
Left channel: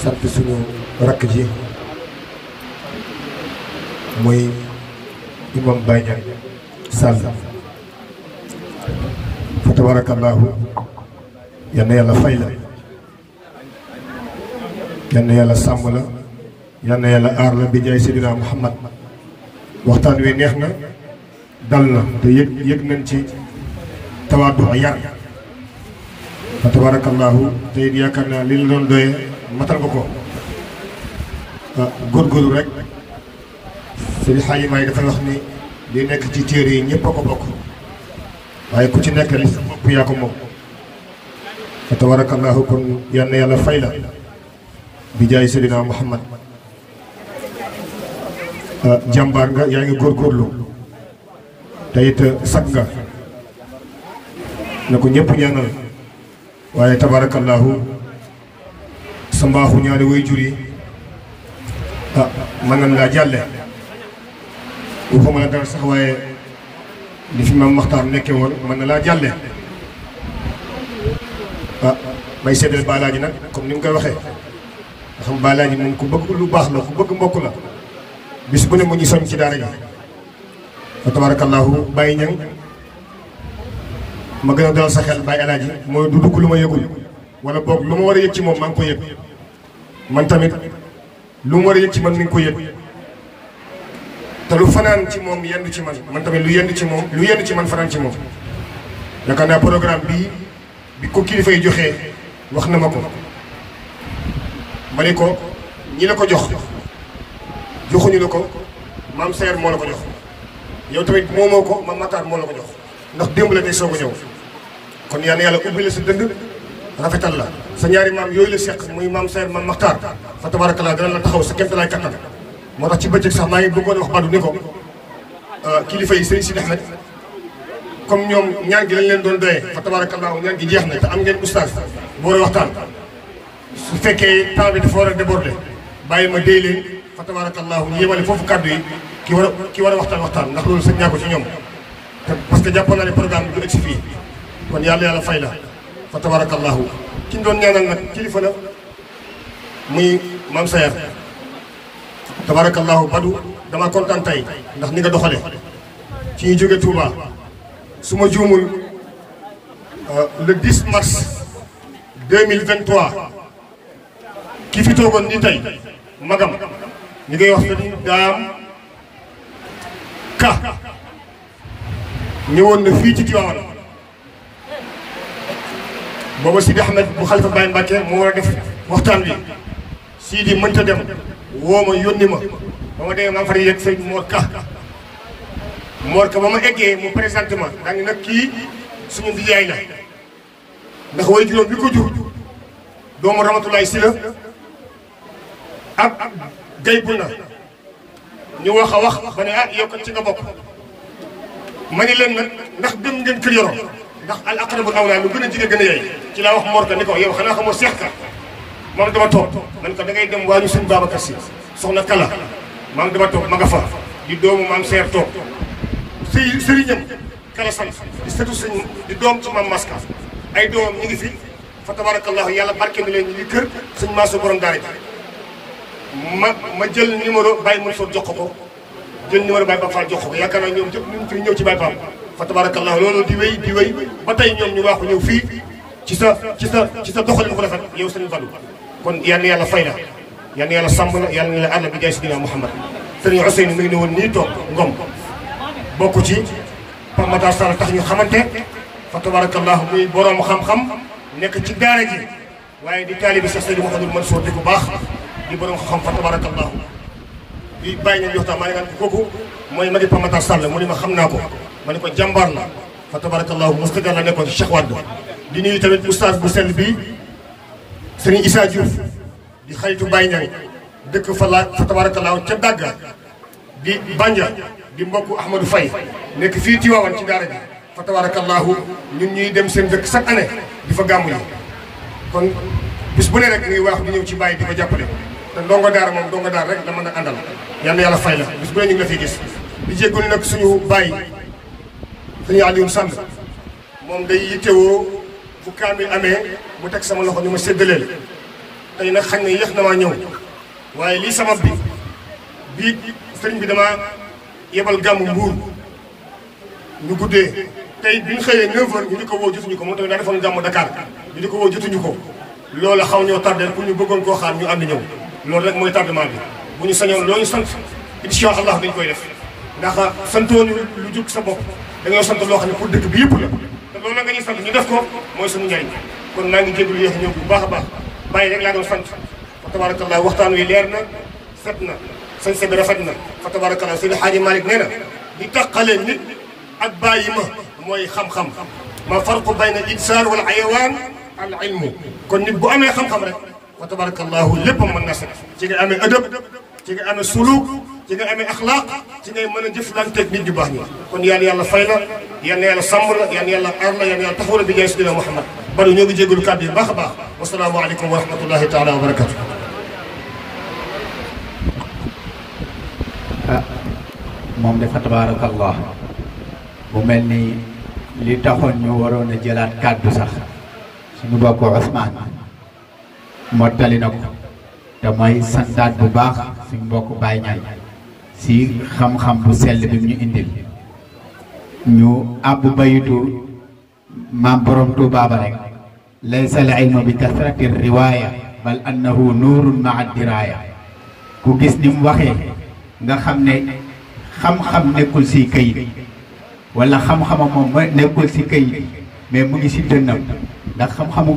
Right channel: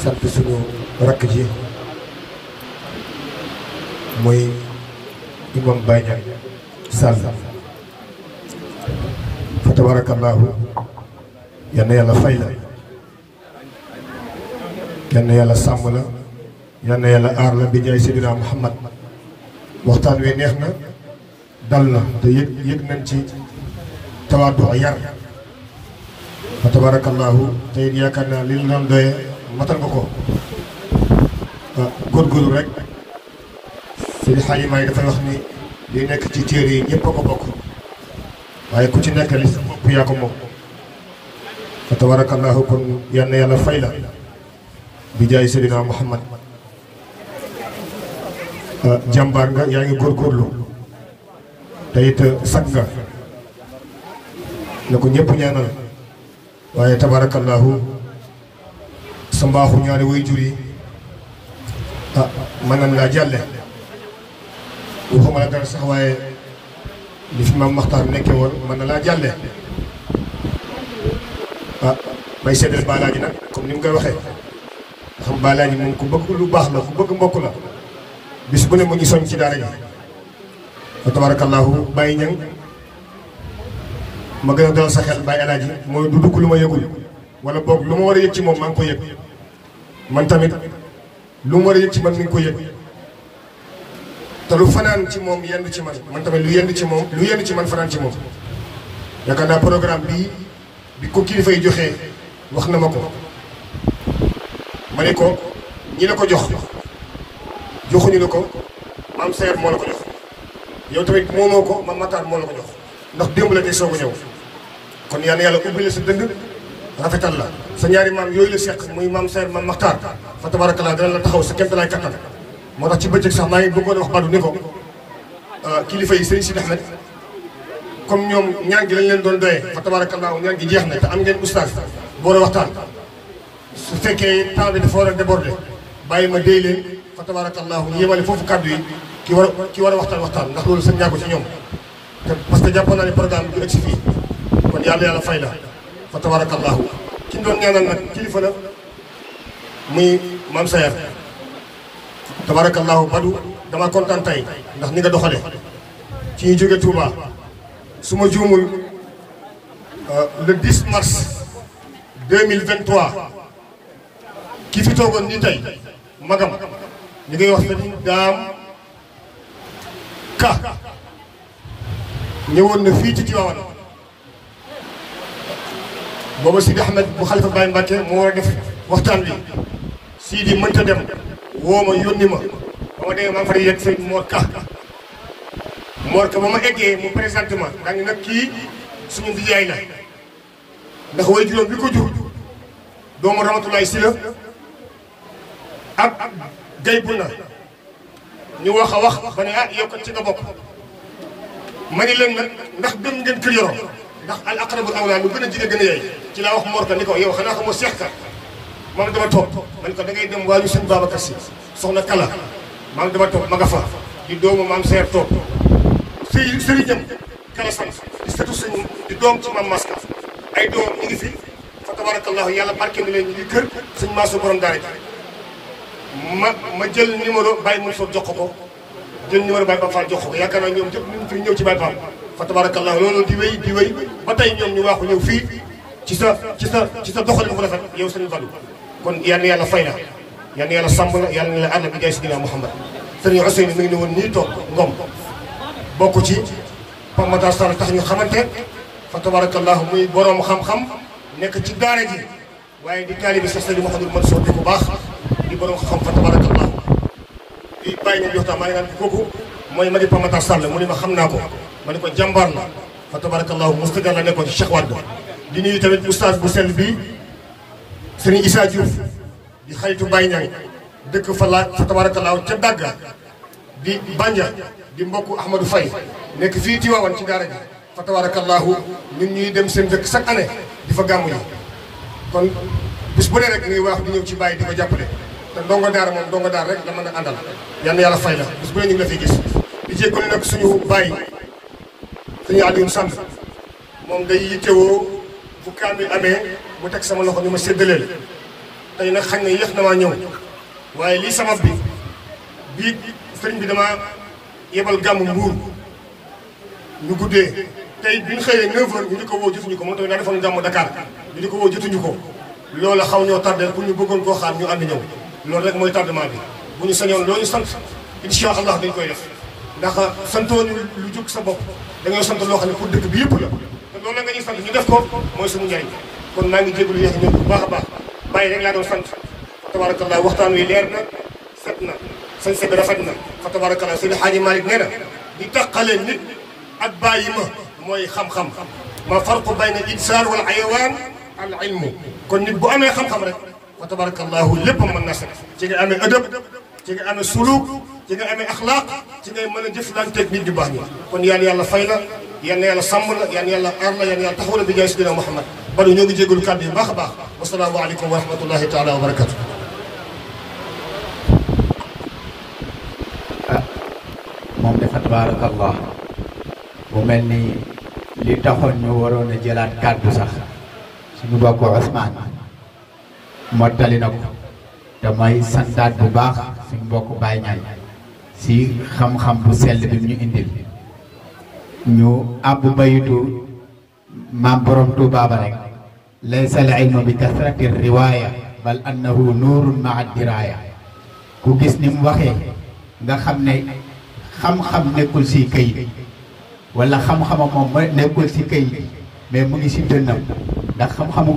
sant suñu rakk ji muy imam Baye Niang Sall fa tabarakallahu yal na yàlla fay la yal na yàlla sàmm la yal na yàlla aar la bi jaay Seydina Muhammad waxtaan wi neex na dal na te yëg nañ ci tawaadu yar fa tabarakallahu te it yaakaar naa li la doon doye matal nga ko góorgóorlu rek seen xaalimaa yi dafay wax ni li nekk ci téere yi ñëpp a ko bokk waaye ku ci nekk li sa bopp yaa ko moom fa tabarakallahu kon yal na yàlla fay la bi jaay Seydina Muhammad jàmbaar nga yaa ngi góorgóorlu te it sag nga na ko ñëpp ñaanal waaye tabarakallahu sa mbaaxu ñaari way jur yi mën nañ laa jàlle waxuma la dara sax waaye li fi maam Maxtaar nekkee woon mën na laa jàlle may seddal baalaaji nag comme ni mu koy waxee nga xam baalaaji moom ku bëgg lu baax la ku bëgg mbokk la bis bu ne mu ñu soñ ci daara gi fa tabarakallahu Baye Niang ma gën a dal sa xel Baye Alaaji mooy du dugg lu ma yëgul wala boog lu ma war a yëg ci moom maa ngi ko yëg man tamit lu mu war a yëg ci man mi ngi ko yëg te lu fanaan ci moom yendu ci man tamit lu yendu ci moom lu yendu ci man fanaan ci moom yaakaar naa programme bii bi ko kilifa yi joxee wax na ma ko ma ne ko ñi la ko jox joxuñu la ko maam Seer moo la ko jox yow tamit moomoo ko maam Matar moo la ko jox ndax démb la tey soog a ñëw kon yal na yàlla ubbi la sa dënd rafetal la sa ñaari maam yooyu la seq muy maam Seer maam Matar fa tabarakallah dana la taxaw sa kéemtalaay kattan moo tax ci bëccëg sax maa ngi bëggoon wax Badou ni ko kilifa yi Serigne Sidi Ahmed comme ñoom ñaan gi lañ leen doon doyee fa tabarakallah ñaan gi jeex na te am ngeen oustaz bu war a waxtaan su fekkee temps bi dafa war a déborder bàyyi ma déy leen fa tabarakallahu ñu yemale foofu kàddu yi ki war a waxtaan ndax loolu sañ naa ko ci ñoom te parce que jàppoon naa ne programme bi du egsi fii kon yàlla fay la fa tabarakallahu ki ñu doon ñaanal nag kilifa la muy maam Sayar tabarakallahu Badou dama kontaan tey ndax ni nga doxale ci ñu jóge Touba su ma juumul le 10 mars 2023 ki fi toogoon ni tey magam ñu ngay wax Sëriñ Daam Ka ñëwoon na fii ci Tivaouane booba Sidi Ahmed bu Xalifa Baye Mbacke moo war a def waxtaan bi Sidi mënta dem woo ma yónni ma ba ma demee maa ngi fa yegg sëñ Mor Ka ba ma eggee mu présenté ma daanaka nag kii suñu ndiyaay la ndax way juróom bi ko jur doomu Ramatulaay Sila ak gay bu na ñu wax a wax ba ne yow kat ci nga bokk ma ni leen nag ndax dem ngeen kër yoro ndax al aqrabul awlaa lu gën a jige gën a yey ci laa wax Mor Ka ni ko yow xanaa xamoo Seex Ka maam dama toog man ko da ngay dem waa ñu sëñ Babacar Si soxna Kala maam dama toog ma nga fa di doomu maam Seer toog sëriñam Kala sant di sëtu sëñ di doom ci maam Maska ay doom ñu ngi fi fa tabarakallahu yàlla barke mi leen ñu ngi kër sëñ Maaso borom daara ji ma jël numéro Baye Mansour jox ko jël numéro Baye Pape Fall jox ko yaakaar naa ñoom ñëpp ñu fi ñëw ci Baye Pape fa tabarakallahu loolu di wéy ba tey ñoom ñu waaxu ñëw fii ci sa doxalin bu rafet yow sëñ Badou kon yal na yàlla fay la yal na yàlla sàmm la yal na yàlla aar la bi jaay Sidina Muhammad sëriñ Ousseynou mi ngi ne woon nii toog ngom bokk ci Pape Matar Sall tax ñu xamante fa tabarakallahu muy borom xam-xam nekk ci daara ji waaye di taalibi Cheikh Seydou Mouhamadou Mansour di ko baax di borom xam fa tabarakallahu di bàyyi nañ joxtaan maa ngi naan kooku mooy magi Pape Matar Sall mu ni ma xam naa ko ma ne ko jàmbaar la fa tabarakallahu mustadar la nekkoon ci Cheikh Wade di nuyu tamit oustaz bu sell bi Serigne Issa Diouf di xaritu Baye Niang dëkk fa tabarakallahu ca Dagga di Banja di mbokku Ahmadou Faye nekk fii Tivaouane ci daara ji fa tabarakallahu ñun ñuy dem seen dëkk chaque année di fa gàmmu yi kon bis bu ne rek ñuy waax di ñëw ci Baye di ko jàppale te ndongo daara moom ndongo daara rek la mën a àndal yal na yàlla fay la bis bu ne ñu ngi la fiy gis di jégalu nag suñu Baye suñu Alioune Samb moom day yittewoo bu kaamil amee mu teg sama loxo ni ma séddaleel tey nag xañ na yéex na maa ñëw waaye lii sabab bi bii sëriñ bi dama yebal gàmmu Mbuur ñu guddee tey bi ñu xëyee 9h ñu di ko woo jotuñu ko moom tamit daa defoon gàmmu Dakar ñu di ko woo jotuñu ko loolu xaw ñoo tardé pour ñu bëggoon koo xaar ñu ànd ñëw loolu rek mooy tardement bi bu ñu sañoon loolu ñu sant incha allah dañ koy def ndax santoon lu jóg sa bopp dañoo sant loo xam ne pour dëkk bi yëpp la te loolu nga ñuy sant ñu def ko mooy suñu njariñ kon maa ngi jégalu yéex ñëw bu baax a baax bàyyi rek laa doon sant fa tabarakallah waxtaan wi leer na set na sañ bi rafet na fa tabarakallah Seydi Hadji Malick nee na di taqale nit ak bàyyi ma mooy xam-xam ma farqu bayna al insaan wal xayawaan al ilmu kon nit bu amee xam-xam rek fa tabarakallahu lépp mën na set ci nga amee adab ci nga amee suluk ci nga amee axlaaq ci ngay mën a jëflanteeg nit di baax ñi kon yàlla fay la yal na yàlla sàmm la yal na yàlla aar la yal na yàlla taxaw la bi jaay Seydina Muhammad bari ñoo ngi jégalu kàddu yi baax a baax wasalaamu aleykum wa rahmatullahi taala wa barakatu moom dafa tabaarakallah bu mel ni li taxoon ñu waroon a jëlaat kàddu sax suñu bokk Ousmane mottali na ko te may santaat bu baax suñu mbokk Baye Niang si xam-xam bu sell bi mu ñu indil ñu àbb bayitu maam borom Tuubaa ba rek laysa al ilmu bi kasrati riwaaya bal annahu nuurun maa diraaya ku gis ni mu waxee nga xam ne xam-xam nekkul si kayit wala xam-xama moom nekkul si kayit mais mu ngi si dënnam ndax xam-xamu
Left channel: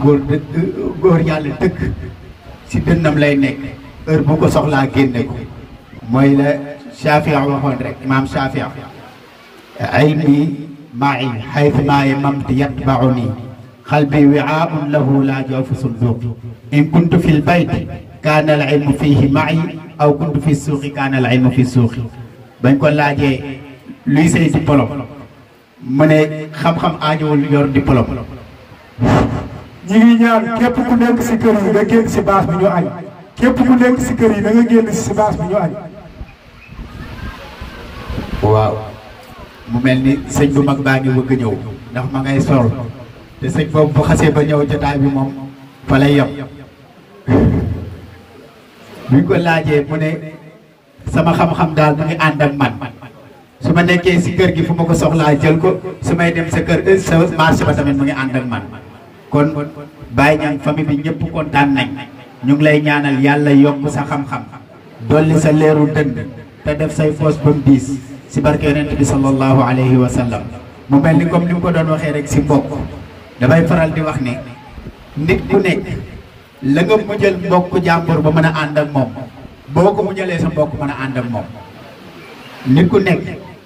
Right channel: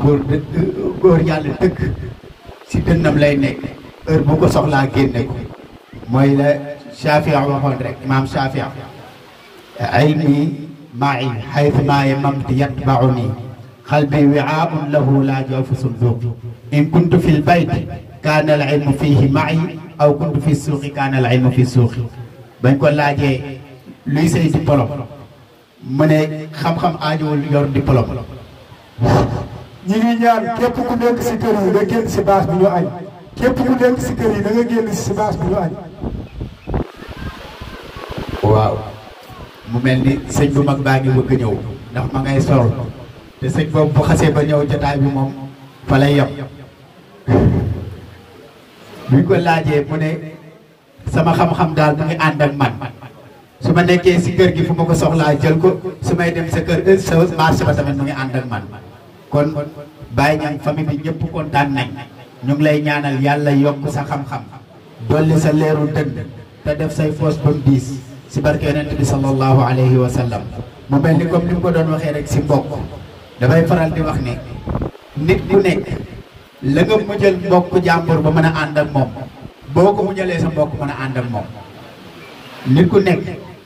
góor yàlla dëkk si dënnam lay nekk heure bu ko soxlaa génne ko mooy la Shafia waxoon rek imaam Shafia ilmi ma'i haythu ma yamamtu yatba'uni qalbi wi'a'un lahu la jawfu sunduq in kuntu fi l-bayt kaana al-ilmu fihi ma'i aw kuntu fi suuqi kaana al-ilmu fi suuqi bañ ko laajee luy say diplôme mu ne xam-xam aajowul yor diplôme. ñi ngi ñaan képp ku nekk si kër yi nga génn si baas bi ñu añ képp ku nekk si kër yi da nga génn si baas bi ñu añ. waaw mu mel ni sëñ bu mag baa ngi bëgg ñëw ndax ma ngay sol te sëñ boobu bu xasee ba ñëw jotaay bi moom fa lay yem buñ ko laajee mu ne sama xam-xam daal mu ngi ànd ak man su ma nekkee si kër gi fu ma ko soxlaa jël ko su may dem sa kër sa marché ba tamit mu ngi ànd ak man kon Baye Niang famille bi ñëpp kontaan nañ ñu ngi lay ñaanal yàlla yokk sa xam-xam dolli sa leeru dënd te def say foos ba mu diis si barke yonent bi sallallahu alayhi wa sallam mu mel ni comme ni mu ko doon waxee rek si mbokk damay faral di wax ne nit ku nekk la nga mujjal mbokk jàmbur ba mën a ànd ak moom boo ko muñalee sa mbokk mën a ànd ak moom nit ku nekk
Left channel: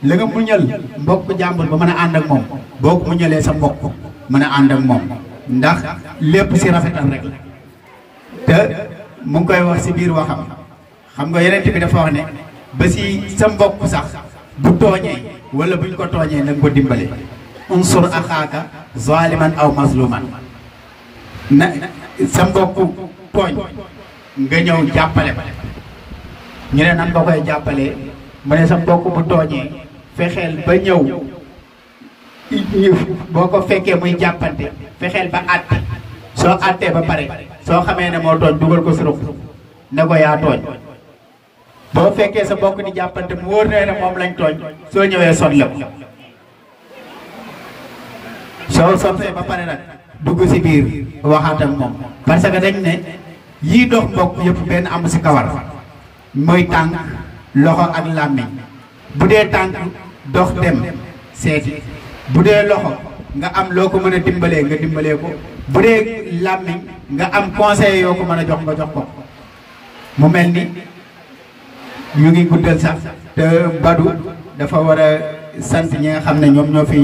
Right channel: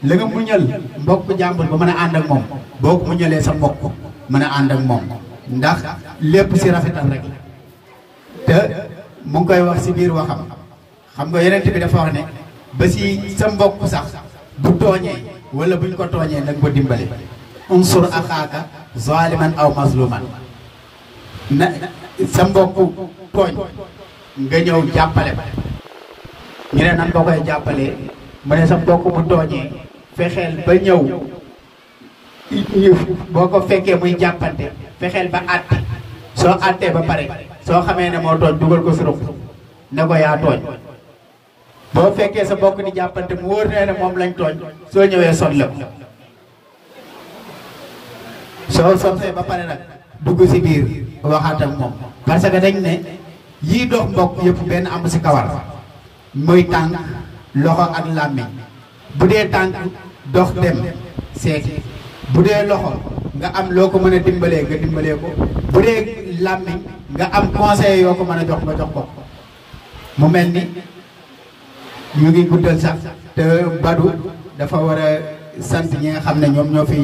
la nga muñal mbokk jàmbur ba mën a ànd ak moom boo ko muñalee sa mbokk mën a ànd ak moom ndax lépp si rafetal rek te mu ngi koy wax si biir waxam xam nga yonent bi dafa wax ne ba si sa mbokk sax bu tooñee wala buñ ko tooñee na nga ko dimbale unsur axaaka zaliman aw mazluman na sa mbokk tooñ nga ñëw jàppale ko ñu ne nan nga koy jàppalee mu ne sa mbokk bu tooñee fexeel ba ñëw boo ko fekkee muy jàppante fexeel ba àtte soo àttee ba pare soo xamee ne moo tooñ dugal ko si ruq ne ko yaa tooñ boo fekkee sa mbokk di jàppante mu wóor ne moom lañ tooñ soo ñëwee sotle ko soo sottee ba pare nag dugg si biir waxaat ak moom parce que dañ ne yii dox mbokk yëpp benn am si kawar mooy tànk loxo ak làmmiñ bu dee tànk dox dem seeti bu dee loxo nga am loo ko mën a dimbalee nga dimbalee ko bu dee làmmiñ nga am conseil yoo ko mën a jox nga jox ko mu mel ni ñu ngi guddal sax te Badou dafa war a sant ñi nga xam ne ñoom ñoo fi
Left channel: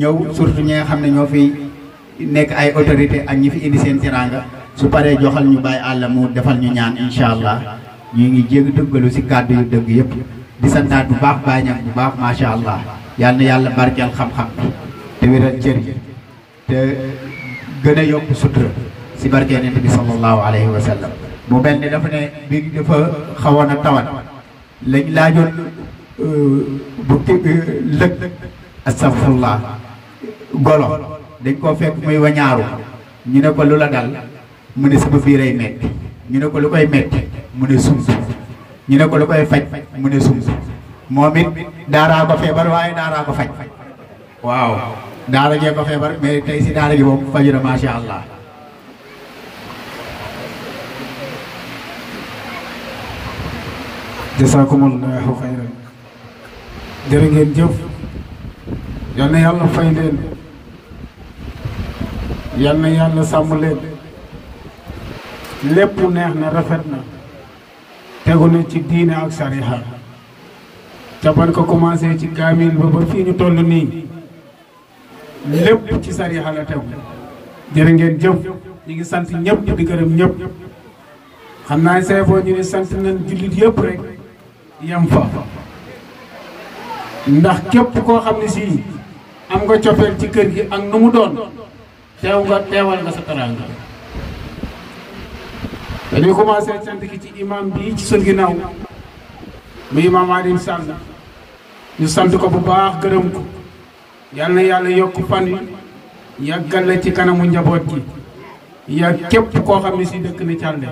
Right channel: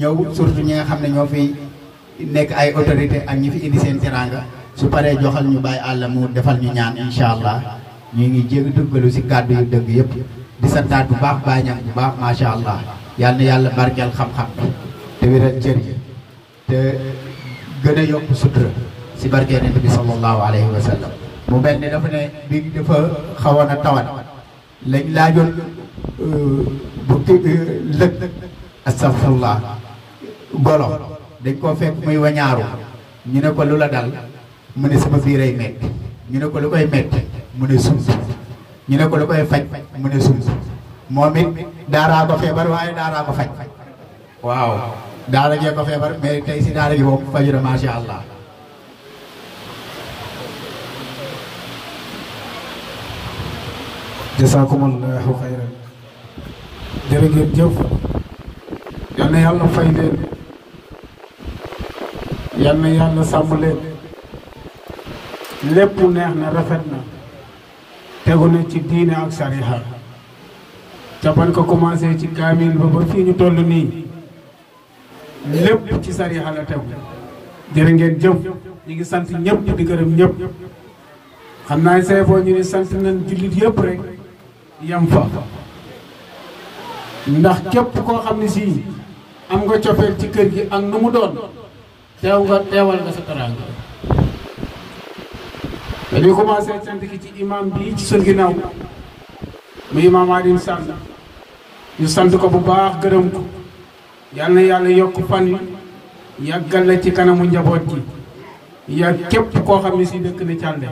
ñëw surtout ñi nga xam ne ñoo fi nekk ay autorité ak ñi fi indi seen teraanga su paree joxal ñu bàyyi àll mu defal ñu ñaan incha allah ñu ngi jég dëggalu si kàddu yu dëgg yëpp di santaat bu baax Baye Niang bu baax macha allah yal na yàlla barkeel xam-xam bi te wéral cër yi te gën a yokk sutura si barkeel Yonent bi sallallahu alayhi wa sallam mu mel ni dafa ne bi dafa xawoon a tawat lañ laajoon bu lëg astafurlah golo dañ koo fekk muy wañaaru ñu ne ko lu la dal mu ne sama biiray metti ñu ne ko lu koy metti mu ne sump ñu ne ko lu koy faj mu ne sump moom it daaraa ko feebar waaye daaraa ko faj waaw daara jee ko feebar mais tey si daara gi moom faju na macha allah. jasaakumullahu xayran jërë ngeen jëf yal na yàlla fay leen yal na yàlla sàmm leen lépp neex na rafet na tegu na ci diine ak sariha ca ban ko commencé ci kaamil ba fii ñu toll nii lépp ci sariha la tegu jërë ngeen jëf ñu ngi sant ñëpp di gërëm ñëpp xam naa say boo ñu ne sant nañ jullit yëpp rek yam fa ndax képp koo xam ne si am nga cofeel ci kër gi ak nu mu doon teewal nga sa teraanga dañuy commencé sant ki ci imam bi ci sa ginnaaw mu imam Adim Sall ñu sant ko bu baax gërëm ko yal na yàlla yokk fan yi yàggal la ci kanamu njaboot gi yàgg képp koo xam ne si dëkk na Thialdé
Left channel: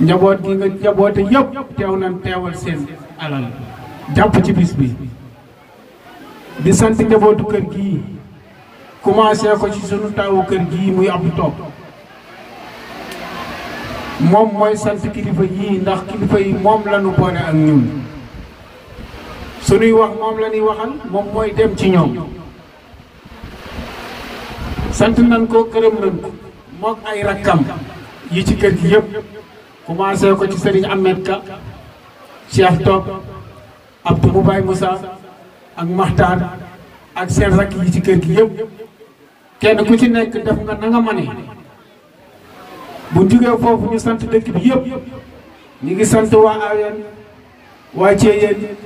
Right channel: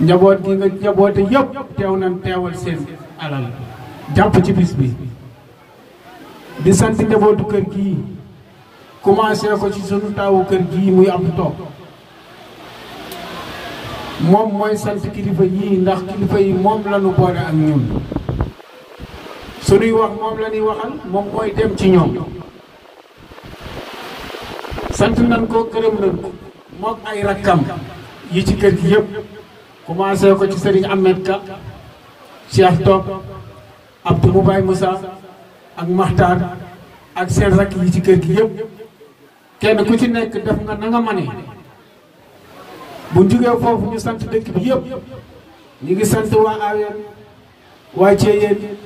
njaboot gi nga njaboote yëpp teew nañ teewal seen alal jàpp ci bis bi di sant njabootu kër gii commencé ko ci sunu taawu kër gii muy Abdou Top moom mooy sant kilifa yii ndax kilifa yi moom la ñu boole ak ñun sunuy wax moom la ñuy waxal moom mooy dem ci ñoom sant nañ ko gërëm nañ ko moom ay rakkam yi ci kër gi yëpp commencé ko ci Serigne Ahmed Ka Cheikh Top Abdou Moubaye Moussa ak Maxtaar ak seen rakk yi ci kër gi yëpp kenn ku ci nekk def nga na nga mane bu jógee foofu ñu sant dëkk bi yëpp ñu ngi sant waa Aween waa Thiéyeen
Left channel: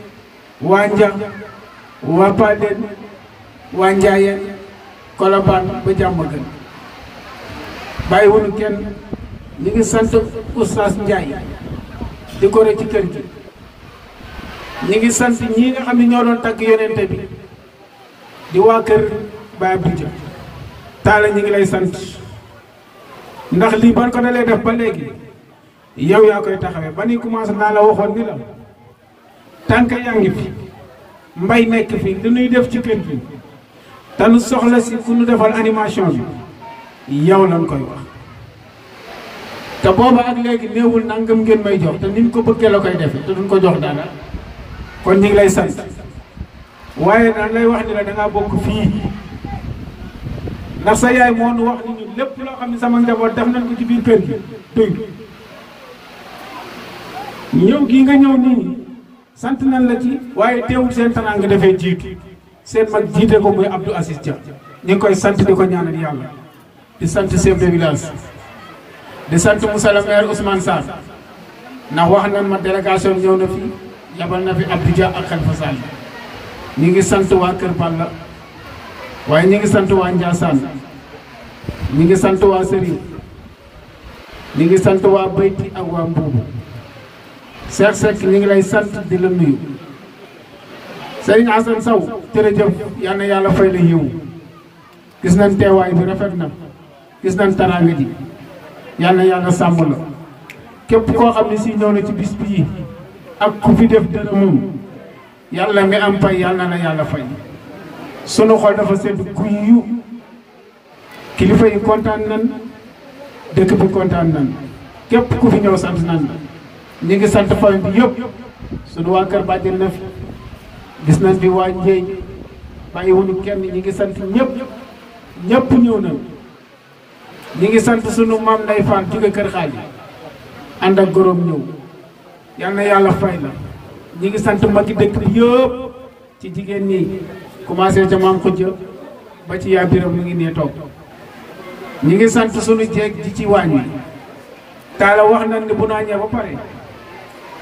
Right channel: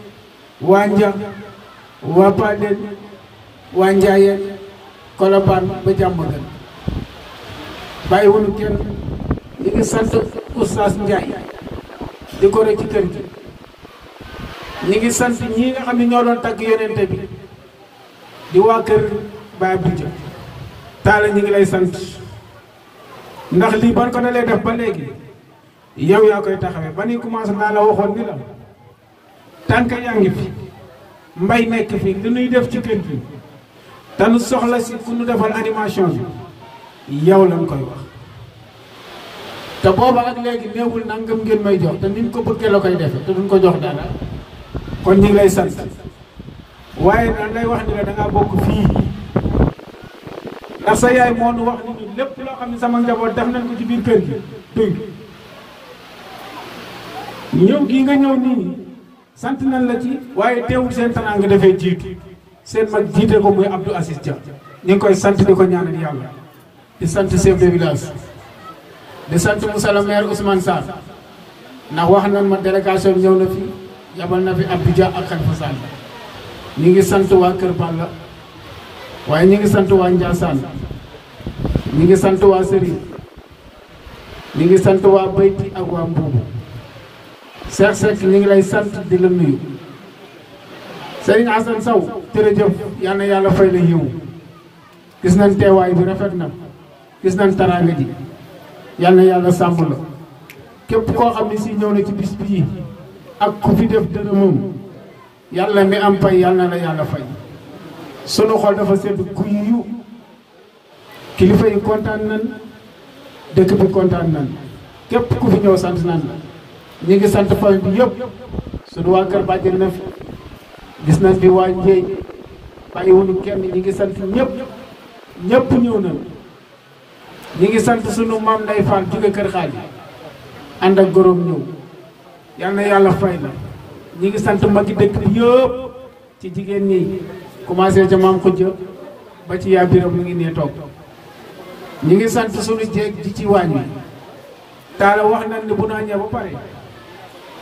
waa Nja waa Paden waa Njaayeen Kolobaan ba Jàmmagën bàyyiwuñu kenn ñu ngi sant Oustaz Ndiaye di ko rek ci kër gi ñu ngi sant ñi nga xam ne ñoo doon tagg yonente bi di waa kër Baye Abdou Dia Taala ñu ngi lay sant ndax lii ban ko dalee def ba léegi yow yaa koy taxawee ba ni commencé naa la waxoon ni la tànk yaa ngi fi mbay nekk fi li ñuy def ci kër gi te nu soxla si fu nu defal animation bi yow lañ koy wax te booba ak léegi néewul nangam ngeen may jox te ni mu ko bëggee la koy defee te duñ ko jox dara kon ñu ngi lay sant waaye nag lay wax ni la dangaa bokk fii ndax sa yaay moo nu wax ni ñu lépp loo xam ne sama njaboot def nañ ko ci biir kër gi dégg ñëw gii nga ñëw nii sant nañ la ci waaye teewul seen teraanga dafay jiitu seen mag jiite ko muy Abdou Aziz Dia ñu ngi koy sant di ko ñaanal yàlla di sant chef de village di sant Moussa le maire Ousmane Sarr ndax wax nañ ma délégation ñëw na fi yabal na fi Abdou Dia ak Khalifa Sall ñu ngi sant waa Kër Balla waaye ñu ngi sant waa Ndiassane ñu ngi sant waa Serigne ñu ngi sant waa Bayti ak waa Mbuubu Seck Seck ñu ngi lay sant di la nuyu Serigne Assane Sow jërëjëf yal na yàlla fay la yiw gis nañ teewaay bi rafet na gis nañ taraanga ji yal na yàlla sàmm la képp koo xam ne si ñëw na ci bis bii ak ku fi def dërëmam yàlla mi am pay yal na la yàlla fay sunu xol dafa sedd guyu kilifa yi kontaan nan dëkk bi kontaan nan képp ku fi ñëw sant nan la ñu ngi sant famille bi yëpp sunu waa kër bàjjen na fi gis nañ fi waa Njeeñ bàyyiwuñu kenn ñi ngi sant ñëpp ñëpp ñëw na ñi ngi sant sunu maam Ndey Fall jóge kër xaali ànd ak góoróom ñëw yal na yàlla fay la ñi ngi sant magi dëkk bi yëpp ci jigéen ñi commencé ca maam xujja ba ci yaa biram mu ngi nee toog ñi ngi sant sunu jeeg ji ci waañ wi taala wax nañ ni bu naa ñëw ba pare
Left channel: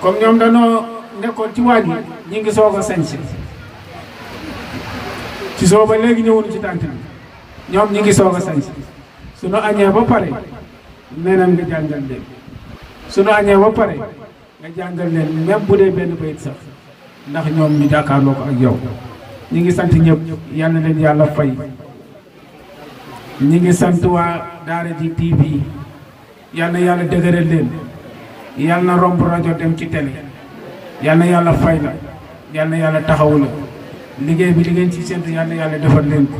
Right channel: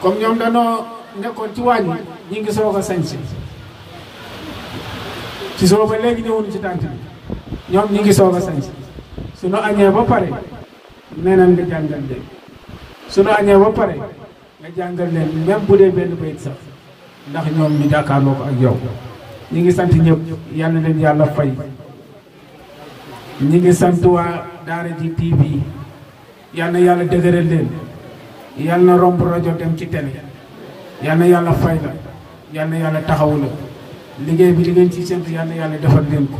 comme ñoom dañoo nekkoon ci waañ wi ñi ngi soog a sañse ci soo ba léegi ñëwuñu ci tànt bi ñoom ñi ngi soog a sañse suñu añee ba pare nee nañ nga jàngal leen suñu añee ba pare nga jàngal leen même bu dee benn bayit sax ndax ñoom ñu jàkkaarloo ko ak yow ñu ngi sant ñëpp yal na leen yàlla fay ñi ngi sant waa Daara J TV yal na yàlla dëgëral leen yal na romb rajo dem ci télé yal na yàlla fay la yal na yàlla taxawu la liggéey bi li ngeen ci séntu yal na yàlla defal leen ko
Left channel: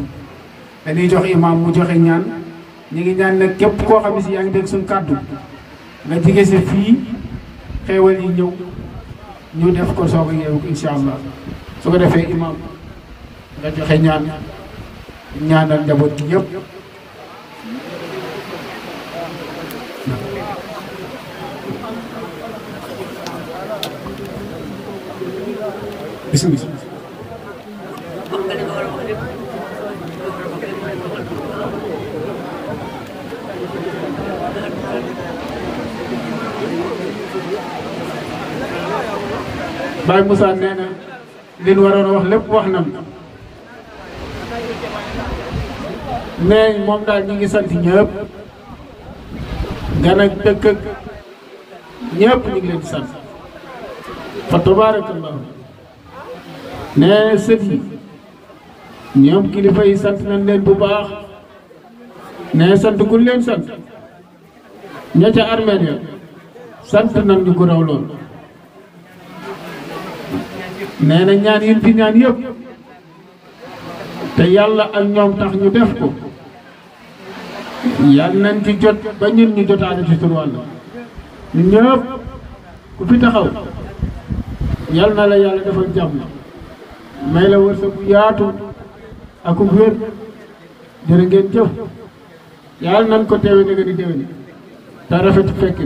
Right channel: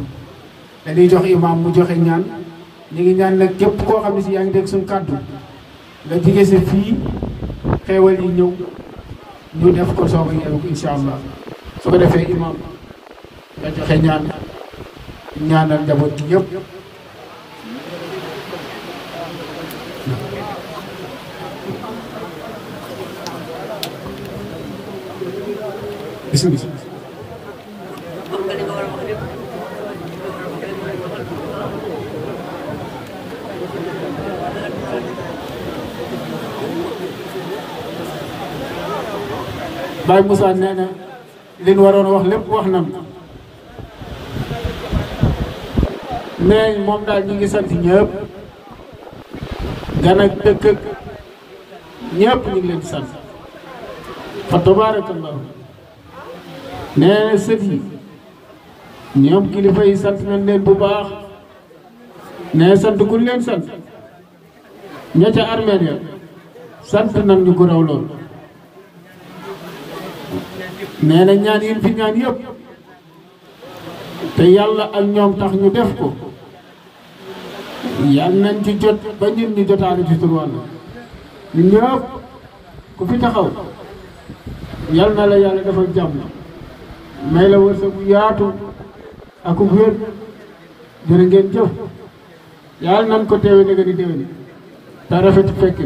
dañuy jox imam mu joxe ñaan ñi ngi ñaan nag képp koo xam ne si yaa ngi dégg suñu kàddu nga jige si fii xeewal yi ñëw ñu def ko soog a yeewu incha allah su ko defee imam nga joxe ñaan ñaanal njaboot gi yëpp. bismillah. Baye Moussa nee na li ñu waroon wax lépp wax nañ mais moom daal ñu ngi sant ñëpp gan ak dëkk ak ñëpp ñu ngi leen di sant fa tabaarakallah nee na sët yi ñoom kilifa yi sant nañ leen bu baax nee sant ku leen sant ña ca armeel ya sant nañ ñu ko raw lool nee na ñaan yi fi ñaan yëpp te yàlla ak ñoom tax ñu def ko yàlla nañ ci jot ba ñun ñu jotaale ci tur wàll ñun ñëpp ku fi taxaw yàlla na la yàlla defal jàmm may la wërsëg bu yaatu ak ku wér jërë ngeen jëf yàlla nañ ko teewe nga di déwéni te rafet fekk